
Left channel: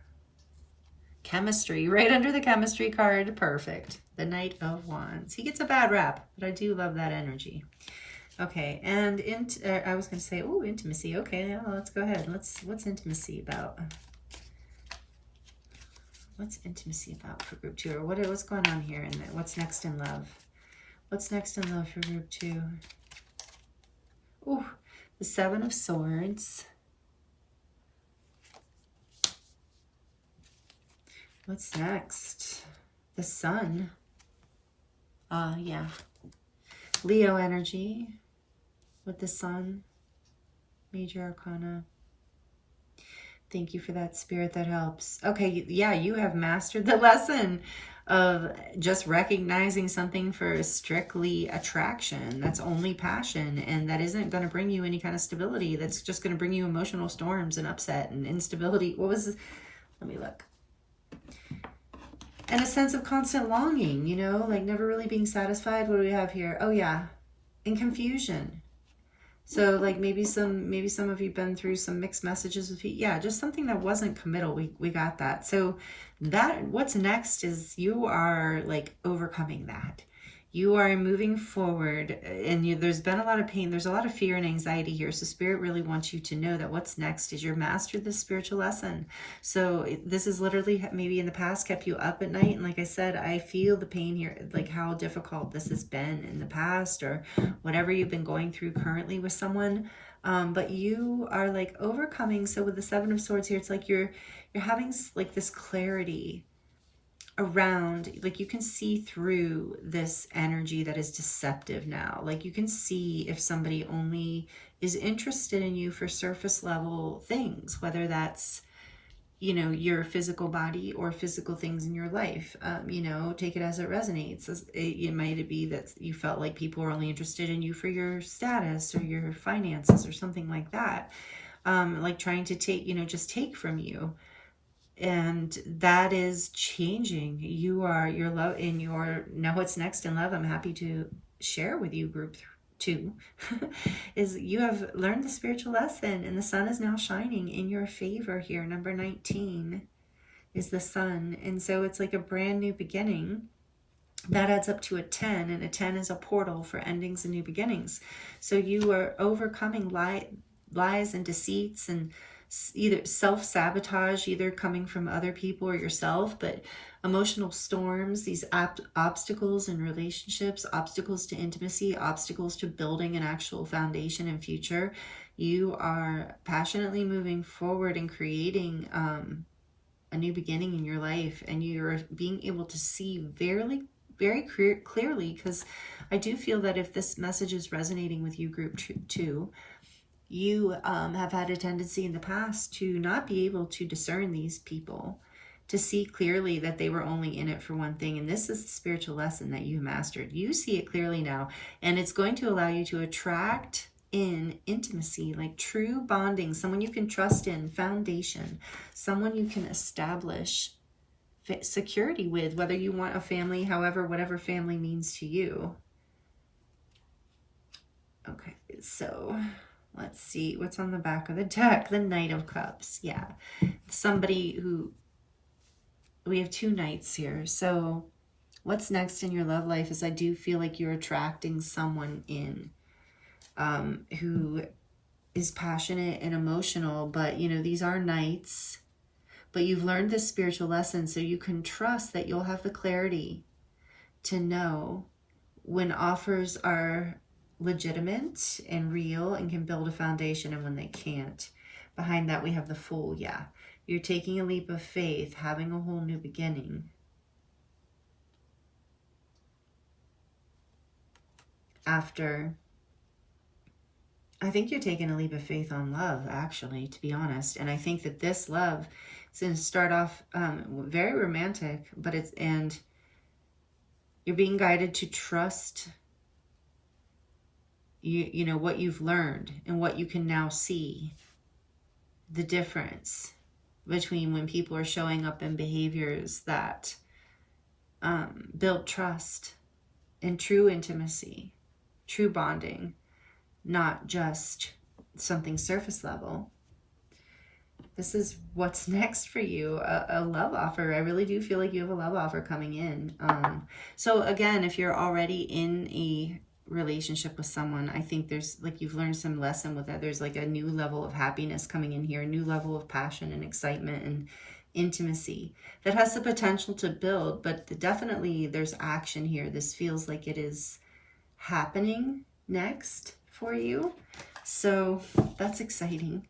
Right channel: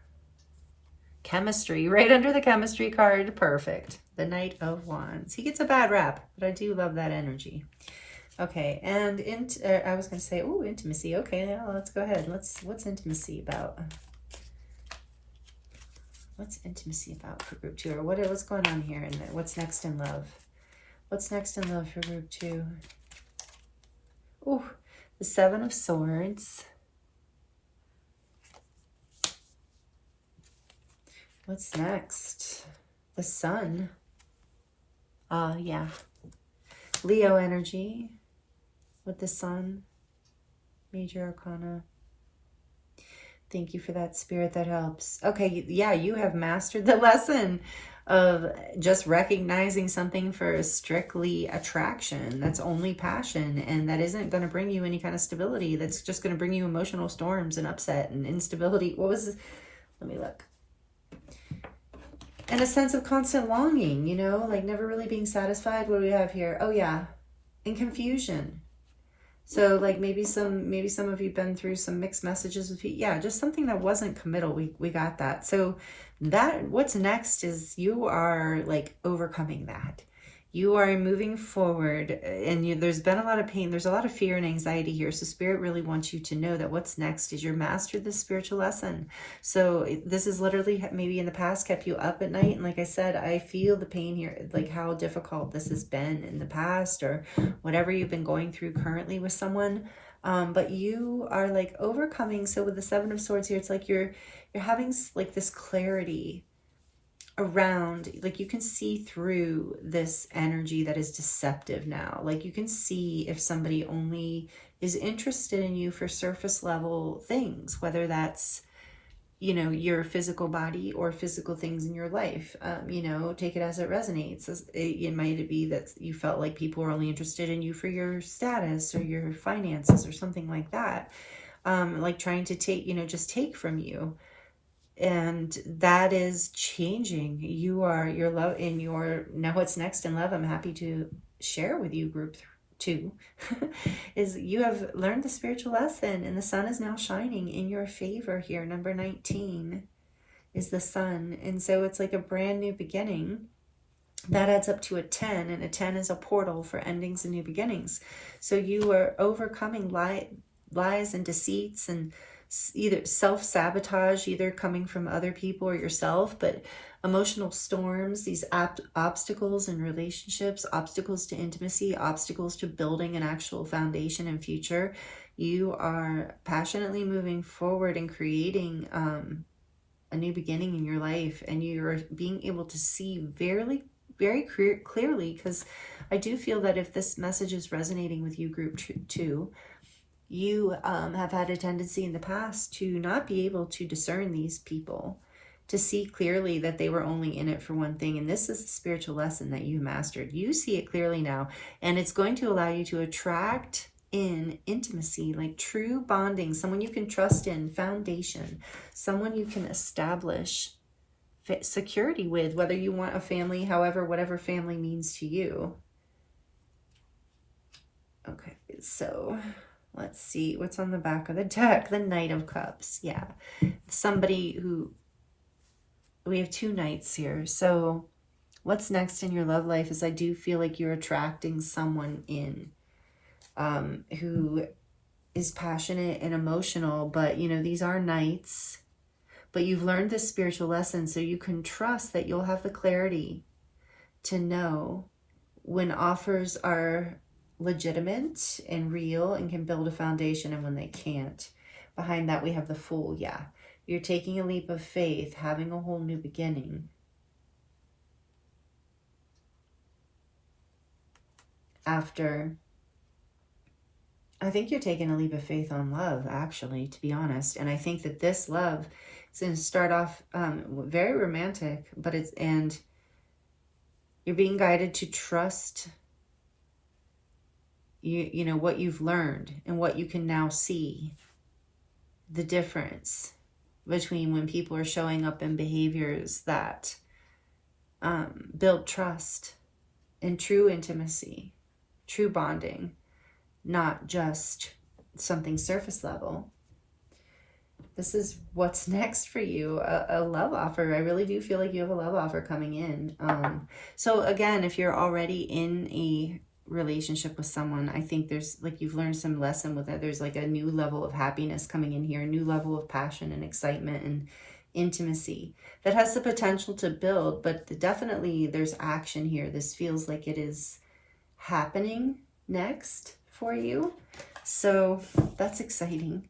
Chemistry. Right under the chemistry card. Perfect. The Knight of Wands. He gets a bad rap, but I do love that energy. Okay, and I was going to say, oh, intimacy. Okay, yeah, let's go ahead. What's intimacy about? What's intimacy about for group 2? Or what's going on here? And what's next in love? What's next in love for group 2? Oh, the 7 of Swords. What's next? The Sun. Yeah. Leo energy with the Sun. Major Arcana. Thank you for that, Spirit. That helps. Okay, yeah, you have mastered the lesson of just recognizing something for strictly attraction. That's only passion, and that isn't going to bring you any kind of stability. That's just going to bring you emotional storms and upset and instability. What was this? Let me look. And a sense of constant longing, like never really being satisfied. What do we have here? Oh, yeah. And confusion. So like maybe some of you been through some mixed messages with people. Yeah, just something that wasn't committal. We got that. So that what's next is you are like overcoming that. You are moving forward, and there's been a lot of pain. There's a lot of fear and anxiety here. So Spirit really wants you to know that what's next is you're mastered this spiritual lesson. So this is literally maybe in the past kept you up at night. And like I said, I feel the pain here, like how difficult this has been in the past, or whatever you've been going through currently with someone. But you are like overcoming. So with the Seven of Swords here, it's like you're having like this clarity around, like you can see through this energy that is deceptive now. Like you can see if somebody only is interested in you for surface level things, whether that's, you know, your physical body or physical things in your life. You know, take it as it resonates. It might be that you felt like people were only interested in you for your status or your finances or something like that. Like trying to take, you know, just take from you. And that is changing. Your love in your, now what's next in love, I'm happy to share with you, group 2, is you have learned the spiritual lesson, and the sun is now shining in your favor here. Number 19 is the sun. And so it's like a brand new beginning. That adds up to a 10, and a 10 is a portal for endings and new beginnings. So you are overcoming lies and deceits and either self-sabotage, either coming from other people or yourself, but emotional storms, these obstacles in relationships, obstacles to intimacy, obstacles to building an actual foundation and future. You are passionately moving forward and creating a new beginning in your life, and you're being able to see very clearly, because I do feel that if this message is resonating with you, group 2, you have had a tendency in the past to not be able to discern these people, to see clearly that they were only in it for one thing. And this is the spiritual lesson that you mastered. You see it clearly now, and it's going to allow you to attract in intimacy, like true bonding, someone you can trust in, foundation, someone you can establish security with, whether you want a family, however, whatever family means to you. Okay, so let's see what's on the back of the deck. The Knight of Cups. Yeah. Somebody who, we have 2 knights here. So what's next in your love life is I do feel like you're attracting someone in who is passionate and emotional, but you know, these are knights, but you've learned this spiritual lesson, so you can trust that you'll have the clarity to know when offers are legitimate and real and can build a foundation, and when they can't. Behind that we have the Fool. Yeah, you're taking a leap of faith, having a whole new beginning. After, I think you're taking a leap of faith on love, actually, to be honest. And I think that this love is going to start off very romantic, but and you're being guided to trust you know what you've learned and what you can now see, the difference between when people are showing up in behaviors that build trust and true intimacy, true bonding, not just something surface level. This is what's next for you, a love offer. I really do feel like you have a love offer coming in. So again, if you're already in a relationship with someone, I think there's like you've learned some lesson with it. There's like a new level of happiness coming in here, a new level of passion and excitement and intimacy that has the potential to build, but definitely there's action here. This feels like it is happening next for you, so that's exciting.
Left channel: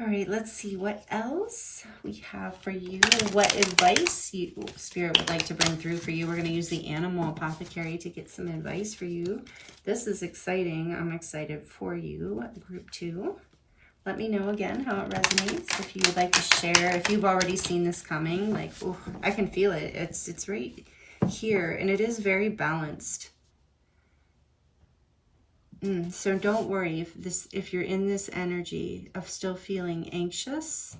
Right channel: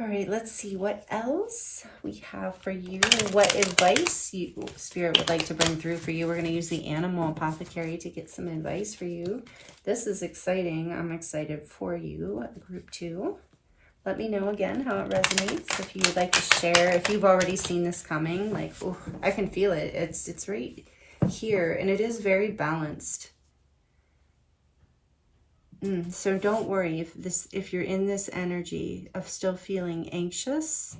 All right, let's see what else we have for you. What advice Spirit would like to bring through for you. We're going to use the Animal Apothecary to get some advice for you. This is exciting. I'm excited for you, group 2. Let me know again how it resonates. If you'd like to share, if you've already seen this coming, like, oh, I can feel it. It's right here, and it is very balanced. So don't worry if you're in this energy of still feeling anxious.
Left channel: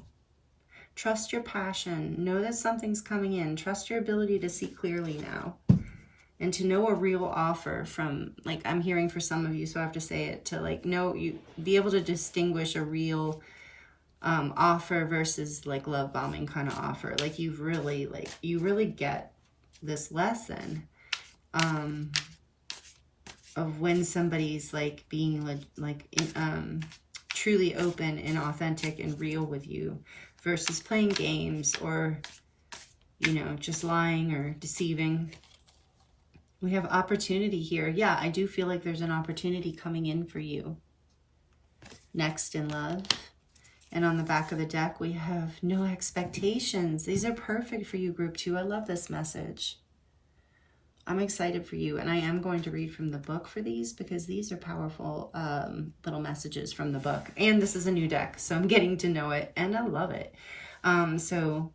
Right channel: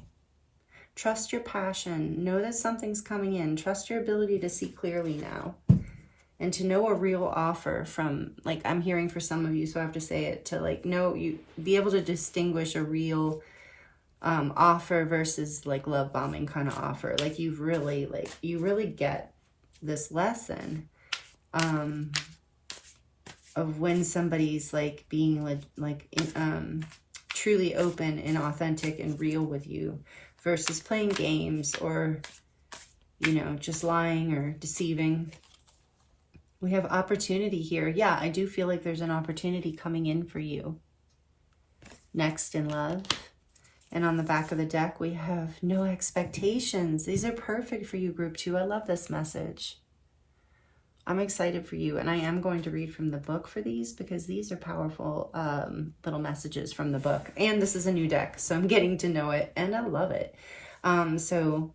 Trust your passion. Know that something's coming in. Trust your ability to see clearly now. and to know a real offer from, like, I'm hearing for some of you, so I have to say it, to like know, you be able to distinguish a real offer versus like love bombing kind of offer. Like you really get this lesson of when somebody's like being truly open and authentic and real with you versus playing games or, you know, just lying or deceiving. We have opportunity here. Yeah, I do feel like there's an opportunity coming in for you next in love. And on the back of the deck, we have no expectations. These are perfect for you, group 2. I love this message. I'm excited for you, and I am going to read from the book for these because these are powerful little messages from the book. And this is a new deck, so I'm getting to know it, and I love it. So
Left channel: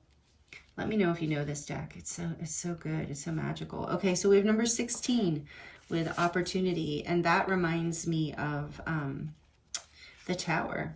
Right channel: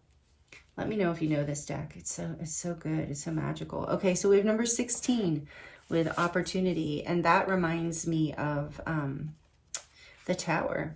let me know if you know this deck. It's so good. It's so magical. Okay, so we have number 16 with opportunity, and that reminds me of the Tower.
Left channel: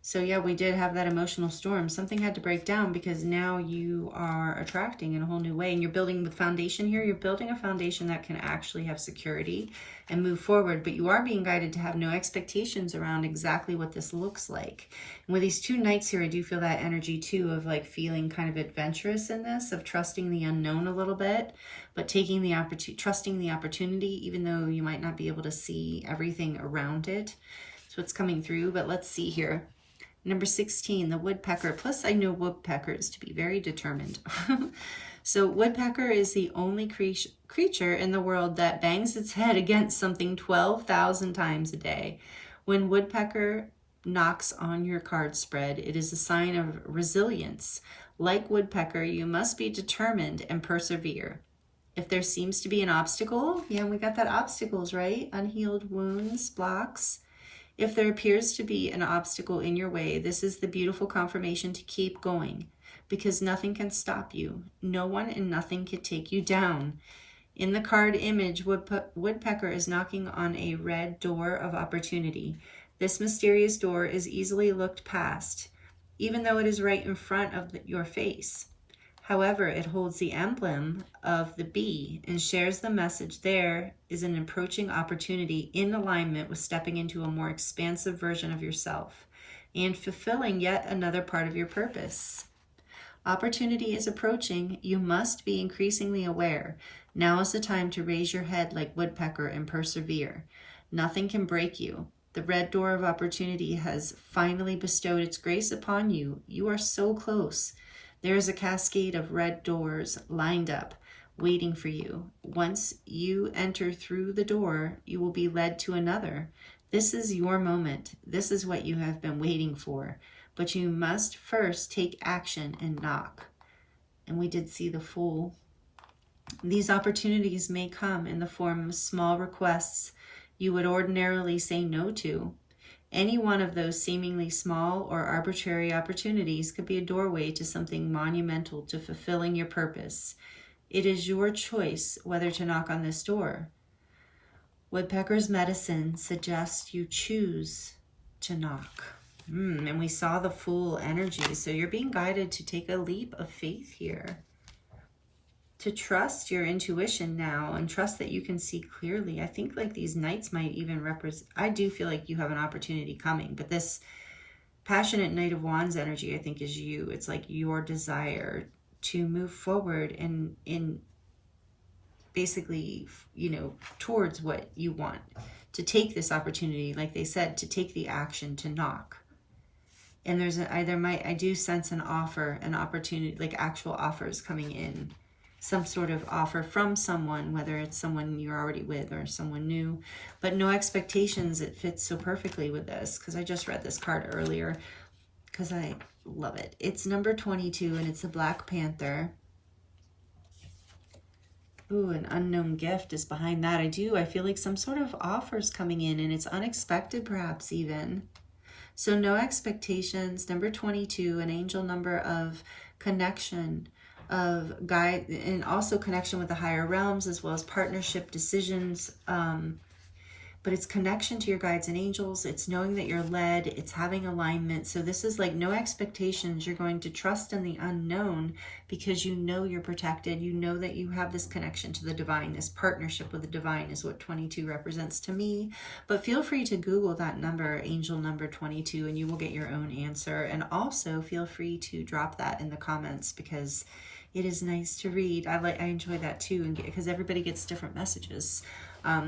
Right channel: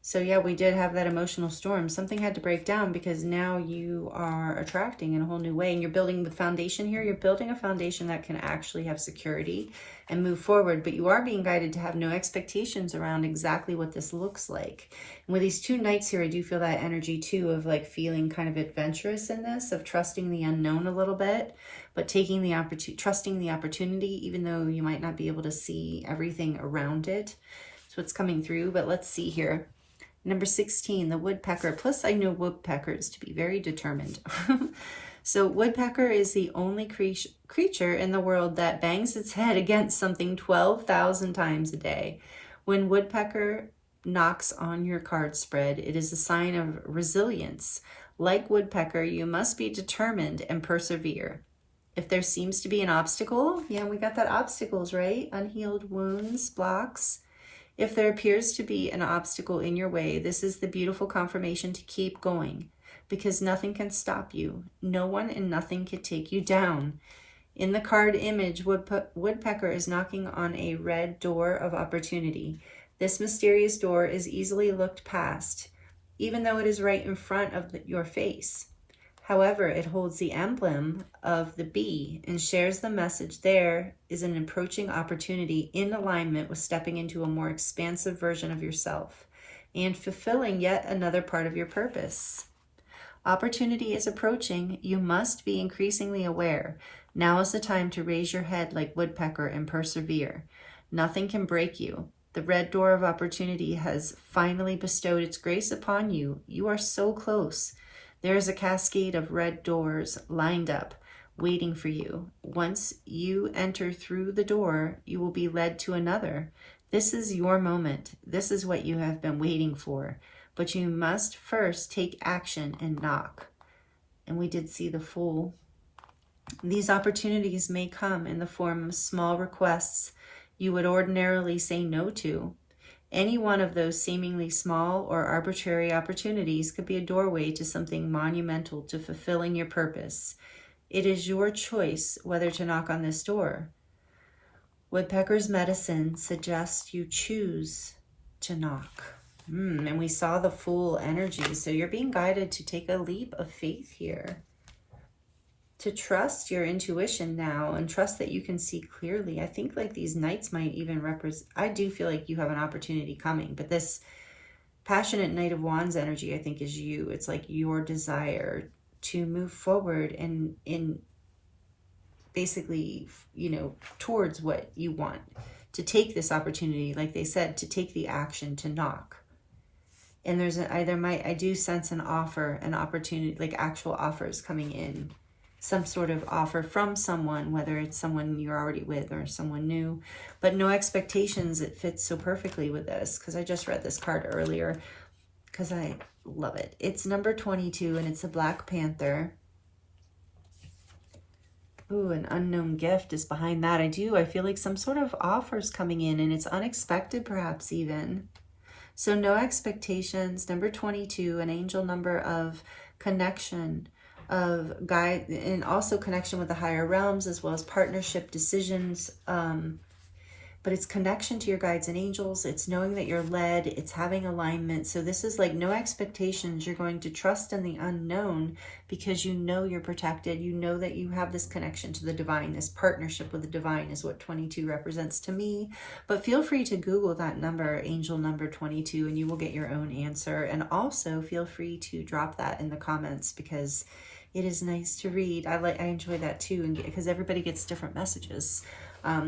So yeah, we did have that emotional storm. Something had to break down because now you are attracting in a whole new way, and you're building the foundation here. You're building a foundation that can actually have security and move forward, but you are being guided to have no expectations around exactly what this looks like. And with these 2 knights here, I do feel that energy too of like feeling kind of adventurous in this, of trusting the unknown a little bit, but taking the trusting the opportunity, even though you might not be able to see everything around it. So it's coming through, but let's see here. Number 16, the woodpecker. Plus, I know woodpeckers to be very determined. So woodpecker is the only creature in the world that bangs its head against something 12,000 times a day. When woodpecker knocks on your card spread, it is a sign of resilience. Like woodpecker, you must be determined and persevere. If there seems to be an obstacle, yeah, we got that obstacles, right? Unhealed wounds, blocks. If there appears to be an obstacle in your way, this is the beautiful confirmation to keep going, because nothing can stop you. No one and nothing can take you down. In the card image, woodpecker is knocking on a red door of opportunity. This mysterious door is easily looked past, even though it is right in front of your face. However, it holds the emblem of the bee and shares the message there is an approaching opportunity in alignment with stepping into a more expansive version of yourself and fulfilling yet another part of your purpose. Opportunity is approaching. You must be increasingly aware. Now is the time to raise your head like woodpecker and persevere. Nothing can break you. The red door of opportunity has finally bestowed its grace upon you. You are so close. There is a cascade of red doors lined up, waiting for you. Once you enter through the door, you will be led to another. This is your moment. This is what you have been waiting for. But you must first take action and knock. And we did see the Fool. These opportunities may come in the form of small requests you would ordinarily say no to. Any one of those seemingly small or arbitrary opportunities could be a doorway to something monumental to fulfilling your purpose. It is your choice whether to knock on this door. Woodpecker's medicine suggests you choose to knock. And we saw the Fool energy. So you're being guided to take a leap of faith here. To trust your intuition now and trust that you can see clearly. I think like these knights might even represent, I do feel like you have an opportunity coming, but this passionate Knight of Wands energy, I think, is you. It's like your desire to move forward and in basically, you know, towards what you want, to take this opportunity, like they said, to take the action to knock. And there's I do sense an offer, an opportunity, like actual offers coming in. Some sort of offer from someone, whether it's someone you're already with or someone new, but no expectations. It fits so perfectly with this because I just read this card earlier because I love it. It's number 22 and it's a Black Panther. Ooh, an unknown gift is behind that. I feel like some sort of offer is coming in and it's unexpected perhaps even. So no expectations. Number 22, an angel number of connection, of guide, and also connection with the higher realms, as well as partnership decisions. but it's connection to your guides and angels. It's knowing that you're led. It's having alignment. So this is like no expectations. You're going to trust in the unknown because you know you're protected. You know that you have this connection to the divine. This partnership with the divine is what 22 represents to me. But feel free to Google that number, angel number 22, and you will get your own answer. And also feel free to drop that in the comments because it is nice to read. I enjoy that too, because everybody gets different messages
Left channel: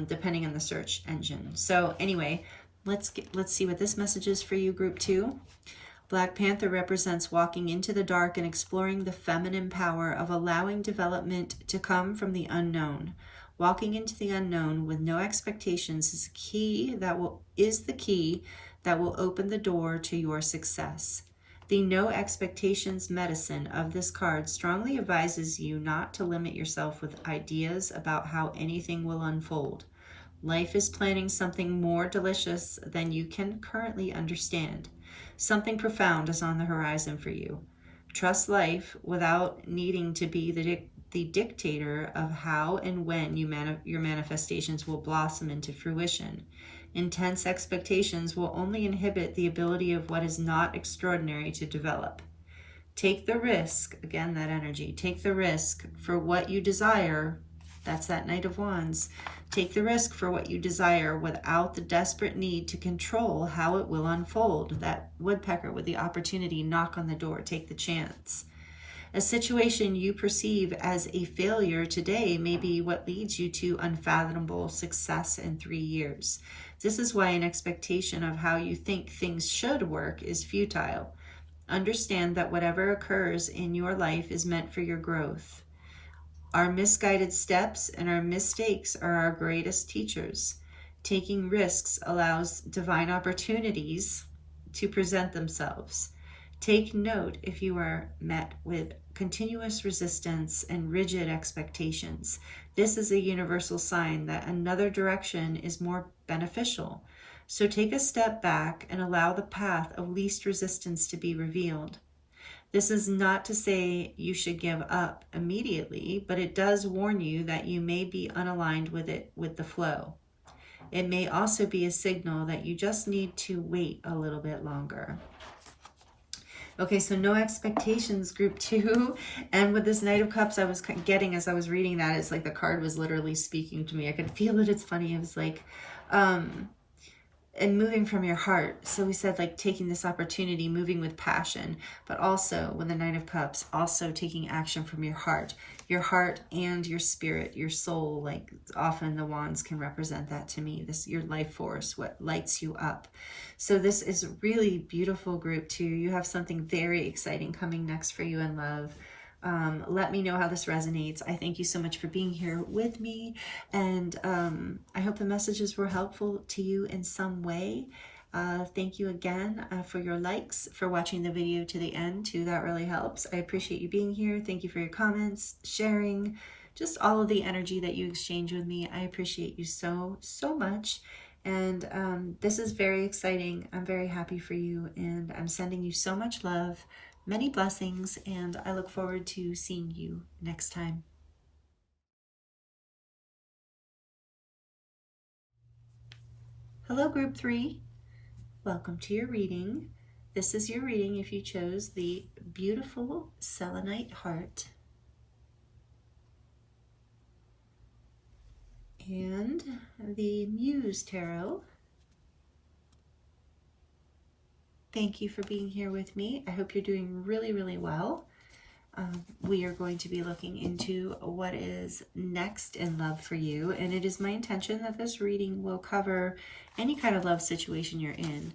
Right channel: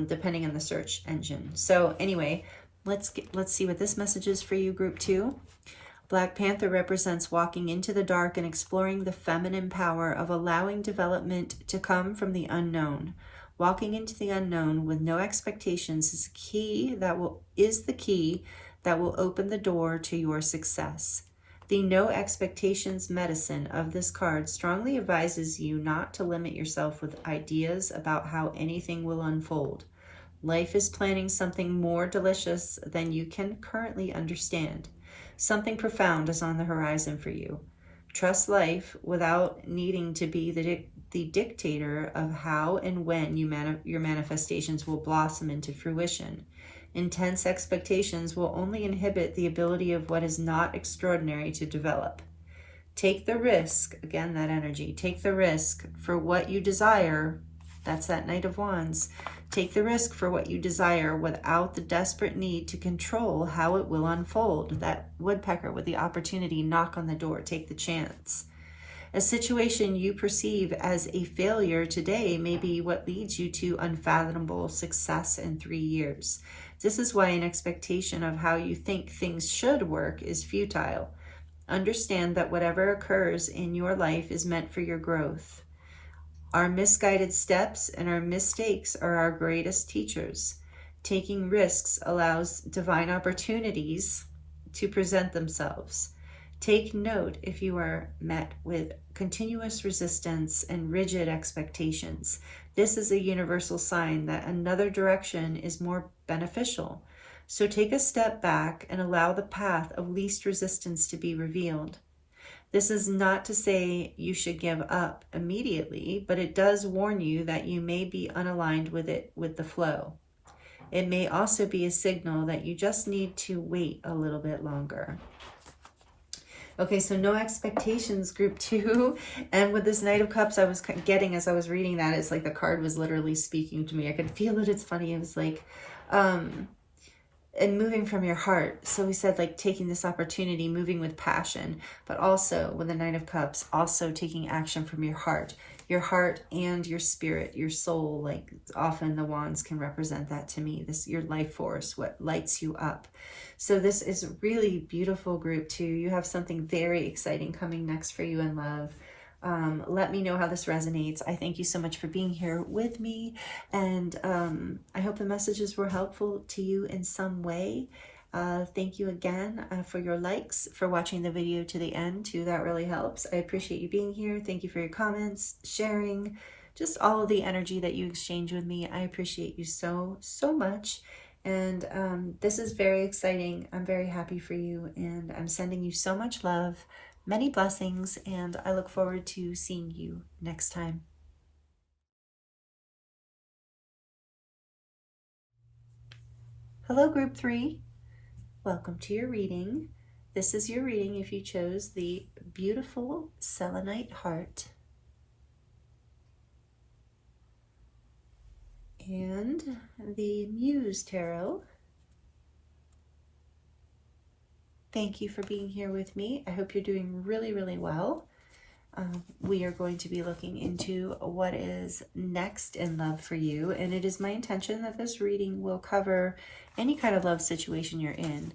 depending on the search engine. So anyway, let's see what this message is for you, group 2. Black Panther represents walking into the dark and exploring the feminine power of allowing development to come from the unknown. Walking into the unknown with no expectations is the key that will open the door to your success. The no expectations medicine of this card strongly advises you not to limit yourself with ideas about how anything will unfold. Life is planning something more delicious than you can currently understand. Something profound is on the horizon for you. Trust life without needing to be the dictator of how and when your manifestations will blossom into fruition. Intense expectations will only inhibit the ability of what is not extraordinary to develop. Take the risk, again, that energy, take the risk for what you desire. That's that Knight of Wands. Take the risk for what you desire without the desperate need to control how it will unfold. That woodpecker with the opportunity, knock on the door, take the chance. A situation you perceive as a failure today may be what leads you to unfathomable success in 3 years. This is why an expectation of how you think things should work is futile. Understand that whatever occurs in your life is meant for your growth. Our misguided steps and our mistakes are our greatest teachers. Taking risks allows divine opportunities to present themselves. Take note if you are met with continuous resistance and rigid expectations. This is a universal sign that another direction is more beneficial. So take a step back and allow the path of least resistance to be revealed. This is not to say you should give up immediately, but it does warn you that you may be unaligned with the flow. It may also be a signal that you just need to wait a little bit longer. Okay, so no expectations, group 2. And with this Knight of Cups, I was getting, as I was reading that, it's like the card was literally speaking to me. I could feel it. It's funny. It was like, and moving from your heart. So we said like taking this opportunity, moving with passion, but also with the Knight of Cups, also taking action from your heart and your spirit, your soul. Like often the wands can represent that to me. This, your life force, what lights you up. So this is a really beautiful, group 2. You have something very exciting coming next for you in love. Let me know how this resonates. I thank you so much for being here with me. And I hope the messages were helpful to you in some way. Thank you again for your likes, for watching the video to the end too. That really helps. I appreciate you being here. Thank you for your comments, sharing, just all of the energy that you exchange with me. I appreciate you so, so much. And this is very exciting. I'm very happy for you, and I'm sending you so much love, many blessings, and I look forward to seeing you next time. Hello, group 3. Welcome to your reading. This is your reading if you chose the beautiful Selenite heart and the Muse Tarot. Thank you for being here with me. I hope you're doing really, really well. We are going to be looking into what is next in love for you, and it is my intention that this reading will cover any kind of love situation you're in.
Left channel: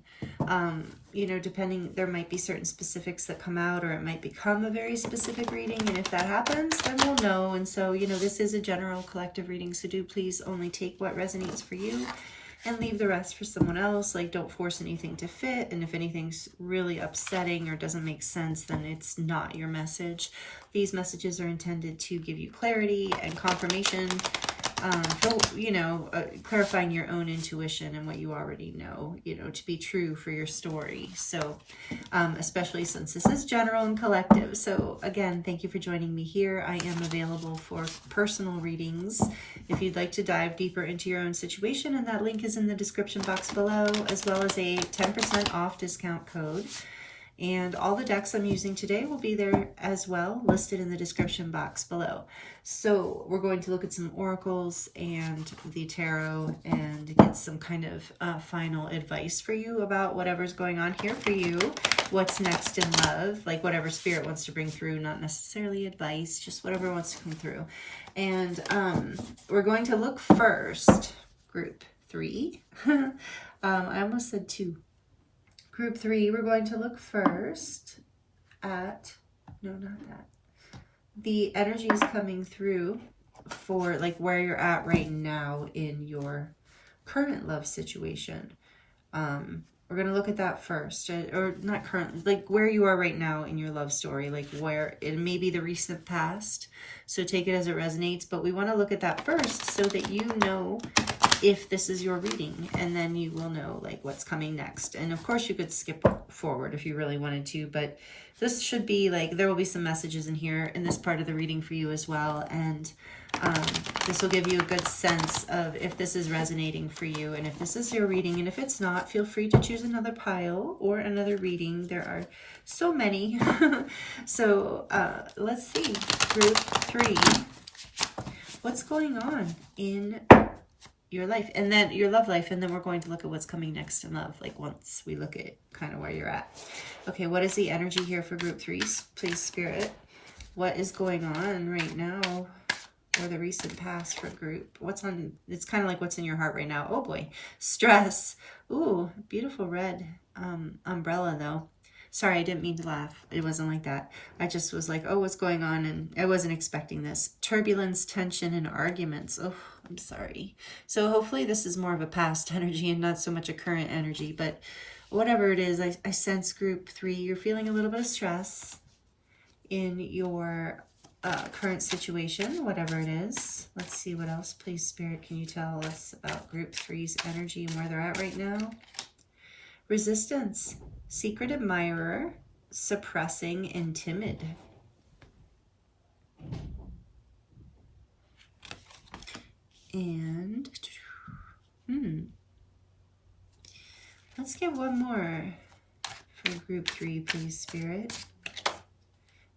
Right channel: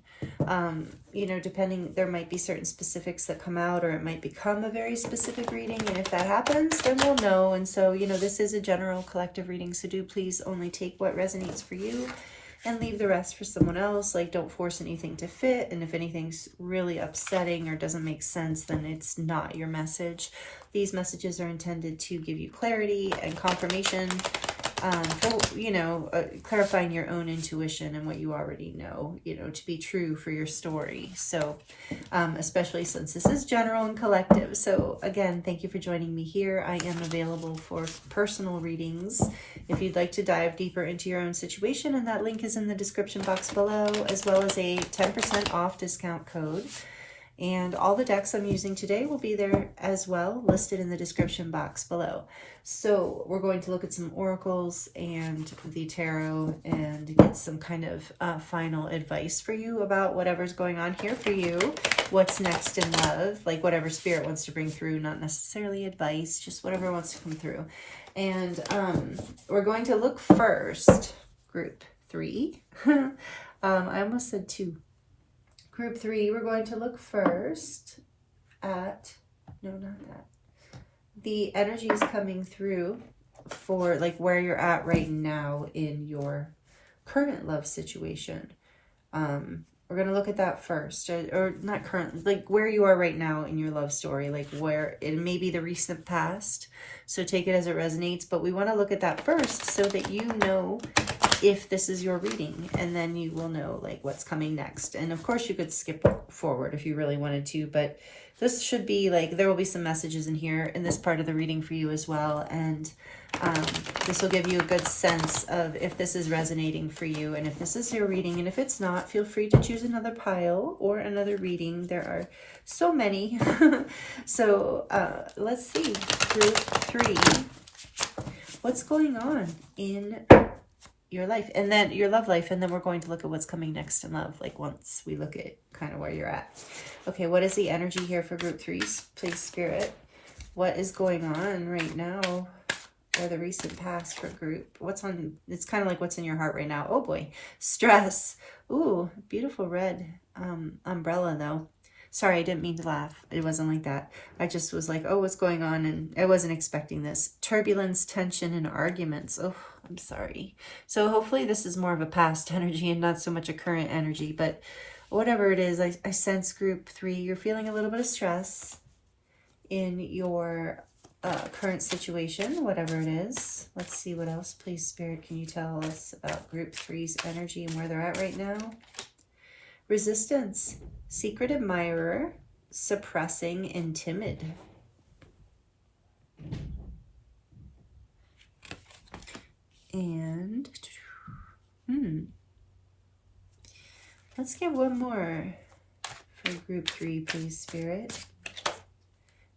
You know, depending, there might be certain specifics that come out, or it might become a very specific reading, and if that happens, then we'll know. And so, you know, this is a general collective reading, so do please only take what resonates for you and leave the rest for someone else. Like, don't force anything to fit, and if anything's really upsetting or doesn't make sense, then it's not your message. These messages are intended to give you clarity and confirmation, you know, clarifying your own intuition and what you already know, you know, to be true for your story. So especially since this is general and collective. So again, thank you for joining me here. I am available for personal readings if you'd like to dive deeper into your own situation, and that link is in the description box below, as well as a 10% off discount code. And all the decks I'm using today will be there as well, listed in the description box below. So we're going to look at some oracles and the tarot and get some kind of final advice for you about whatever's going on here for you. What's next in love, like whatever spirit wants to bring through, not necessarily advice, just whatever wants to come through. And we're going to look first, group 3. I almost said 2. Group 3, we're going to look first at, no, not that. The energy is coming through for like where you're at right now in your current love situation. We're going to look at that first, or not current, like where you are right now in your love story, like where it may be the recent past. So take it as it resonates, but we want to look at that first so that you know if this is your reading, and then you will know like what's coming next. And of course you could skip forward if you really wanted to, but this should be like, there will be some messages in here in this part of the reading for you as well. And this will give you a good sense of if this is resonating for you and if this is your reading. And if it's not, feel free to choose another pile or another reading. There are so many. So let's see, group 3, what's going on in your life, and then your love life, and then we're going to look at what's coming next in love, like once we look at kind of where you're at. Okay, what is the energy here for group 3s? Please, Spirit, what is going on right now, or the recent past for group? What's on, it's kind of like what's in your heart right now. Oh boy, stress. Ooh, beautiful red umbrella though. Sorry, I didn't mean to laugh. It wasn't like that. I just was like, oh, what's going on? And I wasn't expecting this. Turbulence, tension, and arguments. Oh, I'm sorry. So hopefully this is more of a past energy and not so much a current energy. But whatever it is, I sense group 3, you're feeling a little bit of stress in your current situation, whatever it is. Let's see what else. Please, Spirit, can you tell us about group 3's energy and where they're at right now? Resistance, secret admirer, suppressing, and timid. And let's get one more for group 3, please, Spirit.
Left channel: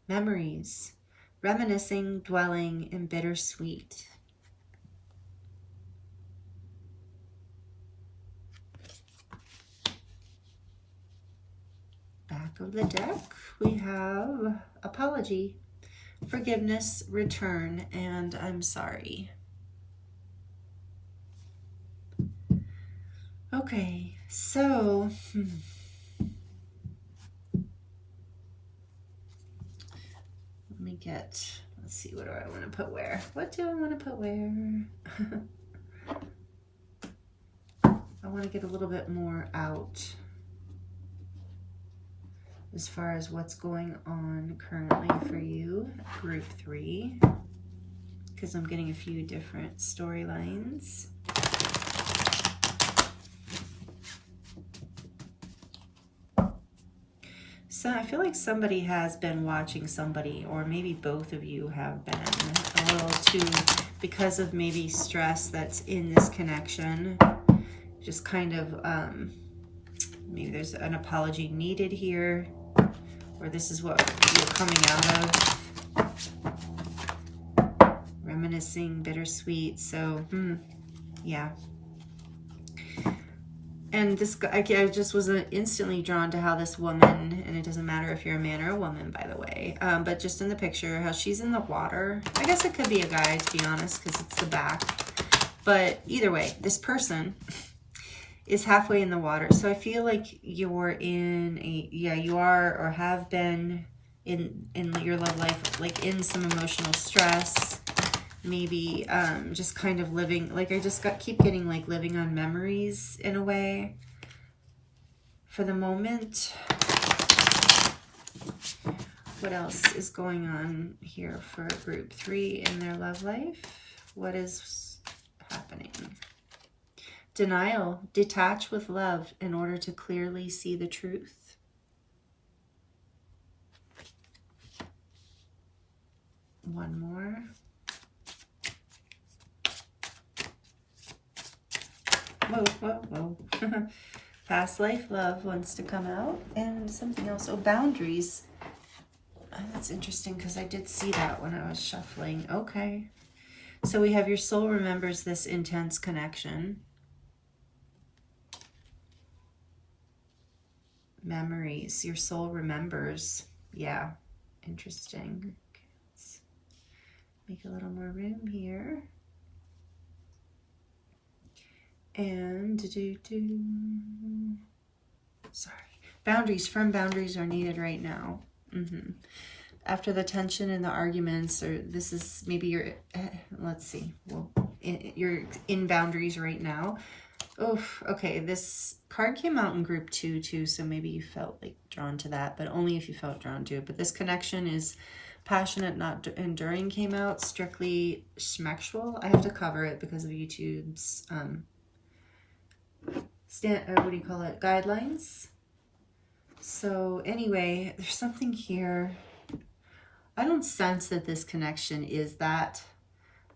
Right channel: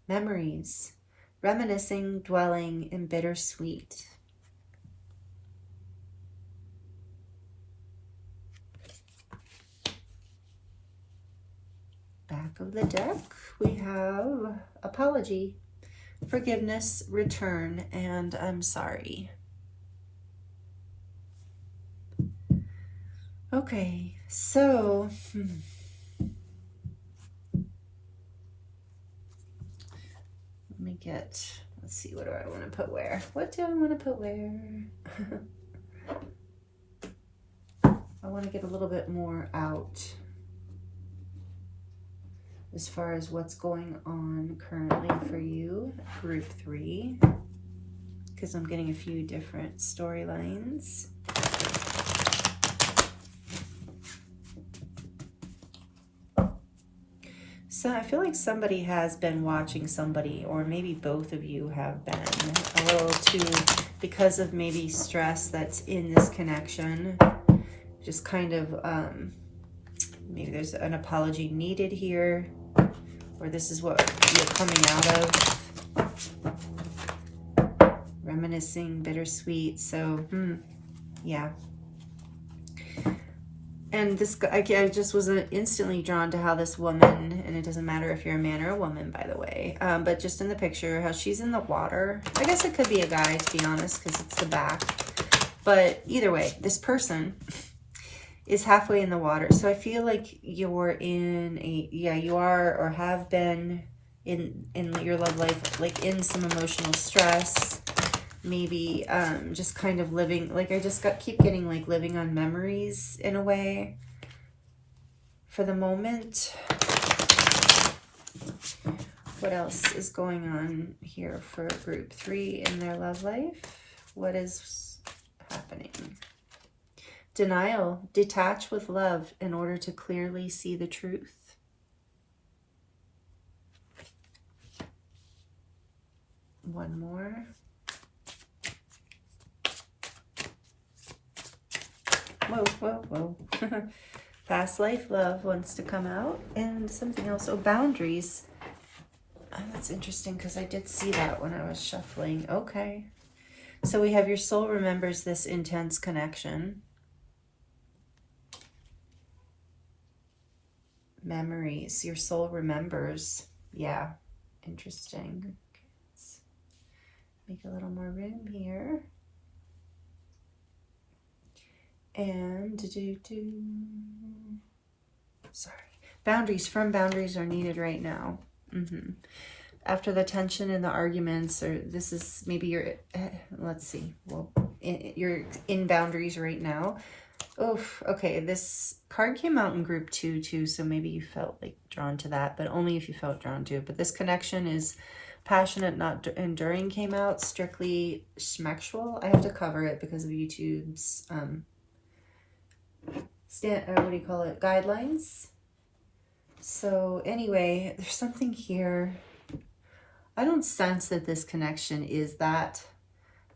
Memories, reminiscing, dwelling, and bittersweet. Back of the deck, we have apology, forgiveness, return, and I'm sorry. Okay, so let me get, let's see, what do I want to put where? What do I want to put where? I want to get a little bit more out as far as what's going on currently for you, group 3, because I'm getting a few different storylines. So I feel like somebody has been watching somebody, or maybe both of you have been a little too, because of maybe stress that's in this connection, just kind of, maybe there's an apology needed here, or this is what you're coming out of. Reminiscing, bittersweet. So, yeah. And this guy, I just was instantly drawn to how this woman, and it doesn't matter if you're a man or a woman, by the way, but just in the picture, how she's in the water. I guess it could be a guy, to be honest, because it's the back. But either way, this person is halfway in the water. So I feel like you're in a, you are or have been in your love life, like in some emotional stress, maybe just kind of living, like I just keep getting like living on memories in a way for the moment. What else is going on here for group 3 in their love life? What is happening? Denial, detach with love in order to clearly see the truth. one more. Whoa, whoa, whoa. Past life love wants to come out. And something else. Oh, boundaries. Oh, that's interesting because I did see that when I was shuffling. Okay. So we have your soul remembers this intense connection. Memories. Your soul remembers. Yeah. Interesting. Okay, let's make a little more room here. And sorry. Boundaries, firm boundaries are needed right now. After the tension and the arguments, or this is maybe you're, let's see, well, you're in boundaries right now. Oh, okay. This card came out in group 2 too, so maybe you felt like drawn to that, but only if you felt drawn to it. But this connection is passionate, not enduring came out, strictly schmexual. I have to cover it because of YouTube's, what do you call it? Guidelines. So anyway, there's something here. I don't sense that this connection is that,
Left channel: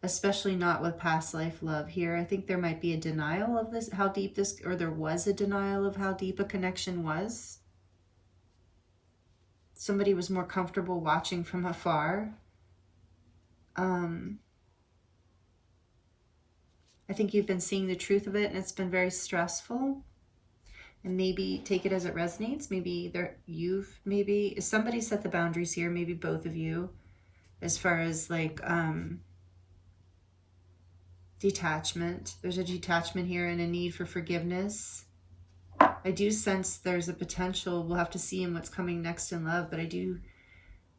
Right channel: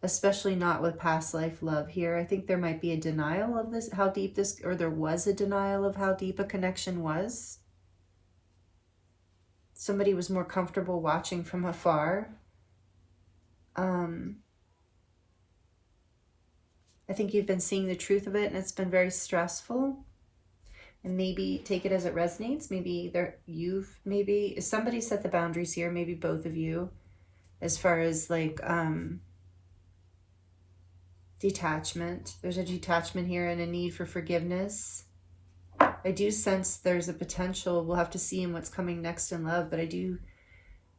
especially not with past life love here. I think there might be a denial of this, how deep this, or there was a denial of how deep a connection was. Somebody was more comfortable watching from afar. I think you've been seeing the truth of it and it's been very stressful. And maybe take it as it resonates. Maybe maybe somebody set the boundaries here, maybe both of you, as far as like detachment. There's a detachment here and a need for forgiveness. I do sense there's a potential. We'll have to see in what's coming next in love, but I do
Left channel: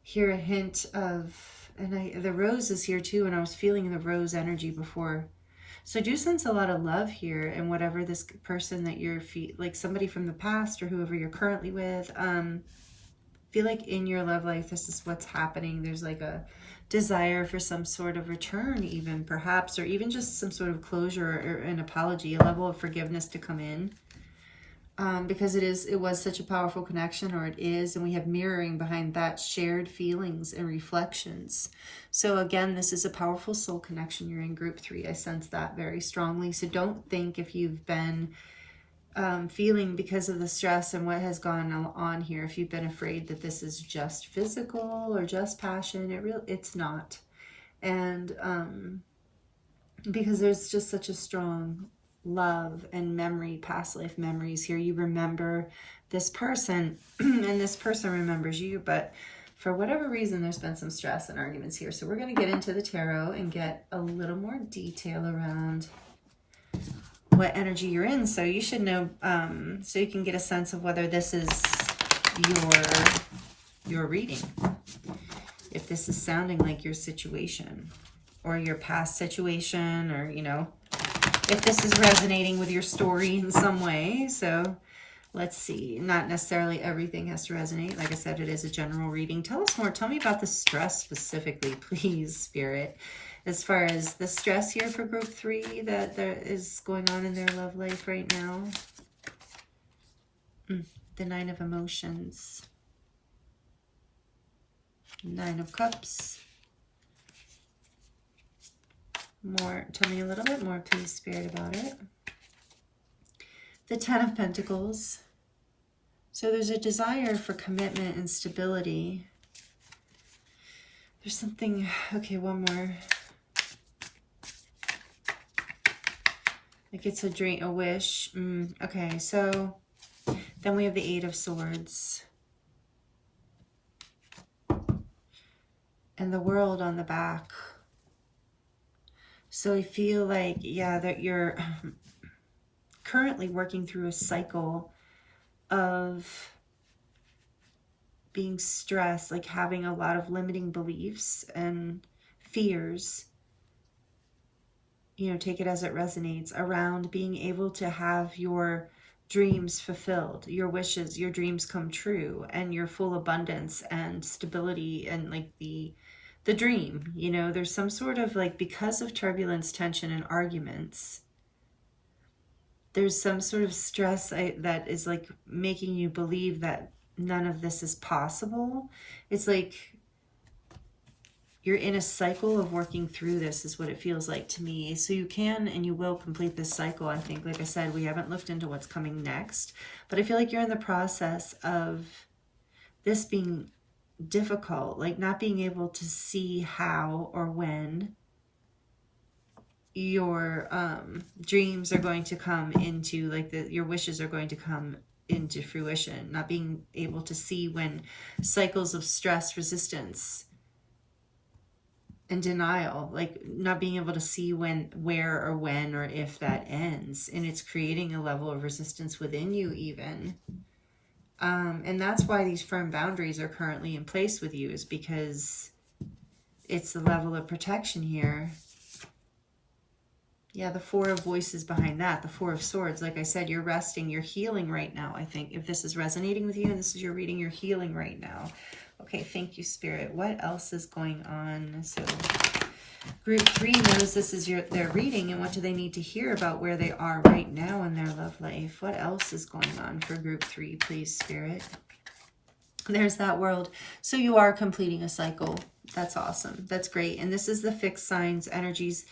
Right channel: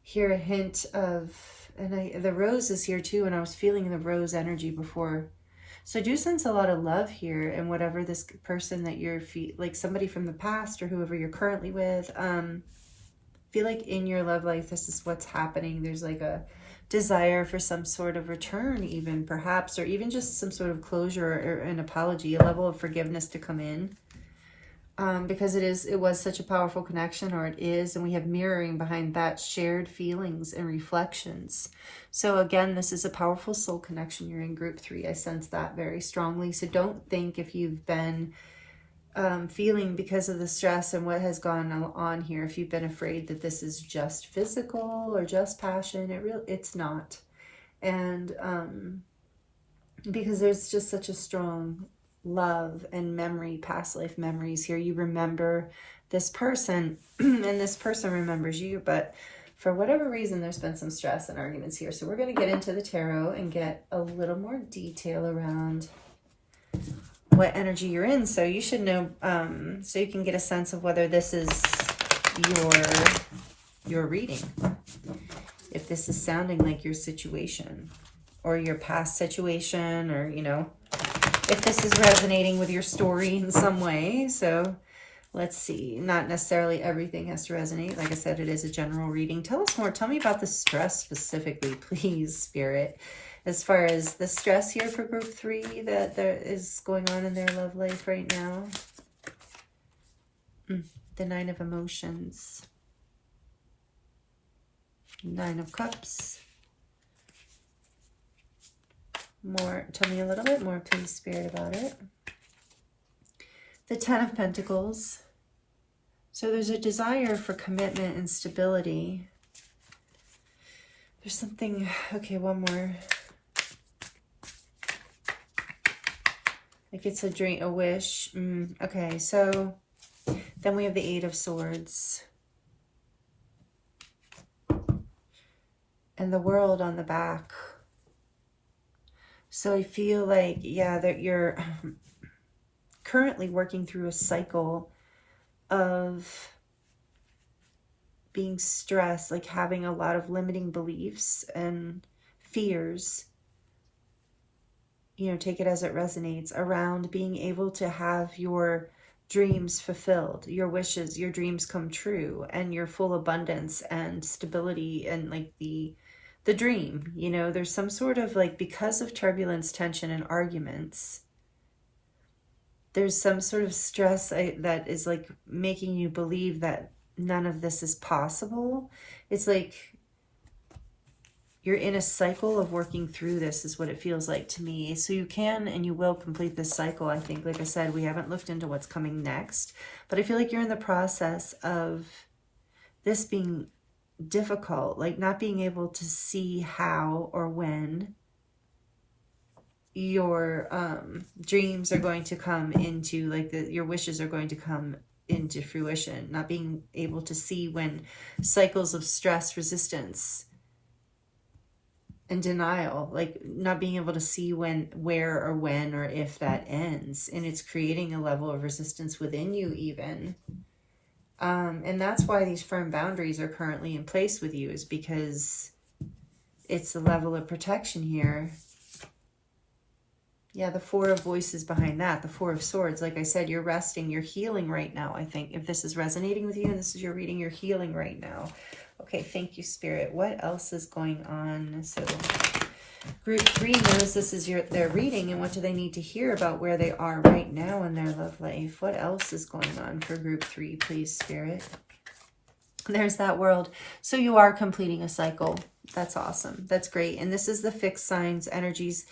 hear a hint of, and the rose is here too, and I was feeling the rose energy before. So I do sense a lot of love here, and whatever this person that you're, like somebody from the past or whoever you're currently with, feel like in your love life, this is what's happening. There's like a desire for some sort of return even, perhaps, or even just some sort of closure or an apology, a level of forgiveness to come in. Because it was such a powerful connection, or it is, and we have mirroring behind that, shared feelings and reflections. So again, this is a powerful soul connection. You're in group 3. I sense that very strongly. So don't think if you've been feeling because of the stress and what has gone on here, if you've been afraid that this is just physical or just passion, it's not. And because there's just such a strong love and memory, past life memories here. You remember this person and this person remembers you, but for whatever reason, there's been some stress and arguments here. So we're going to get into the tarot and get a little more detail around what energy you're in. So you should know, so you can get a sense of whether this is your reading. If this is sounding like your situation or your past situation, or, you know, if this is resonating with your story in some way. So let's see. Not necessarily everything has to resonate. Like I said, it is a general reading. Tell us more. Tell me about the stress specifically, please, Spirit. As far as the stress here for group 3 that there is going on in their love life right now. The 9 of Emotions. 9 of Cups. More, tell me a little bit more, please, Spirit, about it. The 10 of Pentacles. So there's a desire for commitment and stability. There's something, okay, one more. Like it's a dream, a wish. Okay, so then we have the 8 of Swords. And the World on the back. So I feel like, yeah, that you're currently working through a cycle of being stressed, like having a lot of limiting beliefs and fears, you know, take it as it resonates, around being able to have your dreams fulfilled, your wishes, your dreams come true, and your full abundance and stability and like the dream, you know, there's some sort of like, because of turbulence, tension, and arguments, there's some sort of stress that is like making you believe that none of this is possible. It's like you're in a cycle of working through this, is what it feels like to me. So you can and you will complete this cycle, I think. Like I said, we haven't looked into what's coming next, but I feel like you're in the process of this being difficult, like not being able to see how or when your dreams are going to come into, like your wishes are going to come into fruition, not being able to see when cycles of stress, resistance, and denial, like not being able to see when, where, or when, or if that ends. And it's creating a level of resistance within you even. And that's why these firm boundaries are currently in place with you, is because it's the level of protection here. Yeah, the Four of Voices behind that, the Four of Swords. Like I said, you're resting, you're healing right now, I think. If this is resonating with you and this is your reading, you're healing right now. Okay, thank you, Spirit. What else is going on? So group 3 knows this is their reading, and what do they need to hear about where they are right now in their love life? What else is going on for group 3, please, Spirit? There's that world. So you are completing a cycle. That's awesome. That's great. And this is the fixed signs, energies.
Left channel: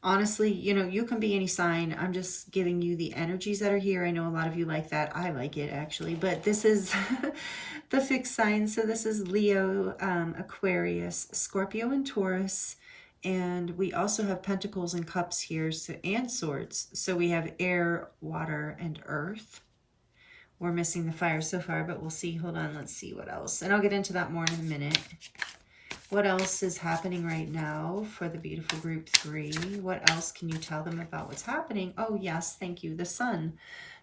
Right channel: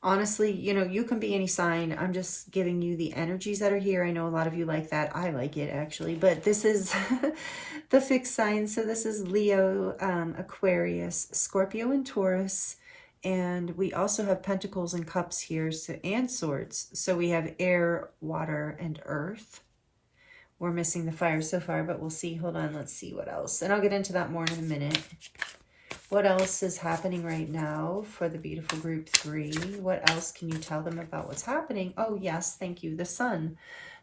Honestly, you know, you can be any sign. I'm just giving you the energies that are here. I know a lot of you like that. I like it, actually. But this is the fixed signs. So this is Leo, Aquarius, Scorpio, and Taurus. And we also have Pentacles and Cups here, so, and Swords. So we have air, water, and earth. We're missing the fire so far, but we'll see. Hold on. Let's see what else. And I'll get into that more in a minute. What else is happening right now for the beautiful group 3? What else can you tell them about what's happening? Oh, yes. Thank you. The sun.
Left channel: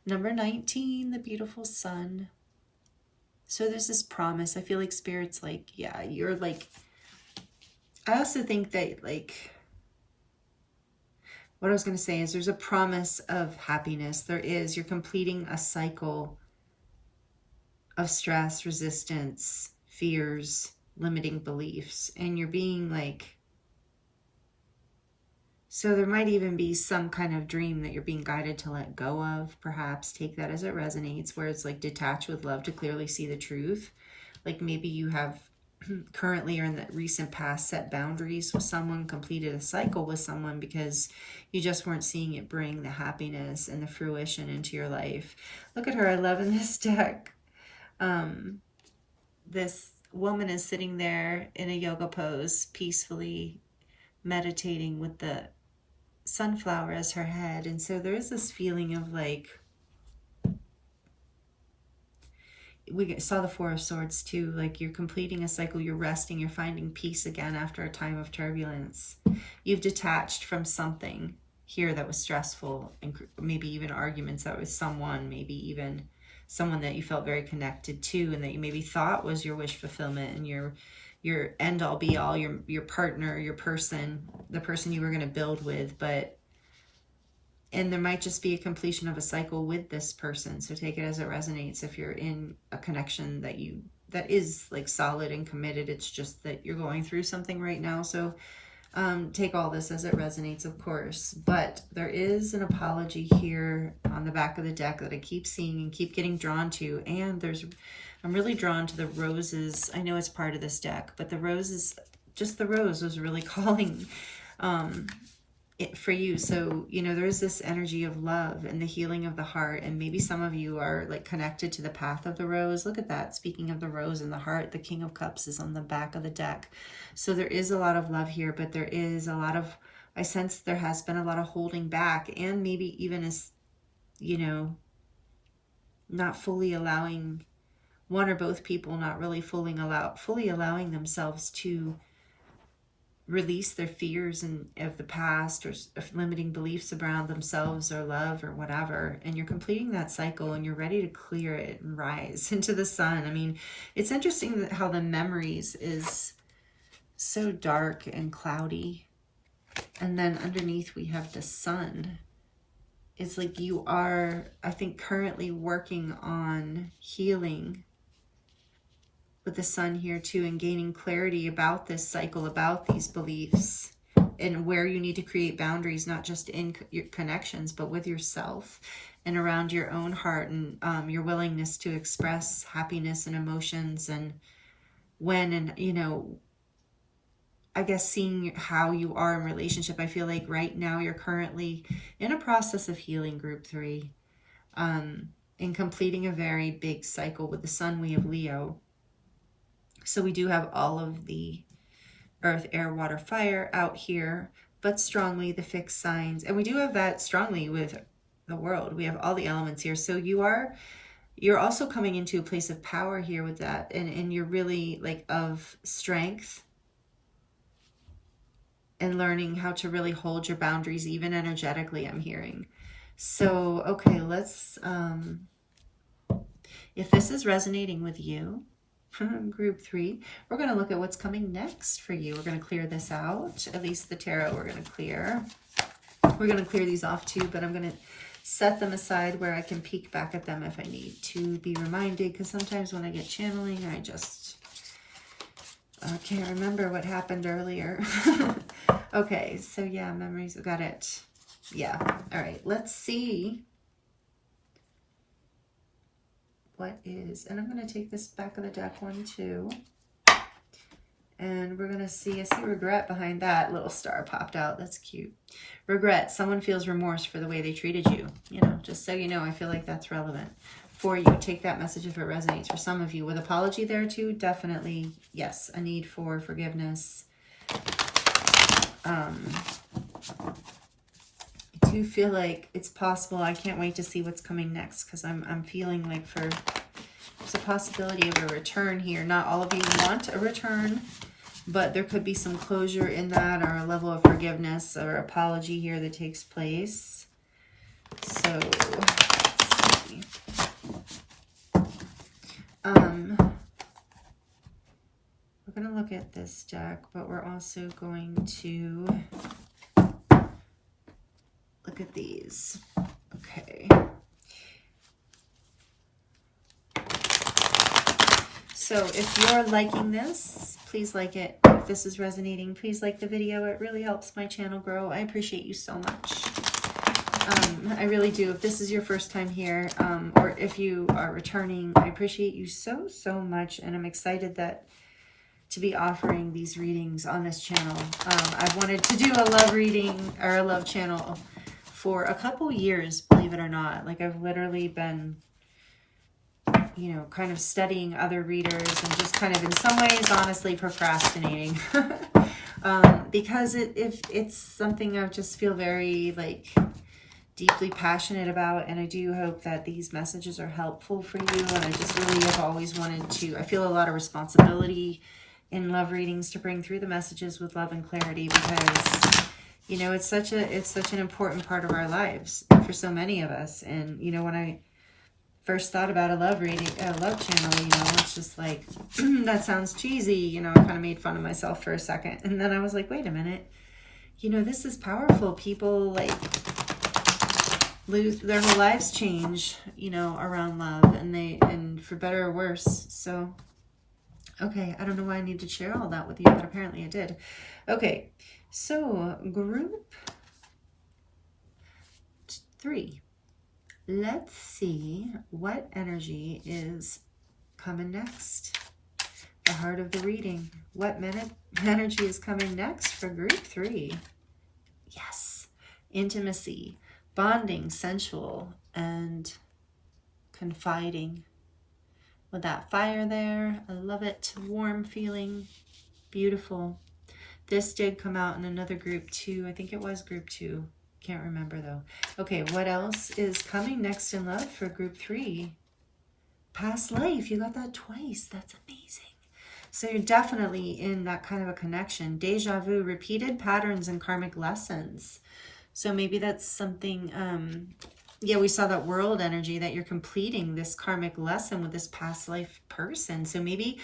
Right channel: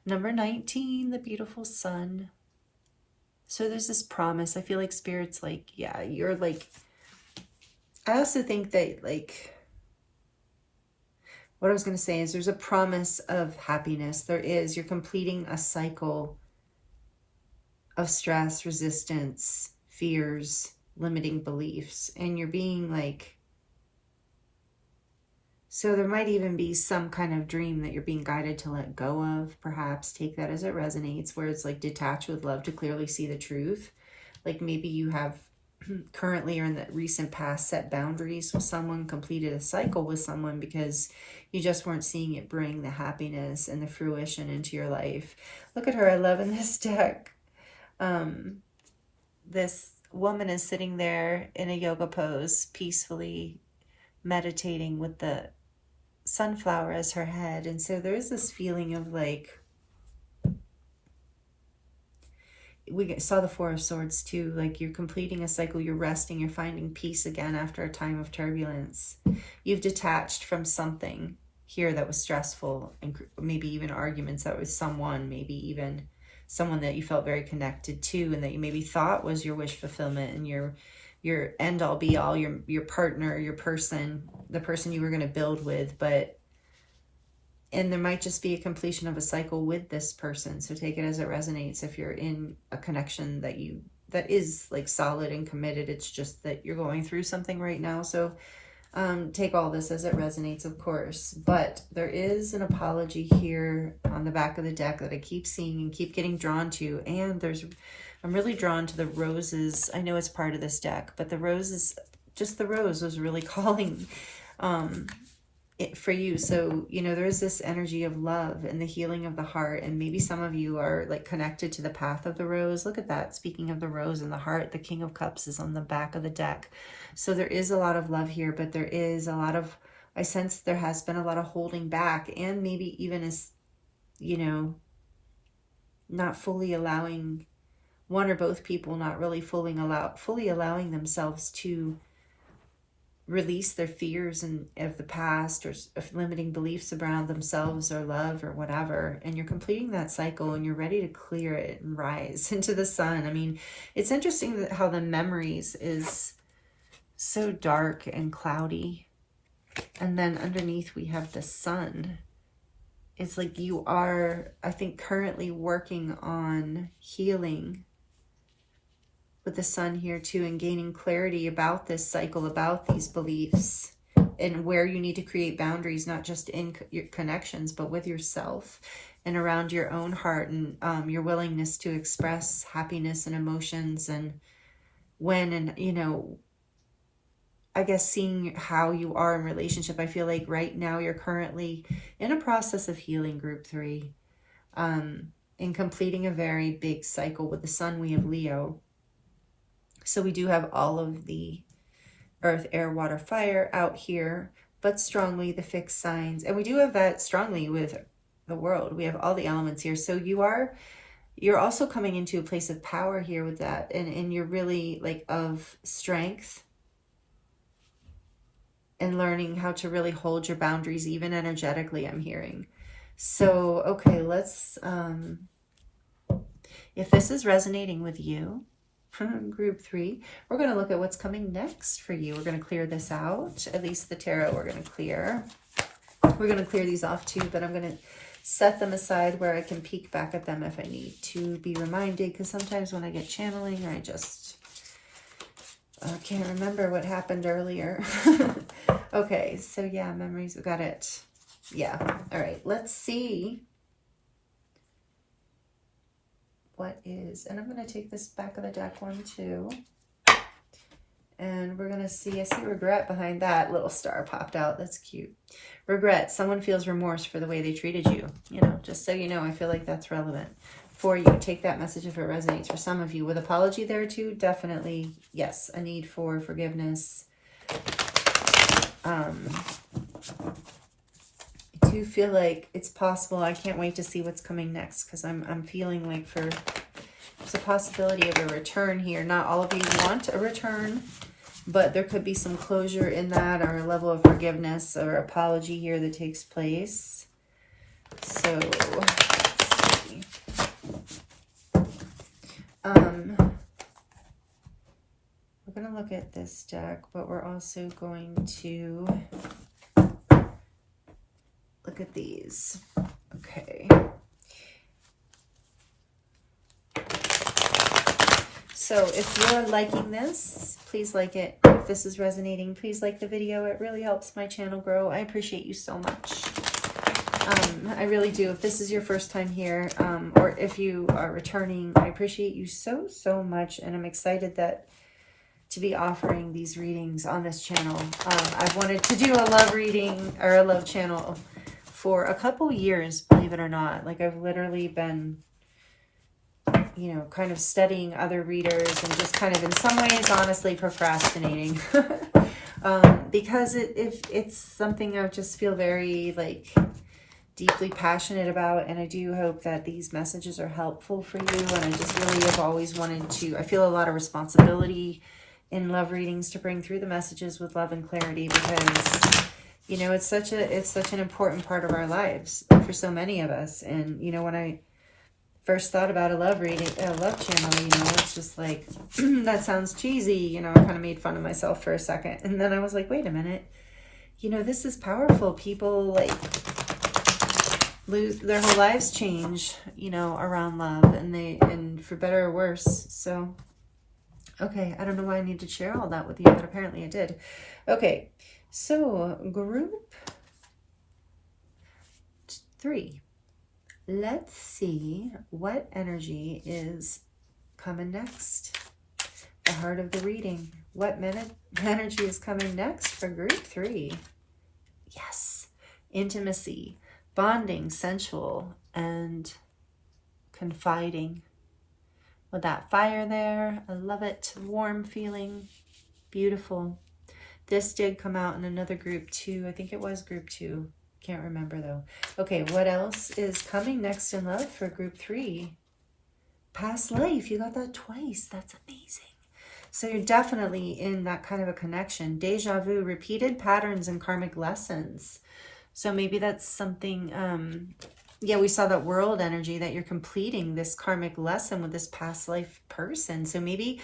Number 19, the beautiful sun. So there's this promise. I feel like Spirit's like, yeah, you're like, I also think that, like, what I was going to say is there's a promise of happiness. There is. You're completing a cycle of stress, resistance, fears, limiting beliefs, and you're being like, so there might even be some kind of dream that you're being guided to let go of. Perhaps take that as it resonates, where it's like detach with love to clearly see the truth. Like maybe you have currently or in the recent past set boundaries with someone, completed a cycle with someone because you just weren't seeing it bring the happiness and the fruition into your life. Look at her. I love in this deck. This woman is sitting there in a yoga pose, peacefully meditating with the sunflower as her head. And so there's this feeling of like, we saw the Four of Swords too, like you're completing a cycle, you're resting, you're finding peace again after a time of turbulence. You've detached from something here that was stressful, and maybe even arguments that was someone, maybe even someone that you felt very connected to and that you maybe thought was your wish fulfillment and your end all be all, your partner, your person, the person you were going to build with. And there might just be a completion of a cycle with this person. So take it as it resonates. If you're in a connection that is like solid and committed, it's just that you're going through something right now. So take all this as it resonates, of course. But there is an apology here on the back of the deck that I keep seeing and keep getting drawn to. And I'm really drawn to the roses. I know it's part of this deck, but the roses, just the rose was really calling it for you. So, you know, there is this energy of love and the healing of the heart. And maybe some of you are like connected to the path of the rose. Look at that. Speaking of the rose and the heart, the King of Cups is on the back of the deck. So there is a lot of love here, but there is a lot of, I sense there has been a lot of holding back, and maybe even as, you know, not fully allowing one or both people, not really fully allowing themselves to release their fears of the past, or of limiting beliefs around themselves or love or whatever. And you're completing that cycle and you're ready to clear it and rise into the sun. I mean, it's interesting that how the memories is so dark and cloudy. And then underneath we have the sun. It's like you are, I think, currently working on healing with the sun here too, and gaining clarity about this cycle, about these beliefs, and where you need to create boundaries, not just in your connections, but with yourself and around your own heart, and your willingness to express happiness and emotions, and when, and, you know, I guess, seeing how you are in relationship. I feel like right now you're currently in a process of healing, group 3, and completing a very big cycle. With the sun, we have Leo. So we do have all of the earth, air, water, fire out here, but strongly the fixed signs. And we do have that strongly with the world. We have all the elements here. So you're also coming into a place of power here with that. And you're really like of strength and learning how to really hold your boundaries, even energetically, I'm hearing. So, okay, let's, if this is resonating with you, group 3, we're going to look at what's coming next for you. We're going to clear this out. At least the tarot we're going to clear. We're going to clear these off too, but I'm going to set them aside where I can peek back at them if I need to be reminded, because sometimes when I get channeling, I just can't remember what happened earlier. Okay, so yeah, memories, we got it. Yeah, all right, let's see what is, and I'm going to take this back of the deck one too, and we're going to see, I see regret behind that. Little star popped out. That's cute. Regret. Someone feels remorse for the way they treated you. You know, just so you know, I feel like that's relevant for you. Take that message if it resonates. For some of you, with apology there too, definitely, yes, a need for forgiveness. I do feel like it's possible. I can't wait to see what's coming next, because I'm feeling like there's a possibility of a return here. Not all of you want a return, but there could be some closure in that, or a level of forgiveness or apology here that takes place. So, let's see. We're going to look at this deck, but we're also going to look at these. Okay. So if you're liking this, please like it. If this is resonating, please like the video. It really helps my channel grow. I appreciate you so much. I really do. If this is your first time here, or if you are returning, I appreciate you so, so much. And I'm excited to be offering these readings on this channel. I've wanted to do a love reading or a love channel for a couple years, believe it or not. Like, I've literally been, you know, kind of studying other readers and just kind of in some ways, honestly, procrastinating. Because it's something I just feel very, like, deeply passionate about, and I do hope that these messages are helpful for you. And I just really have always wanted to, I feel a lot of responsibility in love readings to bring through the messages with love and clarity, because, you know, it's such an important part of our lives for so many of us. And, you know, when I first thought about a love reading, a love channel, you know, it's just like, that sounds cheesy, you know. I kind of made fun of myself for a second, and then I was like, wait a minute, you know, this is powerful. People, like, lose their whole lives, change, you know, around love, and for better or worse. So, okay, I don't know why I need to share all that with you, but apparently I did. Okay, so group 3. Let's see what energy is coming next. The heart of the reading. What energy is coming next for group 3? Yes, intimacy, bonding, sensual, and confiding. With that fire there, I love it. Warm feeling, beautiful. This did come out in another group 2. I think it was group 2. Can't remember though. Okay, what else is coming next in love for group 3? Past life. You got that twice. That's amazing. So you're definitely in that kind of a connection. Deja vu, repeated patterns and karmic lessons. So maybe that's something, yeah, we saw that world energy, that you're completing this karmic lesson with this past life person. So maybe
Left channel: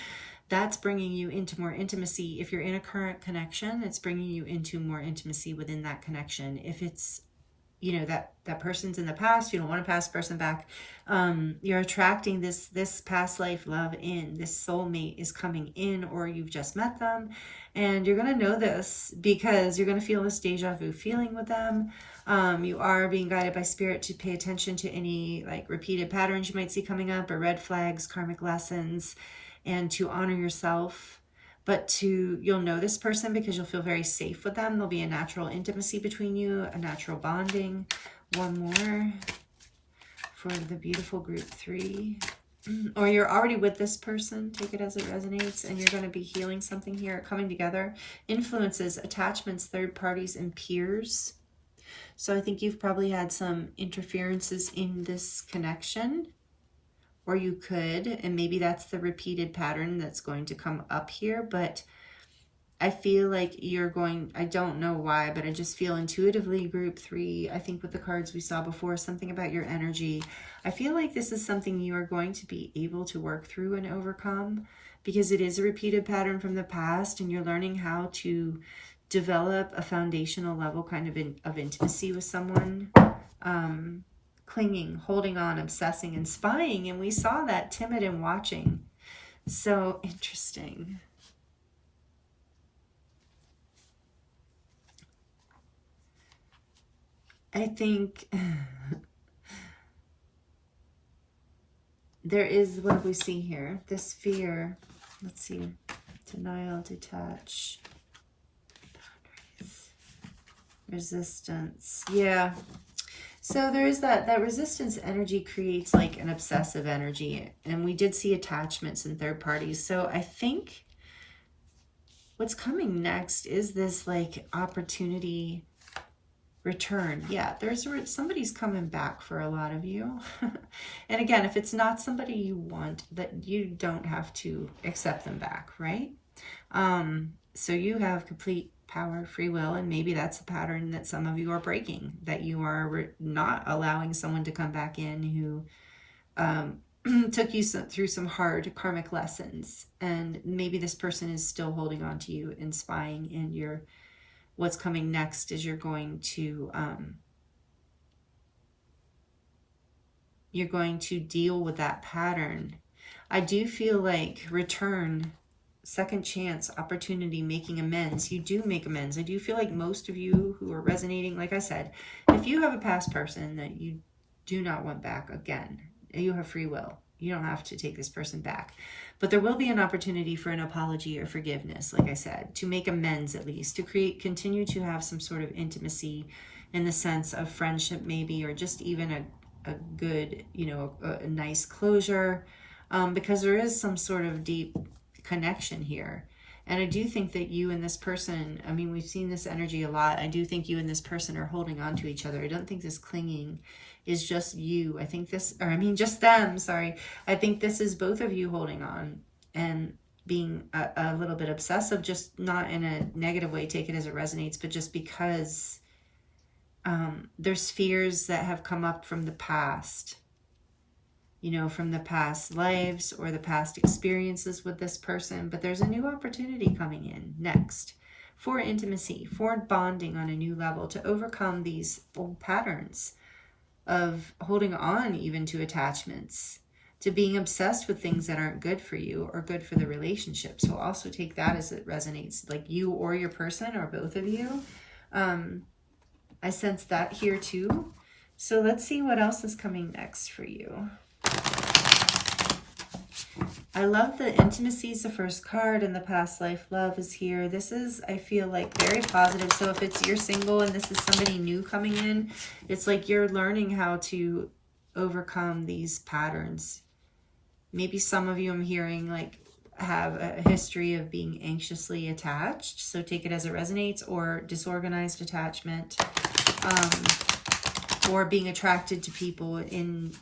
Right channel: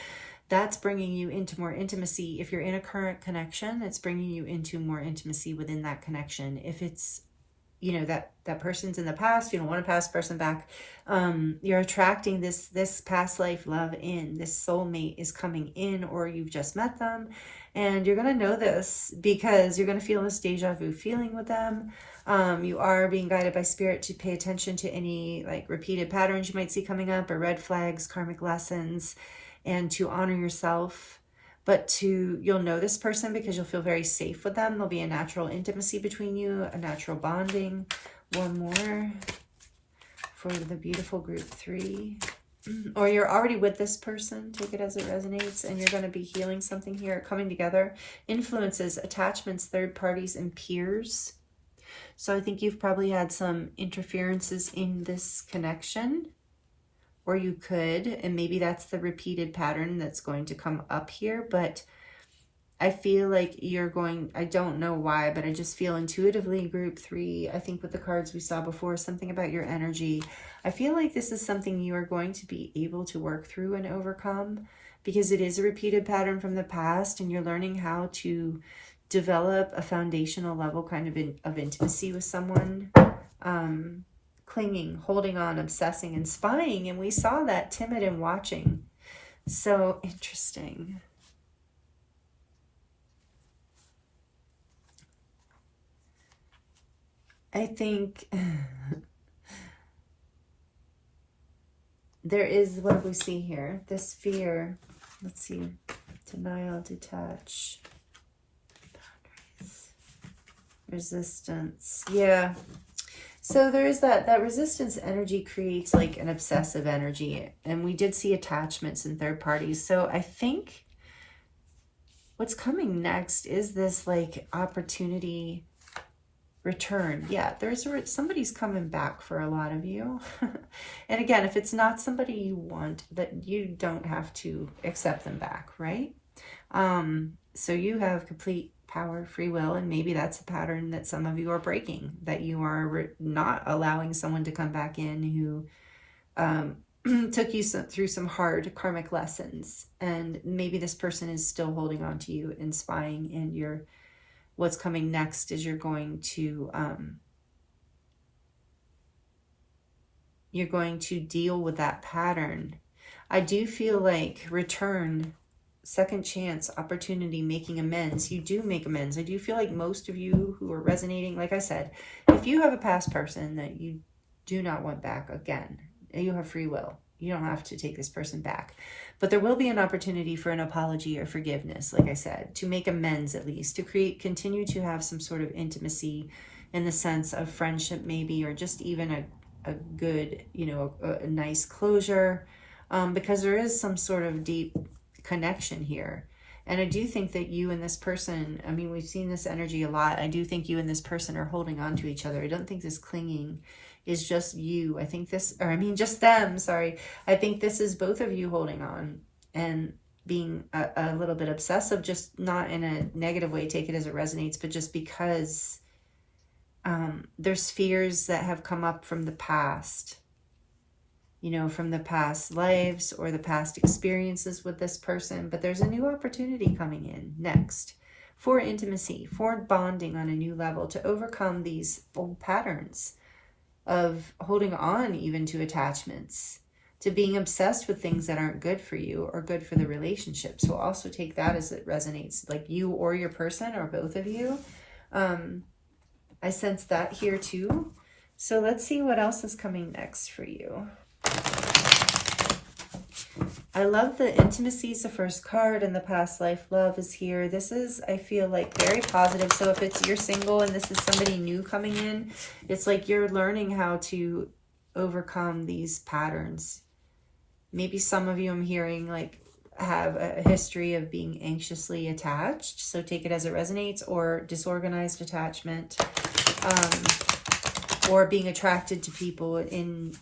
that's bringing you into more intimacy. If you're in a current connection, it's bringing you into more intimacy within that connection. If it's, you know, that person's in the past, you don't want a past person back, you're attracting this past life love in. This soulmate is coming in, or you've just met them, and you're going to know this because you're going to feel this deja vu feeling with them. You are being guided by spirit to pay attention to any, like, repeated patterns you might see coming up, or red flags, karmic lessons, and to honor yourself. But you'll know this person because you'll feel very safe with them. There'll be a natural intimacy between you, a natural bonding. One more for the beautiful group 3. Or you're already with this person, take it as it resonates, and you're going to be healing something here, coming together. Influences, attachments, third parties, and peers. So I think you've probably had some interferences in this connection, or you could, and maybe that's the repeated pattern that's going to come up here. But I feel like you're going, I don't know why, but I just feel intuitively group 3, I think with the cards we saw before, something about your energy. I feel like this is something you are going to be able to work through and overcome, because it is a repeated pattern from the past, and you're learning how to develop a foundational level kind of intimacy with someone. Clinging, holding on, obsessing, and spying. And we saw that, timid and watching. So interesting. I think there is, what do we see here? This fear. Let's see. Denial, detach. Boundaries. Resistance. Yeah. So there is that resistance energy creates like an obsessive energy. And we did see attachments in third parties. So I think what's coming next is this like opportunity return. Yeah, somebody's coming back for a lot of you. And again, if it's not somebody you want, that you don't have to accept them back, right? So you have complete power, free will, and maybe that's a pattern that some of you are breaking, that you are not allowing someone to come back in who took you through some hard karmic lessons, and maybe this person is still holding on to you and spying, and what's coming next is you're going to deal with that pattern. I do feel like return, second chance, opportunity, making amends. You do make amends. I do feel like most of you who are resonating, like I said, if you have a past person that you do not want back again, you have free will. You don't have to take this person back. But there will be an opportunity for an apology or forgiveness, like I said, to make amends at least, to continue to have some sort of intimacy in the sense of friendship maybe, or just even a good, a nice closure, because there is some sort of deep connection here. And I do think that you and this person, I mean, we've seen this energy a lot. I do think you and this person are holding on to each other. I don't think this clinging is just you. I think just them, sorry. I think this is both of you holding on and being a little bit obsessive, just not in a negative way, take it as it resonates, but just because there's fears that have come up from the past, from the past lives or the past experiences with this person. But there's a new opportunity coming in next for intimacy, for bonding on a new level, to overcome these old patterns of holding on even to attachments, to being obsessed with things that aren't good for you or good for the relationship. So also take that as it resonates, like you or your person or both of you. I sense that here too. So let's see what else is coming next for you. I love the intimacies, the first card, and the past life love is here. This is, I feel like, very positive. So if you're single and this is somebody new coming in, it's like you're learning how to overcome these patterns. Maybe some of you I'm hearing like have a history of being anxiously attached. So take it as it resonates, or disorganized attachment, or being attracted to people in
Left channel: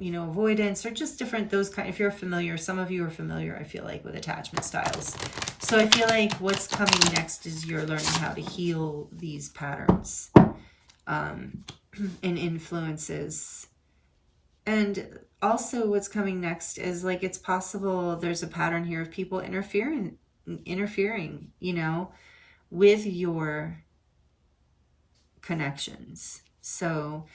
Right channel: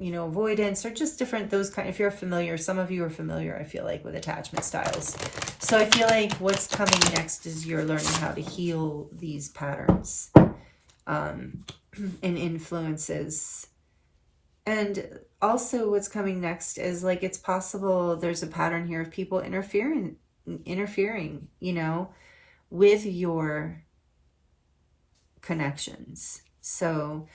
avoidance, or just different, those kind. If you're familiar, some of you are familiar, I feel like, with attachment styles. So I feel like what's coming next is you're learning how to heal these patterns and influences. And also what's coming next is like, it's possible there's a pattern here of people interfering, with your connections. So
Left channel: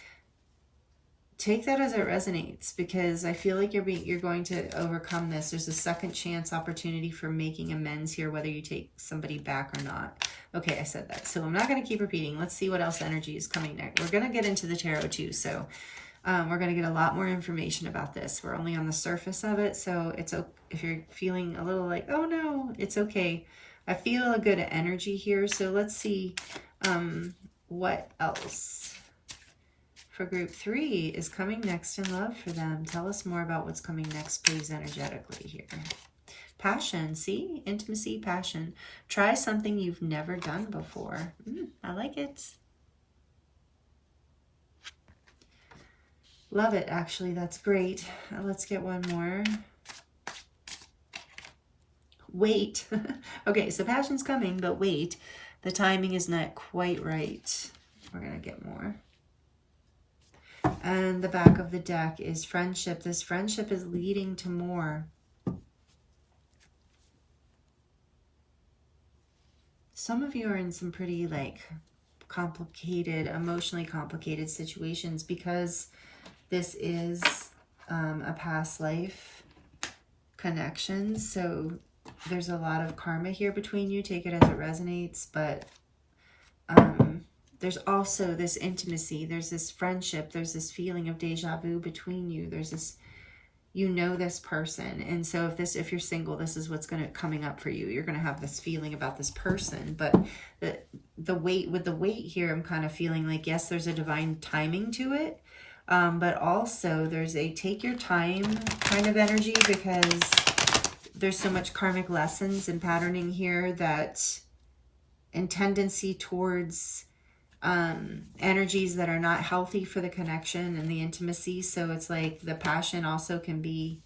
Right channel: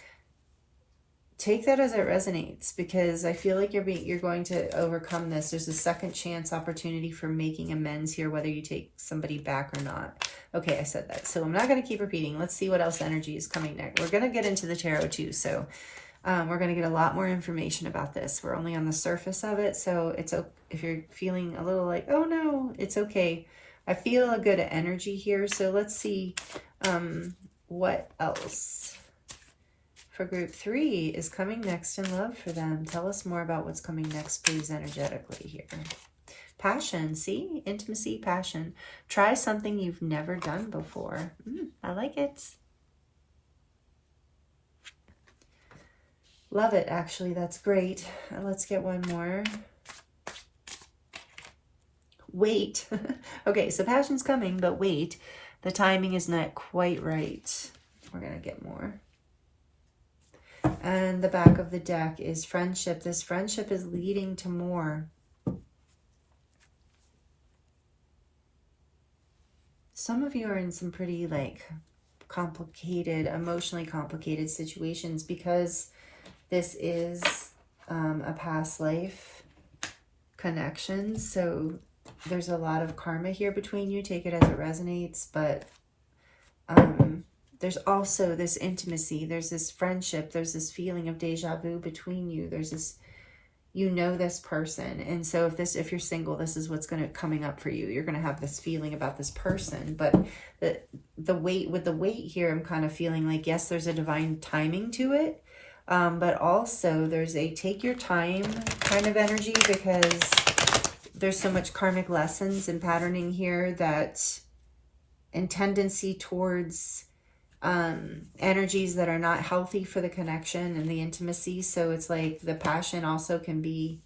take that as it resonates, because I feel like you're going to overcome this. There's a second chance opportunity for making amends here, whether you take somebody back or not. Okay, I said that. So I'm not going to keep repeating. Let's see what else energy is coming next. We're going to get into the tarot too. So We're going to get a lot more information about this. We're only on the surface of it, so it's if you're feeling a little like, oh no, it's okay. I feel a good energy here, so let's see what else for group 3 is coming next in love for them. Tell us more about what's coming next, please, energetically here. Passion, see? Intimacy, passion. Try something you've never done before. I like it. Love it, actually. That's great. Let's get one more. Wait. Okay, so passion's coming, but wait. The timing is not quite right. We're going to get more. And the back of the deck is friendship. This friendship is leading to more. Some of you are in some pretty like complicated, emotionally complicated situations because this is a past life connection. So there's a lot of karma here between you. Take it as it resonates. But there's also this intimacy. There's this friendship. There's this feeling of deja vu between you. There's this, you know, this person. And so if you're single, this is what's coming up for you. You're going to have this feeling about this person. But the weight here, I'm kind of feeling like, yes, there's a divine timing to it. But also there's a take your time kind of energy, because there's so much karmic lessons and patterning here and tendency towards energies that are not healthy for the connection and the intimacy. So it's like the passion also can be,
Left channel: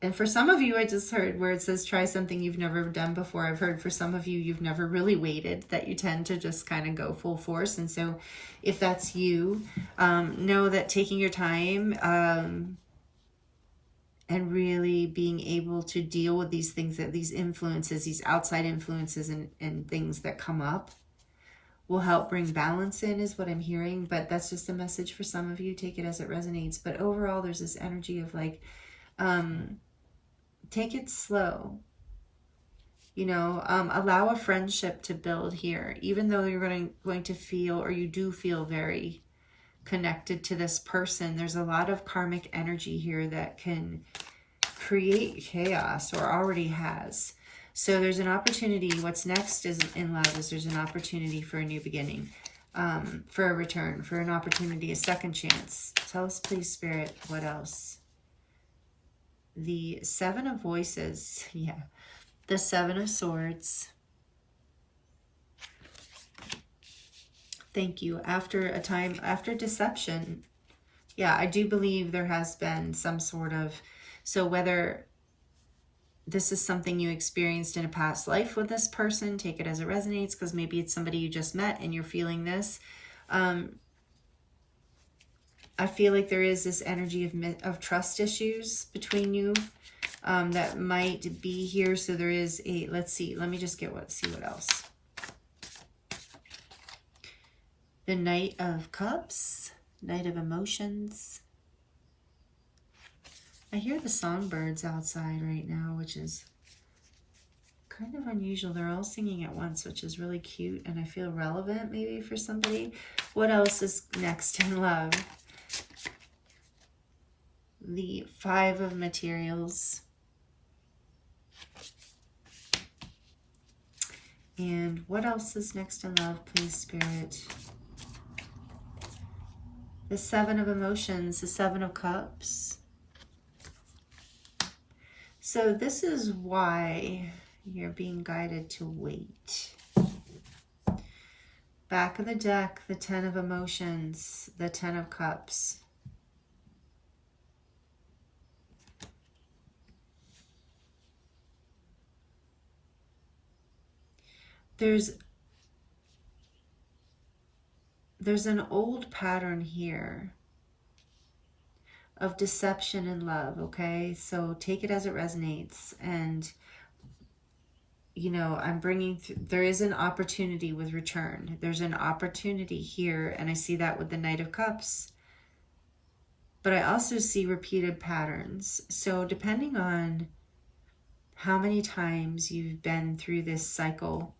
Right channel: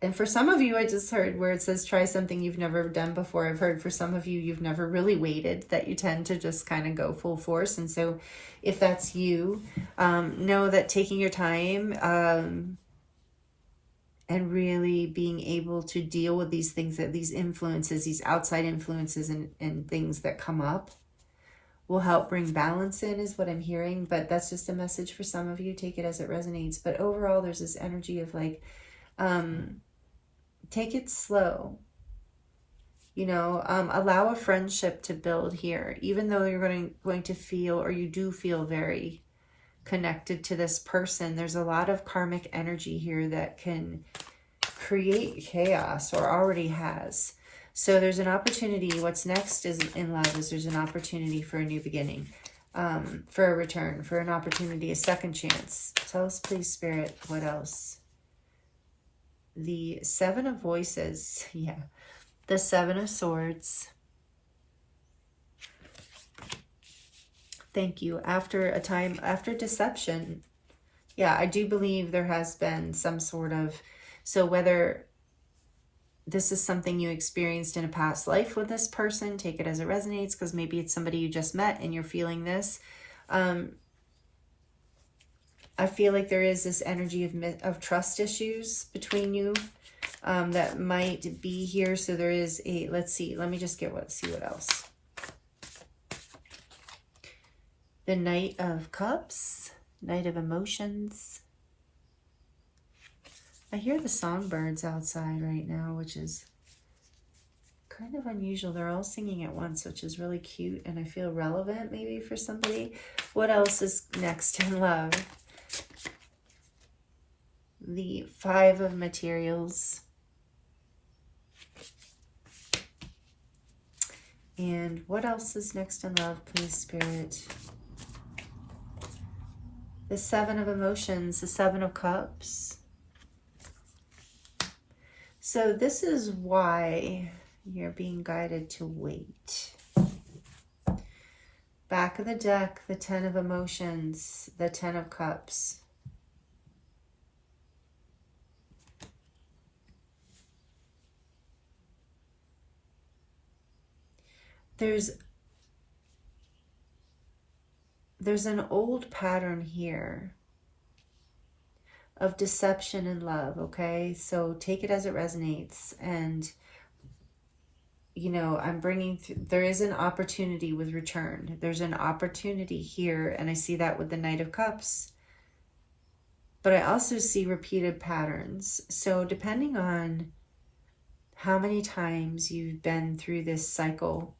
and for some of you, I just heard where it says try something you've never done before. I've heard for some of you, you've never really waited, that you tend to just kind of go full force. And so if that's you, know that taking your time and really being able to deal with these things, that these influences, these outside influences and things that come up will help bring balance in, is what I'm hearing. But that's just a message for some of you. Take it as it resonates. But overall, there's this energy of like, take it slow, you know, allow a friendship to build here, even though you're going to feel, or you do feel very connected to this person. There's a lot of karmic energy here that can create chaos, or already has. So there's an opportunity. What's next is in love is there's an opportunity for a new beginning, for a return, for an opportunity, a second chance. Tell us, please, Spirit, what else? The 7 of Voices. Yeah. The 7 of Swords. Thank you. After a time, after deception. Yeah, I do believe there has been some sort of, so whether this is something you experienced in a past life with this person, take it as it resonates, because maybe it's somebody you just met and you're feeling this. I feel like there is this energy of trust issues between you that might be here. So there is a, let's see, let me just see what else. The Knight of Cups, Knight of Emotions. I hear the songbirds outside right now, which is kind of unusual. They're all singing at once, which is really cute, and I feel relevant maybe for somebody. What else is next in love? The 5 of Materials. And what else is next in love, please, Spirit? The 7 of Emotions, the 7 of Cups. So this is why you're being guided to wait. Back of the deck, the 10 of Emotions, the 10 of Cups. There's an old pattern here of deception and love, okay? So take it as it resonates. And, you know, I'm bringing, there is an opportunity with return. There's an opportunity here, and I see that with the Knight of Cups. But I also see repeated patterns. So depending on how many times you've been through this cycle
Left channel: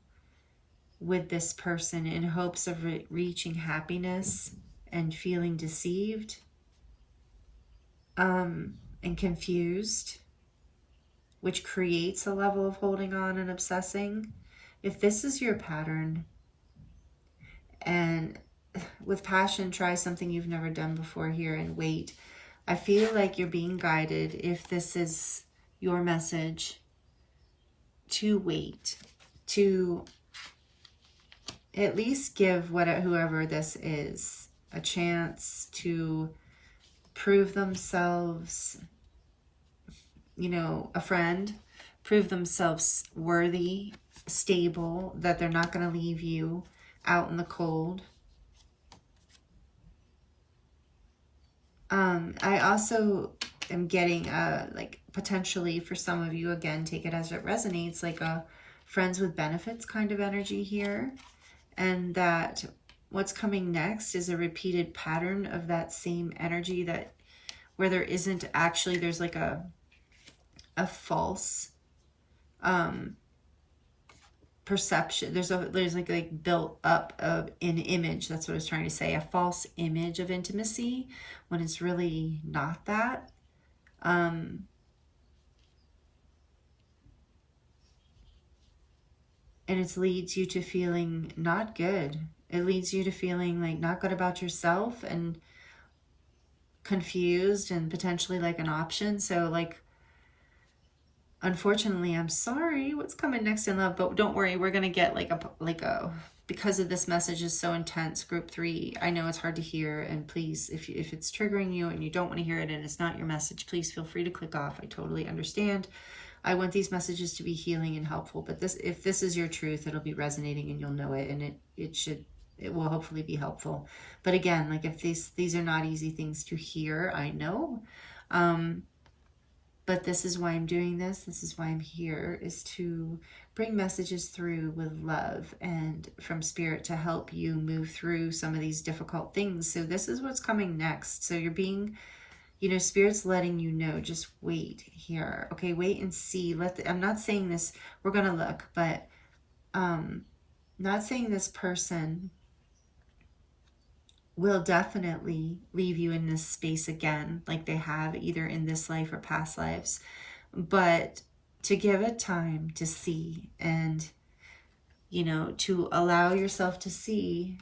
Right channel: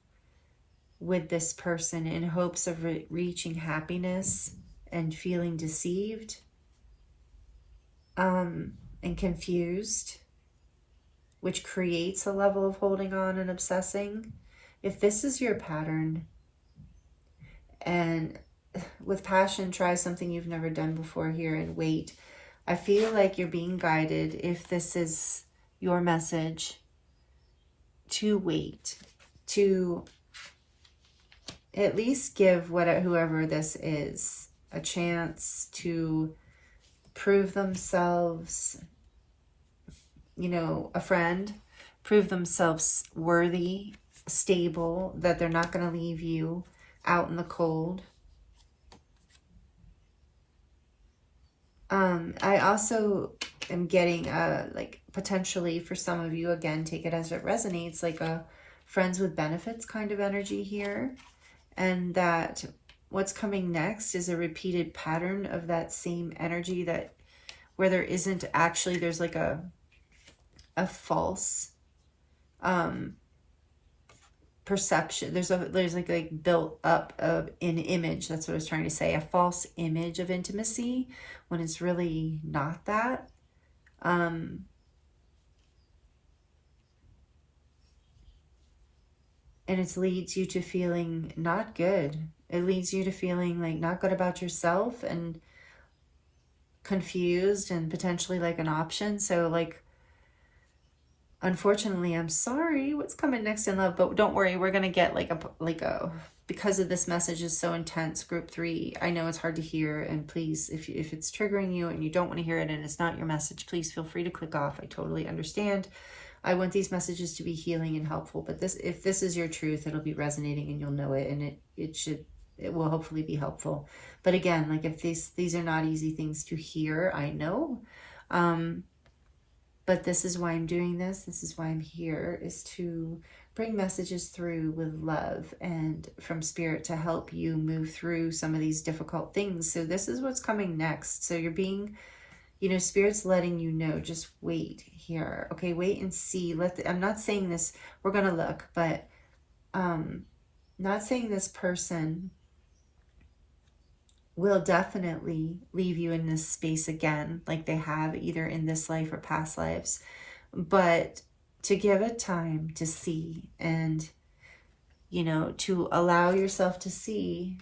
with this person in hopes of reaching happiness and feeling deceived and confused, which creates a level of holding on and obsessing. If this is your pattern, and with passion, try something you've never done before here and wait. I feel like you're being guided, if this is your message, to wait, to at least give whoever this is a chance to prove themselves, you know, a friend, prove themselves worthy, stable, that they're not going to leave you out in the cold. I also am getting like potentially for some of you, again, take it as it resonates, like a friends with benefits kind of energy here. And that what's coming next is a repeated pattern of that same energy, that where there isn't actually, there's like a false perception. There's like built up of an image. That's what I was trying to say. A false image of intimacy when it's really not that. And it leads you to feeling not good. It leads you to feeling like not good about yourself and confused and potentially like an option. So like, unfortunately, I'm sorry what's coming next in love, but don't worry, we're going to get like a, because of this message is so intense, group 3, I know it's hard to hear, and please, if it's triggering you and you don't want to hear it and it's not your message, please feel free to click off. I totally understand. I want these messages to be healing and helpful, but if this is your truth, it'll be resonating and you'll know it, and it will hopefully be helpful. But again, like if these are not easy things to hear, I know. But this is why I'm doing this. This is why I'm here, is to bring messages through with love and from spirit to help you move through some of these difficult things. So this is what's coming next. So you're being, you know, spirit's letting you know, just wait here. Okay, wait and see. I'm not saying this, we're going to look, but not saying this person will definitely leave you in this space again, like they have either in this life or past lives, but to give it time to see, and, you know, to allow yourself to see.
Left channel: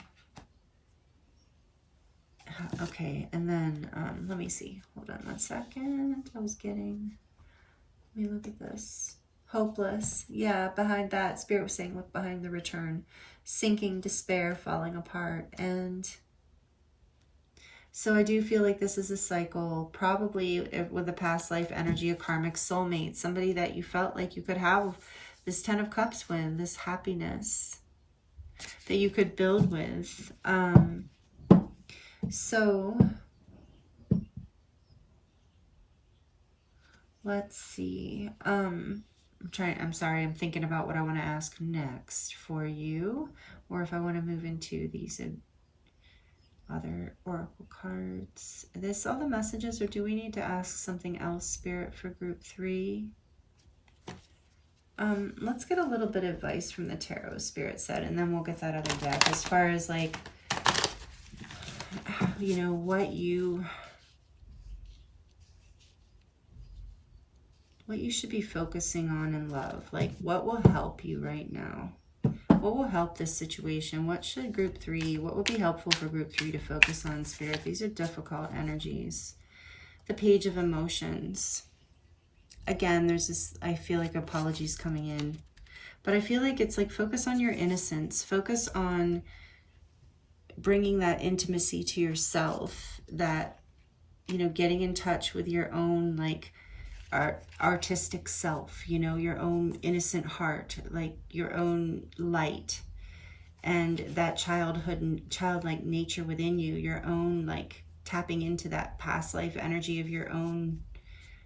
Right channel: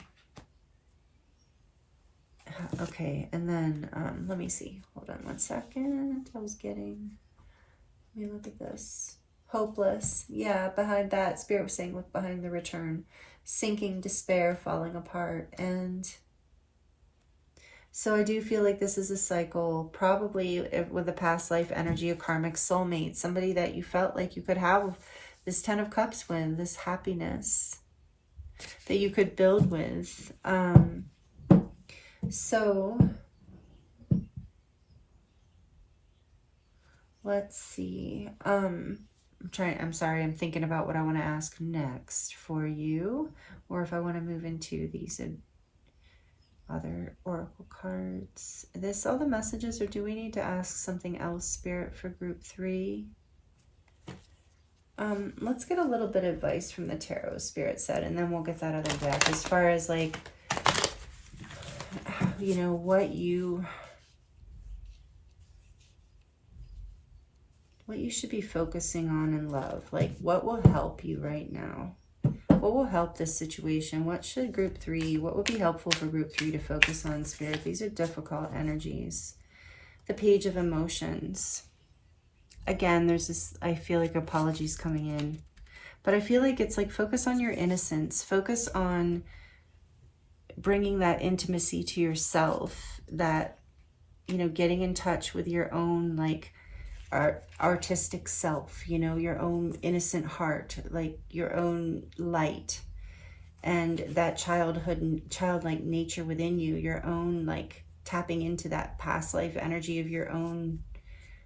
Okay, and then let me see. Hold on 1 second. Let me look at this. Hopeless. Yeah, behind that, spirit was saying, look behind the return. Sinking, despair, falling apart. And so I do feel like this is a cycle, probably with a past life energy, a karmic soulmate, somebody that you felt like you could have this 10 of Cups with, this happiness that you could build with. So let's see. I'm sorry, I'm thinking about what I want to ask next for you, or if I want to move into these other oracle cards. All the messages, or do we need to ask something else, spirit, for group 3? Let's get a little bit of advice from the tarot, spirit said, and then we'll get that other deck as far as like, you know, what you should be focusing on in love. Like, what will help you right now? What will help this situation? What should group 3, what would be helpful for group 3 to focus on, spirit? These are difficult energies. The Page of Emotions. Again, there's this, I feel like apologies coming in, but I feel like it's like, focus on your innocence. Focus on bringing that intimacy to yourself, that, you know, getting in touch with your own, like, artistic self, you know, your own innocent heart, like your own light, and that childlike nature within you, your own, like, tapping into that past life energy of your own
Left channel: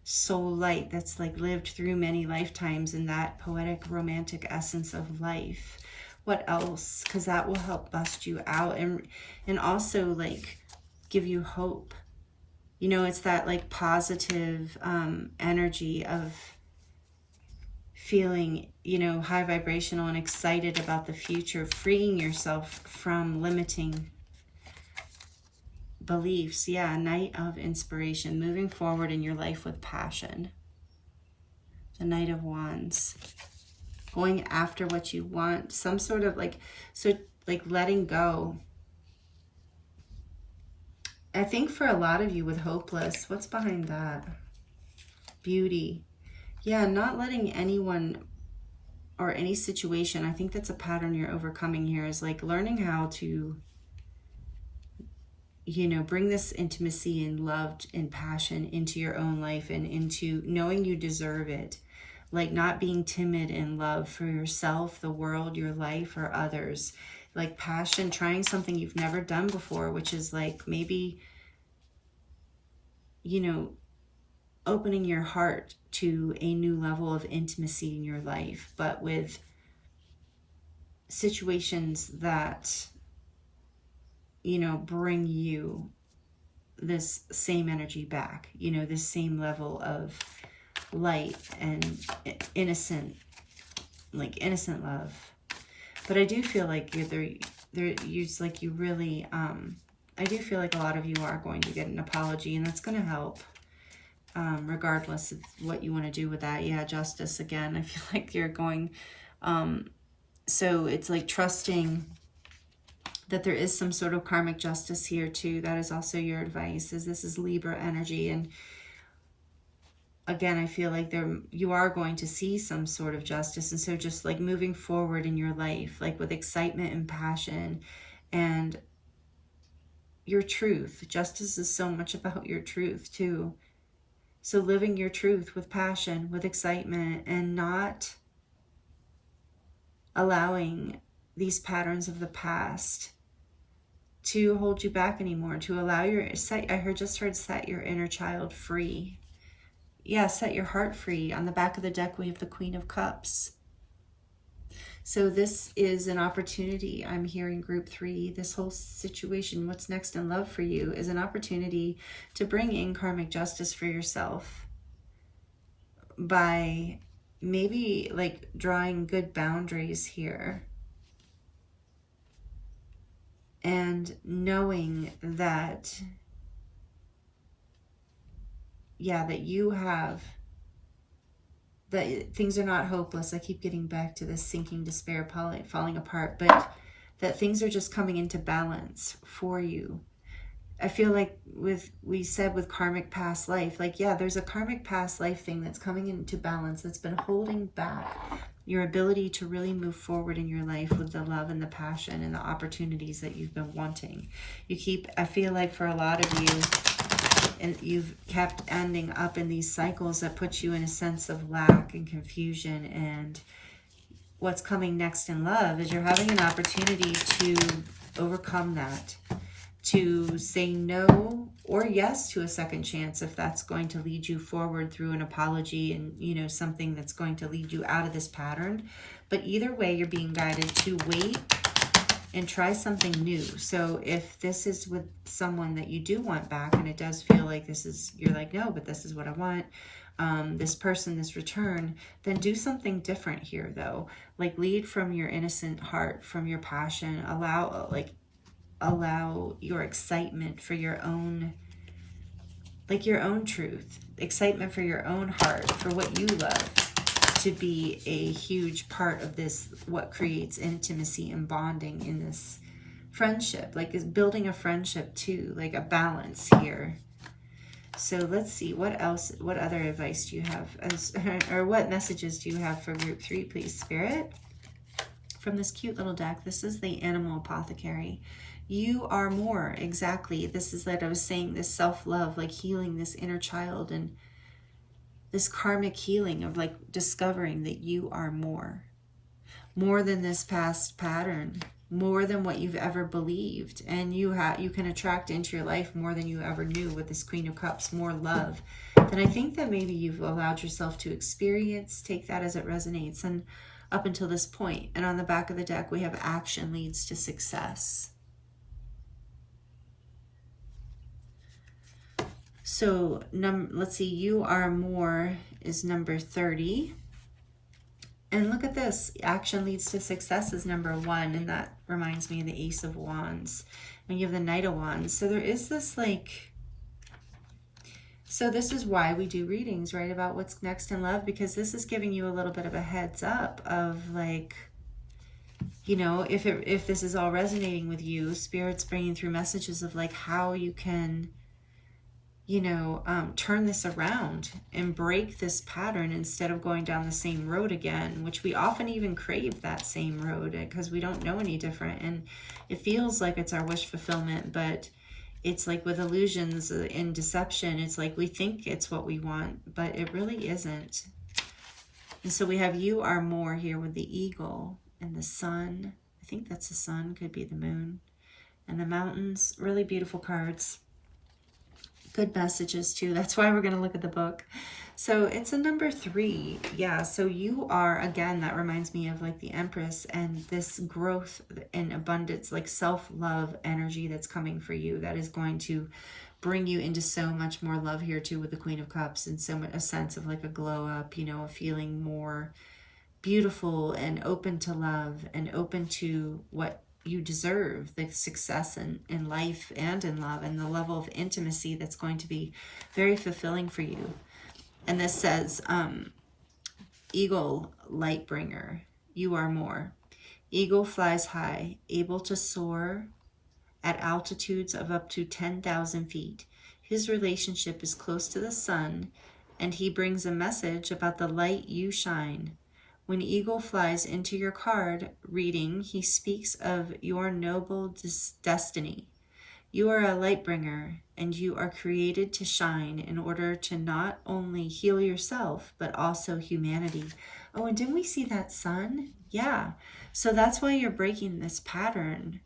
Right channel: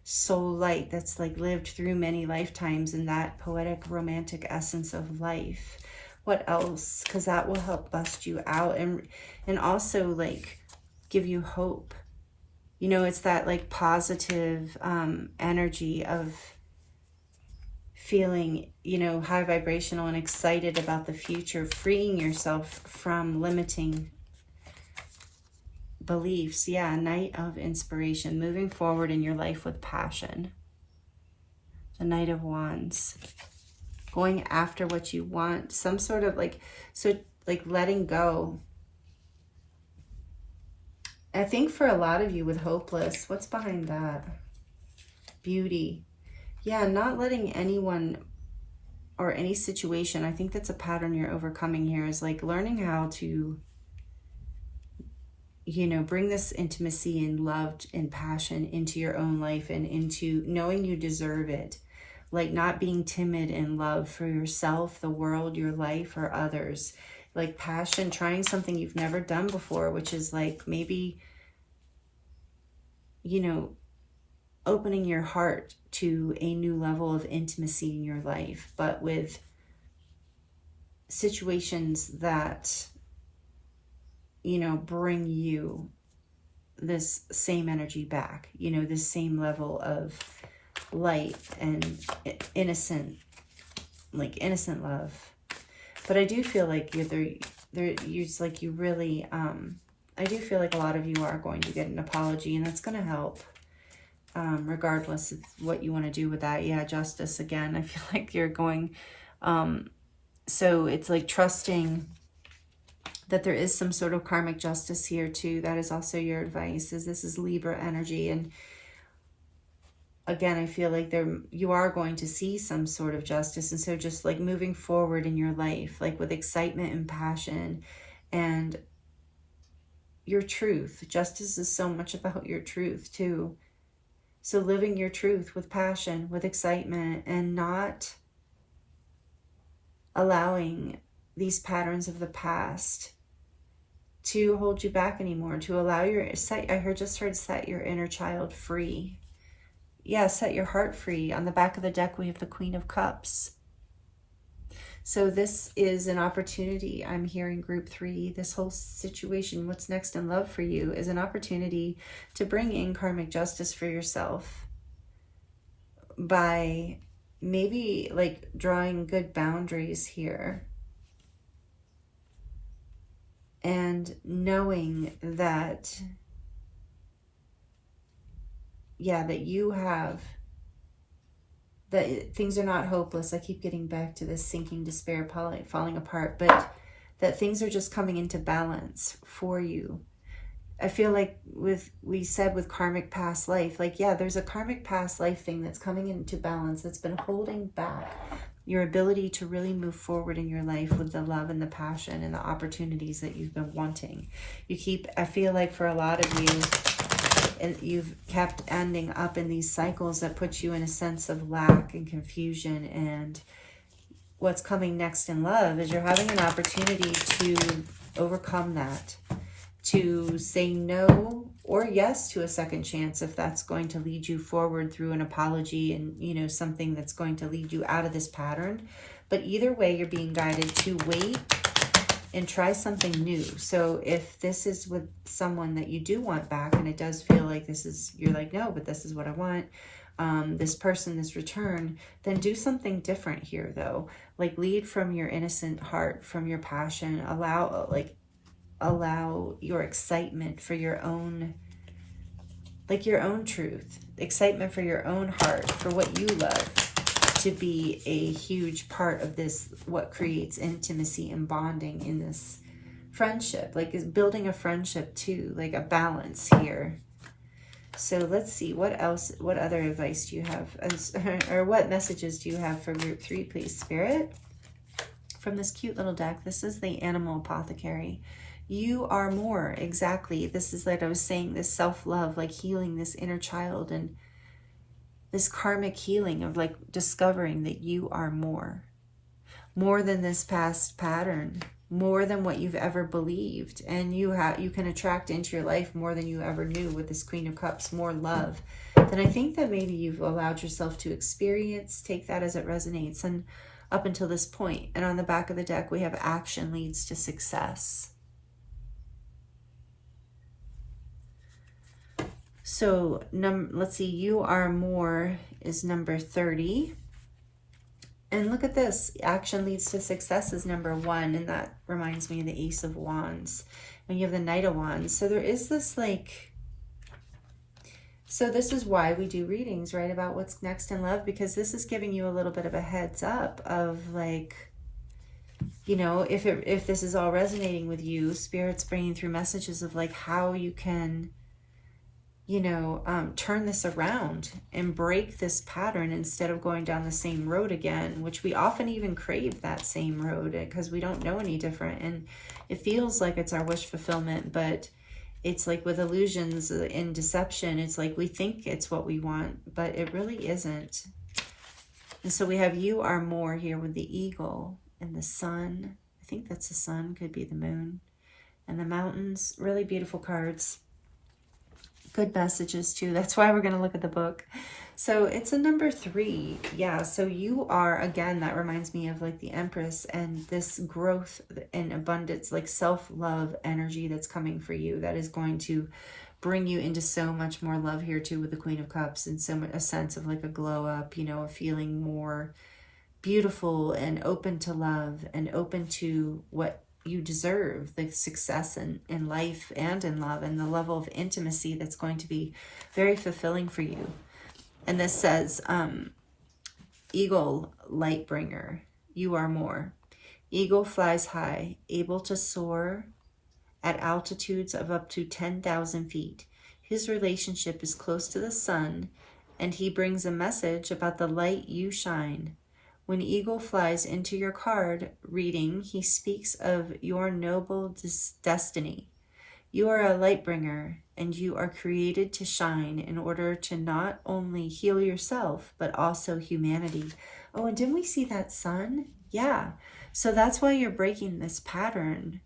soul light that's like lived through many lifetimes, and that poetic romantic essence of life. What else? Because that will help bust you out and also like give you hope. You know, it's that like positive energy of feeling, you know, high vibrational and excited about the future, freeing yourself from limiting beliefs. Yeah, Knight of Inspiration, moving forward in your life with passion. The Knight of Wands, going after what you want, some sort of like, so like letting go. I think for a lot of you with hopeless, what's behind that? Beauty. Yeah, not letting anyone or any situation, I think that's a pattern you're overcoming here, is like learning how to, you know, bring this intimacy and love and passion into your own life and into knowing you deserve it. Like not being timid in love for yourself, the world, your life, or others. Like passion, trying something you've never done before, which is like maybe, you know, opening your heart to a new level of intimacy in your life, but with situations that, you know, bring you this same energy back, you know, this same level of light and innocent, like innocent love. But I do feel like like you really, I do feel like a lot of you are going to get an apology, and that's going to help, regardless of what you want to do with that. Yeah, Justice again. I feel like you're going, so it's like trusting that there is some sort of karmic justice here too. That is also your advice, is this is Libra energy. And again, I feel like you are going to see some sort of justice. And so just like moving forward in your life, like with excitement and passion and your truth. Justice is so much about your truth too. So living your truth with passion, with excitement, and not allowing these patterns of the past to hold you back anymore, to allow just heard set your inner child free. Yeah, set your heart free. On the back of the deck, we have the Queen of Cups. So this is an opportunity. I'm hearing group 3, this whole situation, what's next in love for you, is an opportunity to bring in karmic justice for yourself by maybe like drawing good boundaries here and knowing that, yeah, that you have, that things are not hopeless. I keep getting back to this sinking despair, falling apart, but that things are just coming into balance for you. I feel like we said with karmic past life, like, yeah, there's a karmic past life thing that's coming into balance that's been holding back your ability to really move forward in your life with the love and the passion and the opportunities that you've been wanting. I feel like for a lot of you, and you've kept ending up in these cycles that put you in a sense of lack and confusion. And what's coming next in love is you're having an opportunity to overcome that, to say no or yes to a second chance if that's going to lead you forward through an apology and, you know, something that's going to lead you out of this pattern. But either way, you're being guided to wait and try something new. So if this is with someone that you do want back, and it does feel like you're like, no, but this is what I want, this person, this return, then do something different here though. Like lead from your innocent heart, from your passion, allow your excitement for your own, like your own truth, excitement for your own heart, for what you love, to be a huge part of this, what creates intimacy and bonding in this friendship. Like is building a friendship too, like a balance here. So let's see, what other advice do you have, or what messages do you have for group 3, please, Spirit? From this cute little deck, this is the Animal Apothecary. You are more, exactly. This is like I was saying, this self-love, like healing this inner child and this karmic healing of like discovering that you are more than this past pattern, more than what you've ever believed. And you can attract into your life more than you ever knew with this Queen of Cups, more love than I think that maybe you've allowed yourself to experience. Take that as it resonates. And up until this point, and on the back of the deck, we have action leads to success. So let's see, you are more is number 30. And look at this, action leads to success is number 1. And that reminds me of the Ace of Wands. And you have the Knight of Wands. So there is this like, so this is why we do readings, right? About what's next in love, because this is giving you a little bit of a heads up of like, you know, if this is all resonating with you, Spirit's bringing through messages of like how you can, you know, turn this around and break this pattern instead of going down the same road again, which we often even crave that same road because we don't know any different. And it feels like it's our wish fulfillment, but it's like with illusions and deception, it's like we think it's what we want, but it really isn't. And so we have you are more here with the eagle and the sun. I think that's the sun, could be the moon. And the mountains, really beautiful cards. Good messages too. That's why we're going to look at the book. So it's a number 3. Yeah. So you are, again, that reminds me of like the Empress and this growth and abundance, like self-love energy that's coming for you. That is going to bring you into so much more love here too with the Queen of Cups, and so much a sense of like a glow up, you know, a feeling more beautiful and open to love and open to what you deserve, the success in life and in love, and the level of intimacy that's going to be very fulfilling for you. And this says, eagle, light bringer, you are more. Eagle flies high, able to soar at altitudes of up to 10,000 feet. His relationship is close to the sun, and he brings a message about the light you shine. When eagle flies into your card reading, he speaks of your noble destiny. You are a light bringer, and you are created to shine in order to not only heal yourself, but also humanity. Oh, and didn't we see that sun? Yeah. So that's why you're breaking this pattern,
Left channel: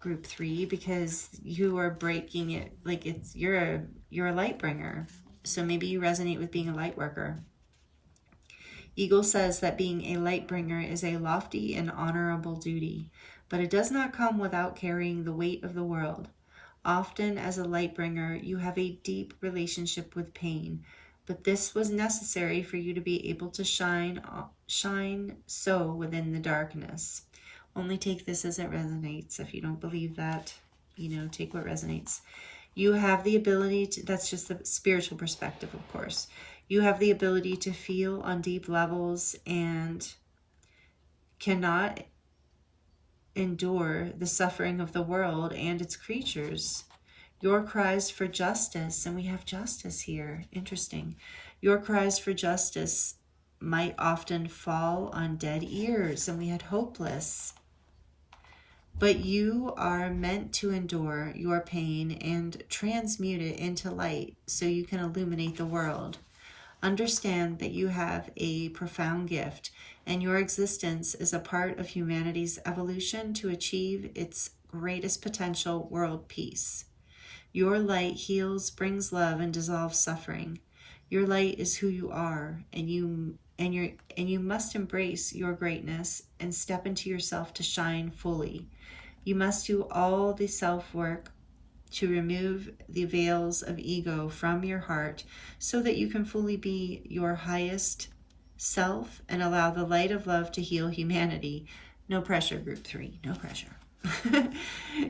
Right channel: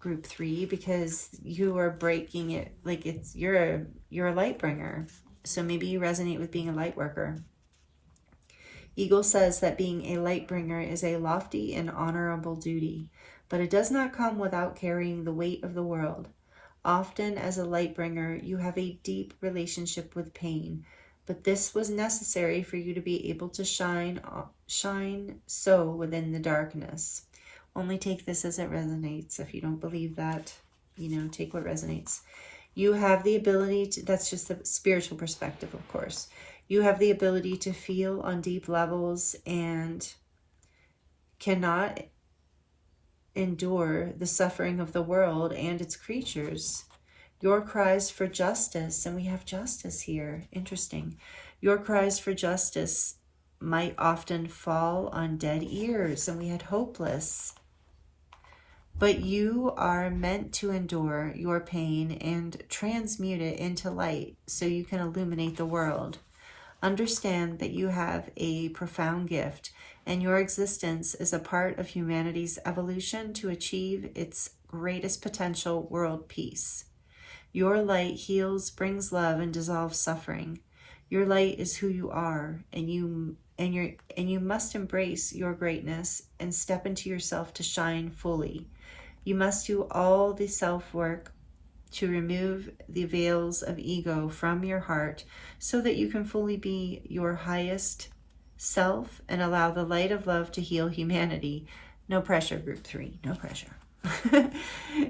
group 3, because you are breaking it like it's you're a light bringer. So maybe you resonate with being a light worker. Eagle says that being a light bringer is a lofty and honorable duty, but it does not come without carrying the weight of the world. Often as a light bringer, you have a deep relationship with pain, but this was necessary for you to be able to shine so within the darkness. Only take this as it resonates. If you don't believe that, you know, take what resonates. You have the ability to, that's just the spiritual perspective, of course. You have the ability to feel on deep levels and cannot endure the suffering of the world and its creatures. Your cries for justice, and we have justice here, interesting. Your cries for justice might often fall on dead ears, and we had hopeless. But you are meant to endure your pain and transmute it into light so you can illuminate the world. Understand that you have a profound gift, and your existence is a part of humanity's evolution to achieve its greatest potential, world peace. Your light heals, brings love, and dissolves suffering. Your light is who you are, and you must embrace your greatness and step into yourself to shine fully. You must do all the self-work to remove the veils of ego from your heart so that you can fully be your highest self and allow the light of love to heal humanity. No pressure, group 3, no pressure.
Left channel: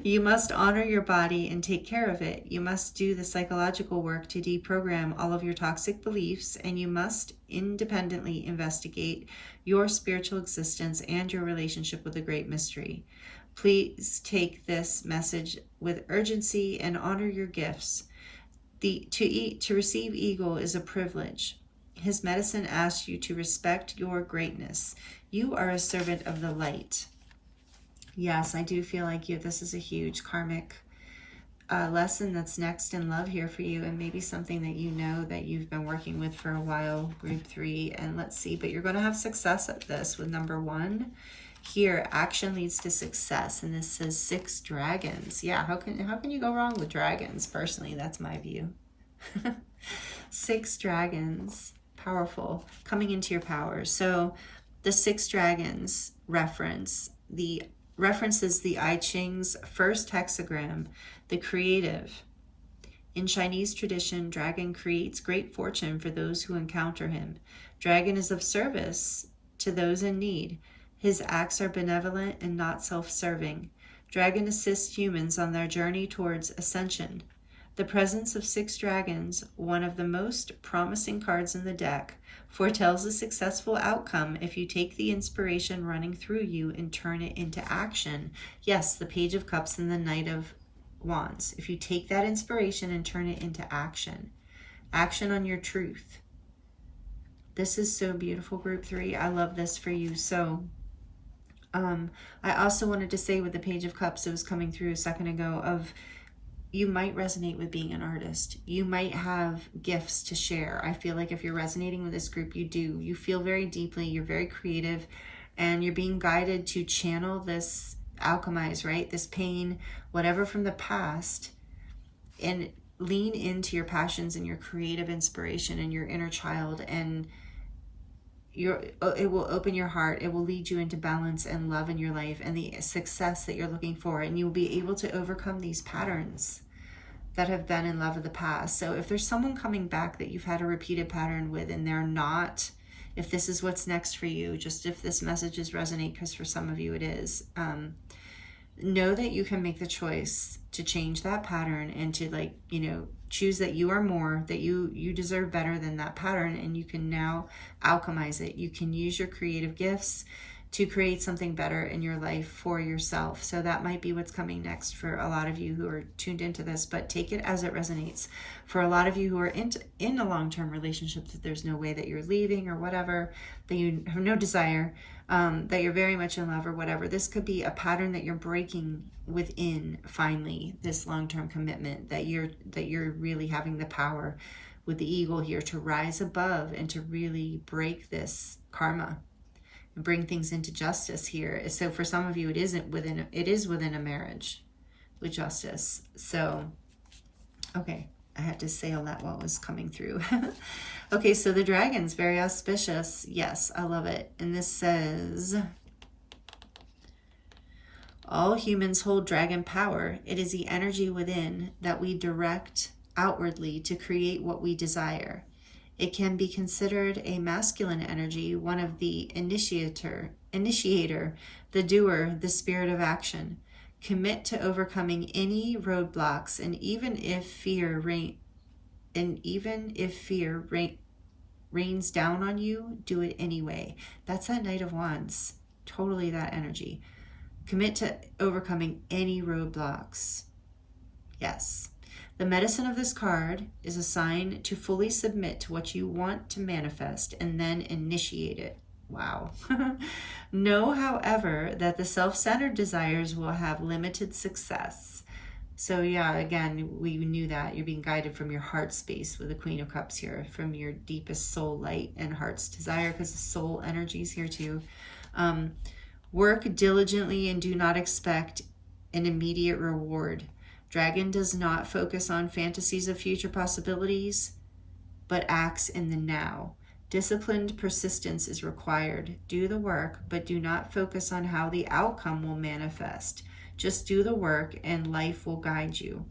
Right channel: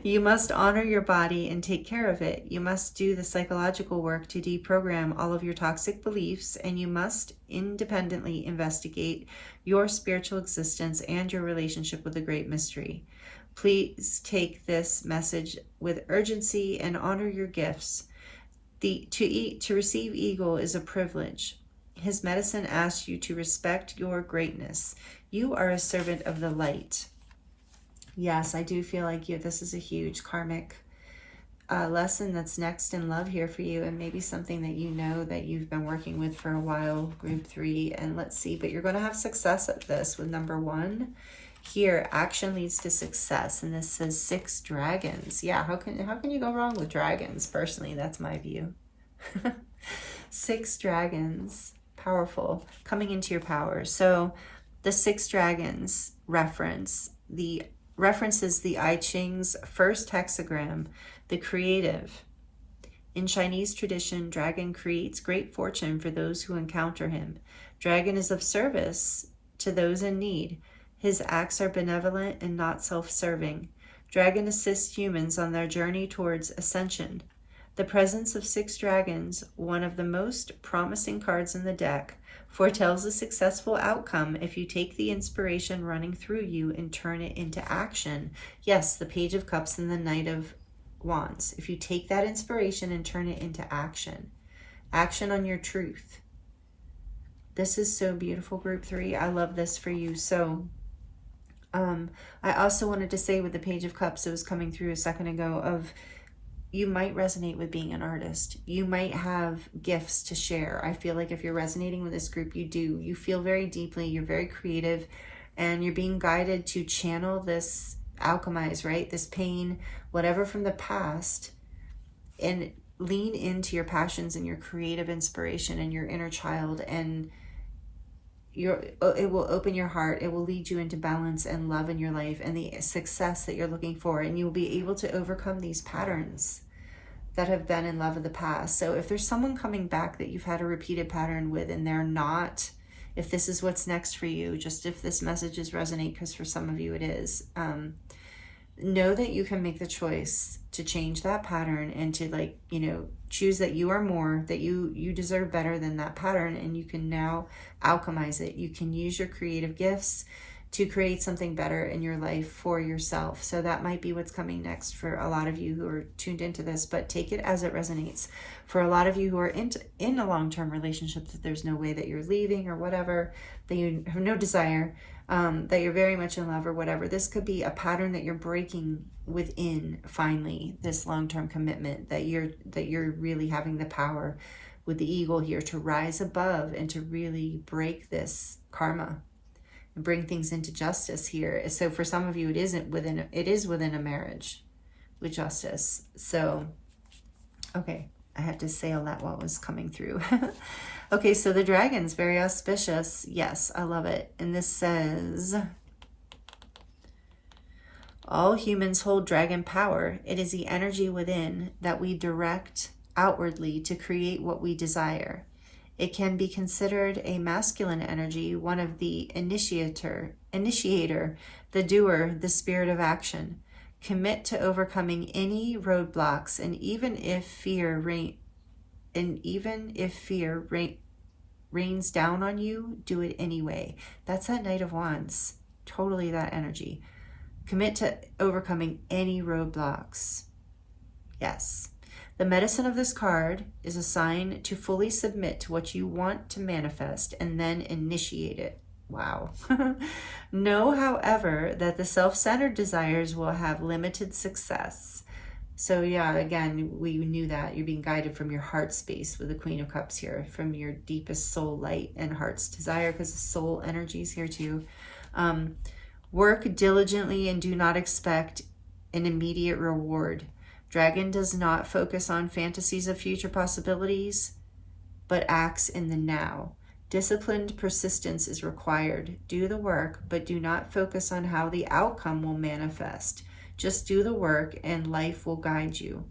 You must honor your body and take care of it. You must do the psychological work to deprogram all of your toxic beliefs, and you must independently investigate your spiritual existence and your relationship with the great mystery. Please take this message with urgency and honor your gifts. To receive eagle is a privilege. His medicine asks you to respect your greatness. You are a servant of the light. Yes, I do feel like this is a huge karmic lesson that's next in love here for you, and maybe something that you know that you've been working with for a while, group 3. And let's see, but you're going to have success at this with number 1. Here, action leads to success, and this says 6 dragons. Yeah, how can you go wrong with dragons? Personally, that's my view. 6 dragons, powerful, coming into your power. So the 6 dragons references the I Ching's first hexagram, the creative. In Chinese tradition, dragon creates great fortune for those who encounter him. Dragon is of service to those in need. His acts are benevolent and not self-serving. Dragon assists humans on their journey towards ascension. The presence of 6 dragons, one of the most promising cards in the deck, foretells a successful outcome if you take the inspiration running through you and turn it into action. Yes, the Page of Cups and the Knight of Wands. If you take that inspiration and turn it into action. Action on your truth. This is so beautiful, group 3. I love this for you. So, I also wanted to say with the Page of Cups, it was coming through a second ago, of you might resonate with being an artist. You might have gifts to share. I feel like if you're resonating with this group, you do. You feel very deeply, you're very creative, and you're being guided to channel this, alchemize, right? This pain, whatever from the past, and lean into your passions and your creative inspiration and your inner child, and it will open your heart. It will lead you into balance and love in your life and the success that you're looking for. And you'll be able to overcome these patterns that have been in love of the past. So if there's someone coming back that you've had a repeated pattern with and they're not, if this is what's next for you, just if this message is resonate, because for some of you it is, know that you can make the choice to change that pattern and to, like, you know, choose that you are more, that you deserve better than that pattern, and you can now alchemize it. You can use your creative gifts to create something better in your life for yourself. So that might be what's coming next for a lot of you who are tuned into this, but take it as it resonates. For a lot of you who are in a long-term relationship that there's no way that you're leaving or whatever, that you have no desire, that you're very much in love or whatever, this could be a pattern that you're breaking within, finally, this long-term commitment, that you're really having the power with the eagle here to rise above and to really break this karma and bring things into justice here. So for some of you, it is within a marriage with justice. So, okay, I had to say all that while it was coming through. Okay, so the dragon's very auspicious. Yes, I love it. And this says, all humans hold dragon power. It is the energy within that we direct outwardly to create what we desire. It can be considered a masculine energy, one of the initiator, the doer, the spirit of action. Commit to overcoming any roadblocks, and even if fear rains down on you, do it anyway. That's that Knight of Wands. Totally that energy. Commit to overcoming any roadblocks. Yes. The medicine of this card is a sign to fully submit to what you want to manifest and then initiate it. Wow. Know, however, that the self-centered desires will have limited success. So yeah, again, we knew that you're being guided from your heart space with the Queen of Cups here, from your deepest soul light and heart's desire, because the soul energy is here too. Work diligently and do not expect an immediate reward. Dragon does not focus on fantasies of future possibilities, but acts in the now. Disciplined persistence is required. Do the work, but do not focus on how the outcome will manifest. Just do the work and life will guide you.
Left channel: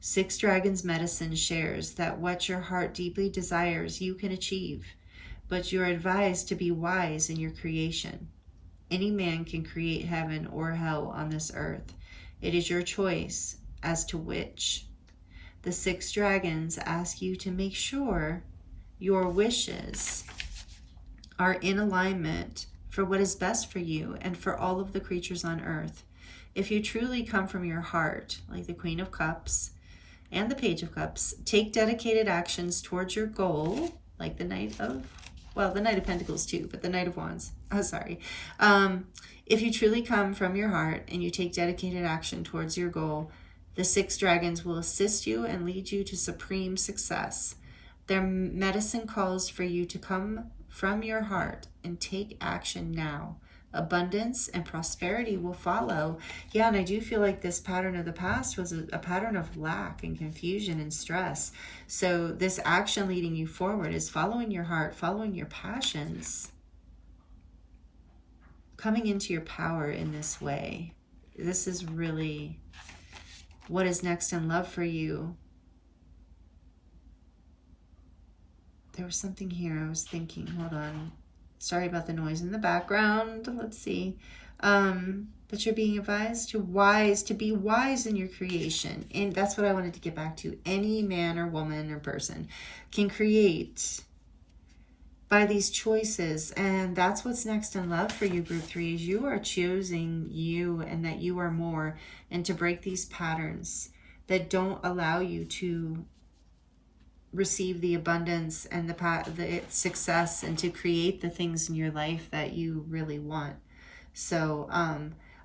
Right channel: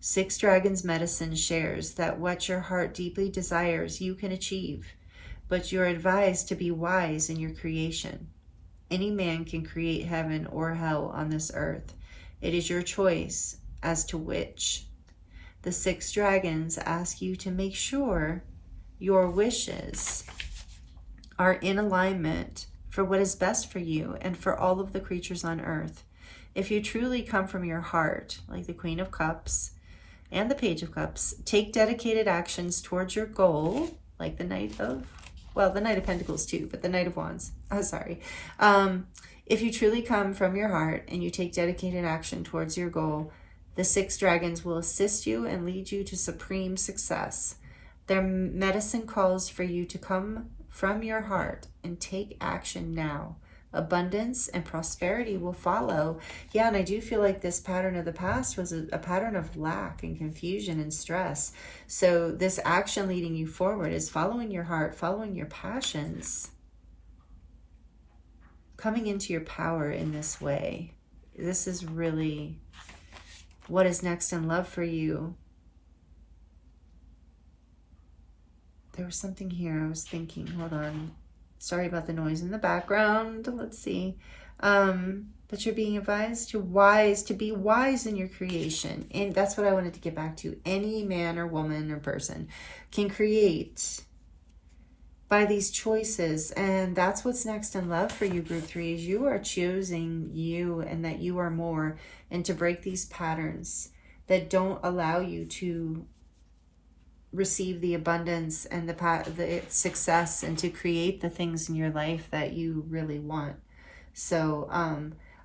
6 Dragons Medicine shares that what your heart deeply desires you can achieve, but you're advised to be wise in your creation. Any man can create heaven or hell on this earth. It is your choice as to which. The 6 dragons ask you to make sure your wishes are in alignment for what is best for you and for all of the creatures on earth. If you truly come from your heart, like the Queen of Cups and the Page of Cups, take dedicated actions towards your goal, like the Knight of, well, the Knight of Pentacles too, but the Knight of Wands. Oh, sorry. If you truly come from your heart and you take dedicated action towards your goal, the 6 dragons will assist you and lead you to supreme success. Their medicine calls for you to come from your heart and take action now. Abundance and prosperity will follow. Yeah, and I do feel like this pattern of the past was a pattern of lack and confusion and stress. So this action leading you forward is following your heart, following your passions, coming into your power in this way. This is really what is next in love for you. There was something here I was thinking, hold on. Sorry about the noise in the background. Let's see. But you're being advised, you're wise, to be wise in your creation. And that's what I wanted to get back to. Any man or woman or person can create by these choices. And that's what's next in love for you, group 3, is you are choosing you and that you are more, and to break these patterns that don't allow you to receive the abundance and the success, and to create the things in your life that you really want. So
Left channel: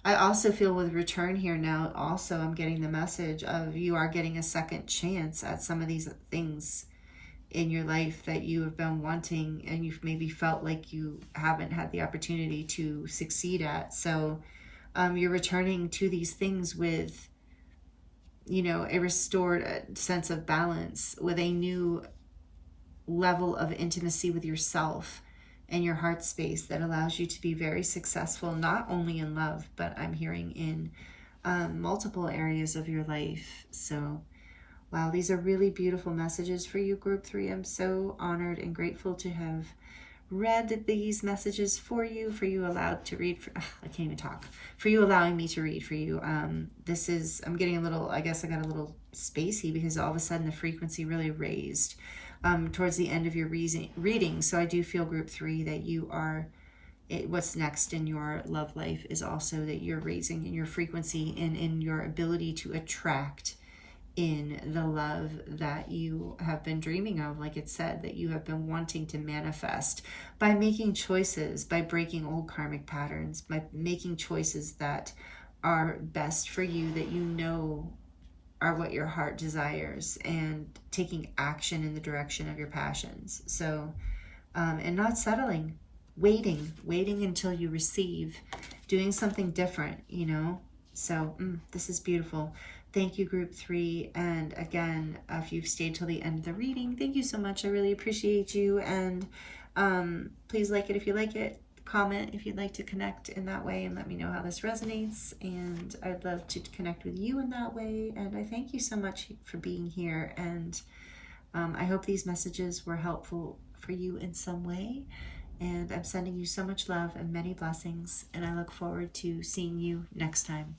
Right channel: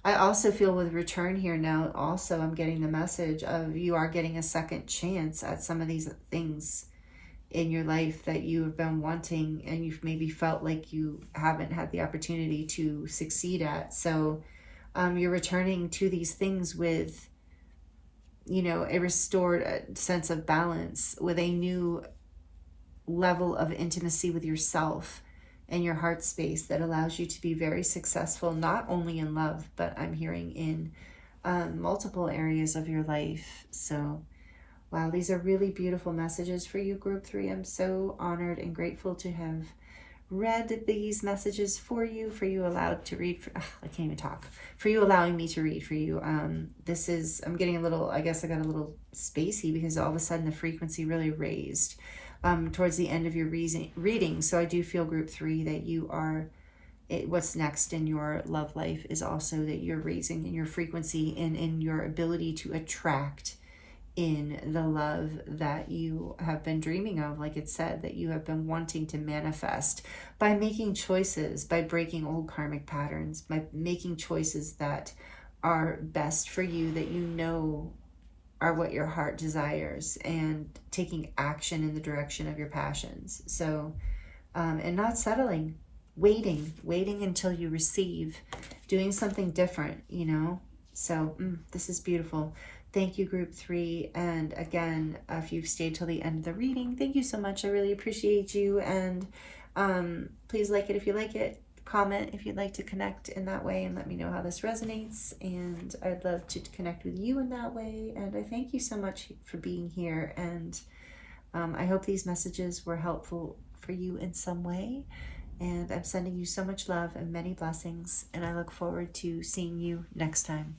I also feel with return here now, also I'm getting the message of you are getting a second chance at some of these things in your life that you have been wanting, and you've maybe felt like you haven't had the opportunity to succeed at. So you're returning to these things with, you know, a restored sense of balance, with a new level of intimacy with yourself and your heart space that allows you to be very successful, not only in love, but I'm hearing in multiple areas of your life. So wow, these are really beautiful messages for you, group 3. I'm so honored and grateful to have read these messages for you allowed to read, I can't even talk, for you allowing me to read for you. This is, I'm getting a little, I guess I got a little spacey because all of a sudden the frequency really raised towards the end of your reading. So I do feel, group 3, that you are, what's next in your love life is also that you're raising in your frequency and in your ability to attract in the love that you have been dreaming of, like it said, that you have been wanting to manifest by making choices, by breaking old karmic patterns, by making choices that are best for you, that you know are what your heart desires, and taking action in the direction of your passions. So, and not settling, waiting until you receive, doing something different, you know? So this is beautiful. Thank you, group 3. And again, if you've stayed till the end of the reading, thank you so much. I really appreciate you. And please like it if you like it. Comment if you'd like to connect in that way, and let me know how this resonates. And I'd love to connect with you in that way. And I thank you so much for being here. And I hope these messages were helpful for you in some way. And I'm sending you so much love and many blessings. And I look forward to seeing you next time.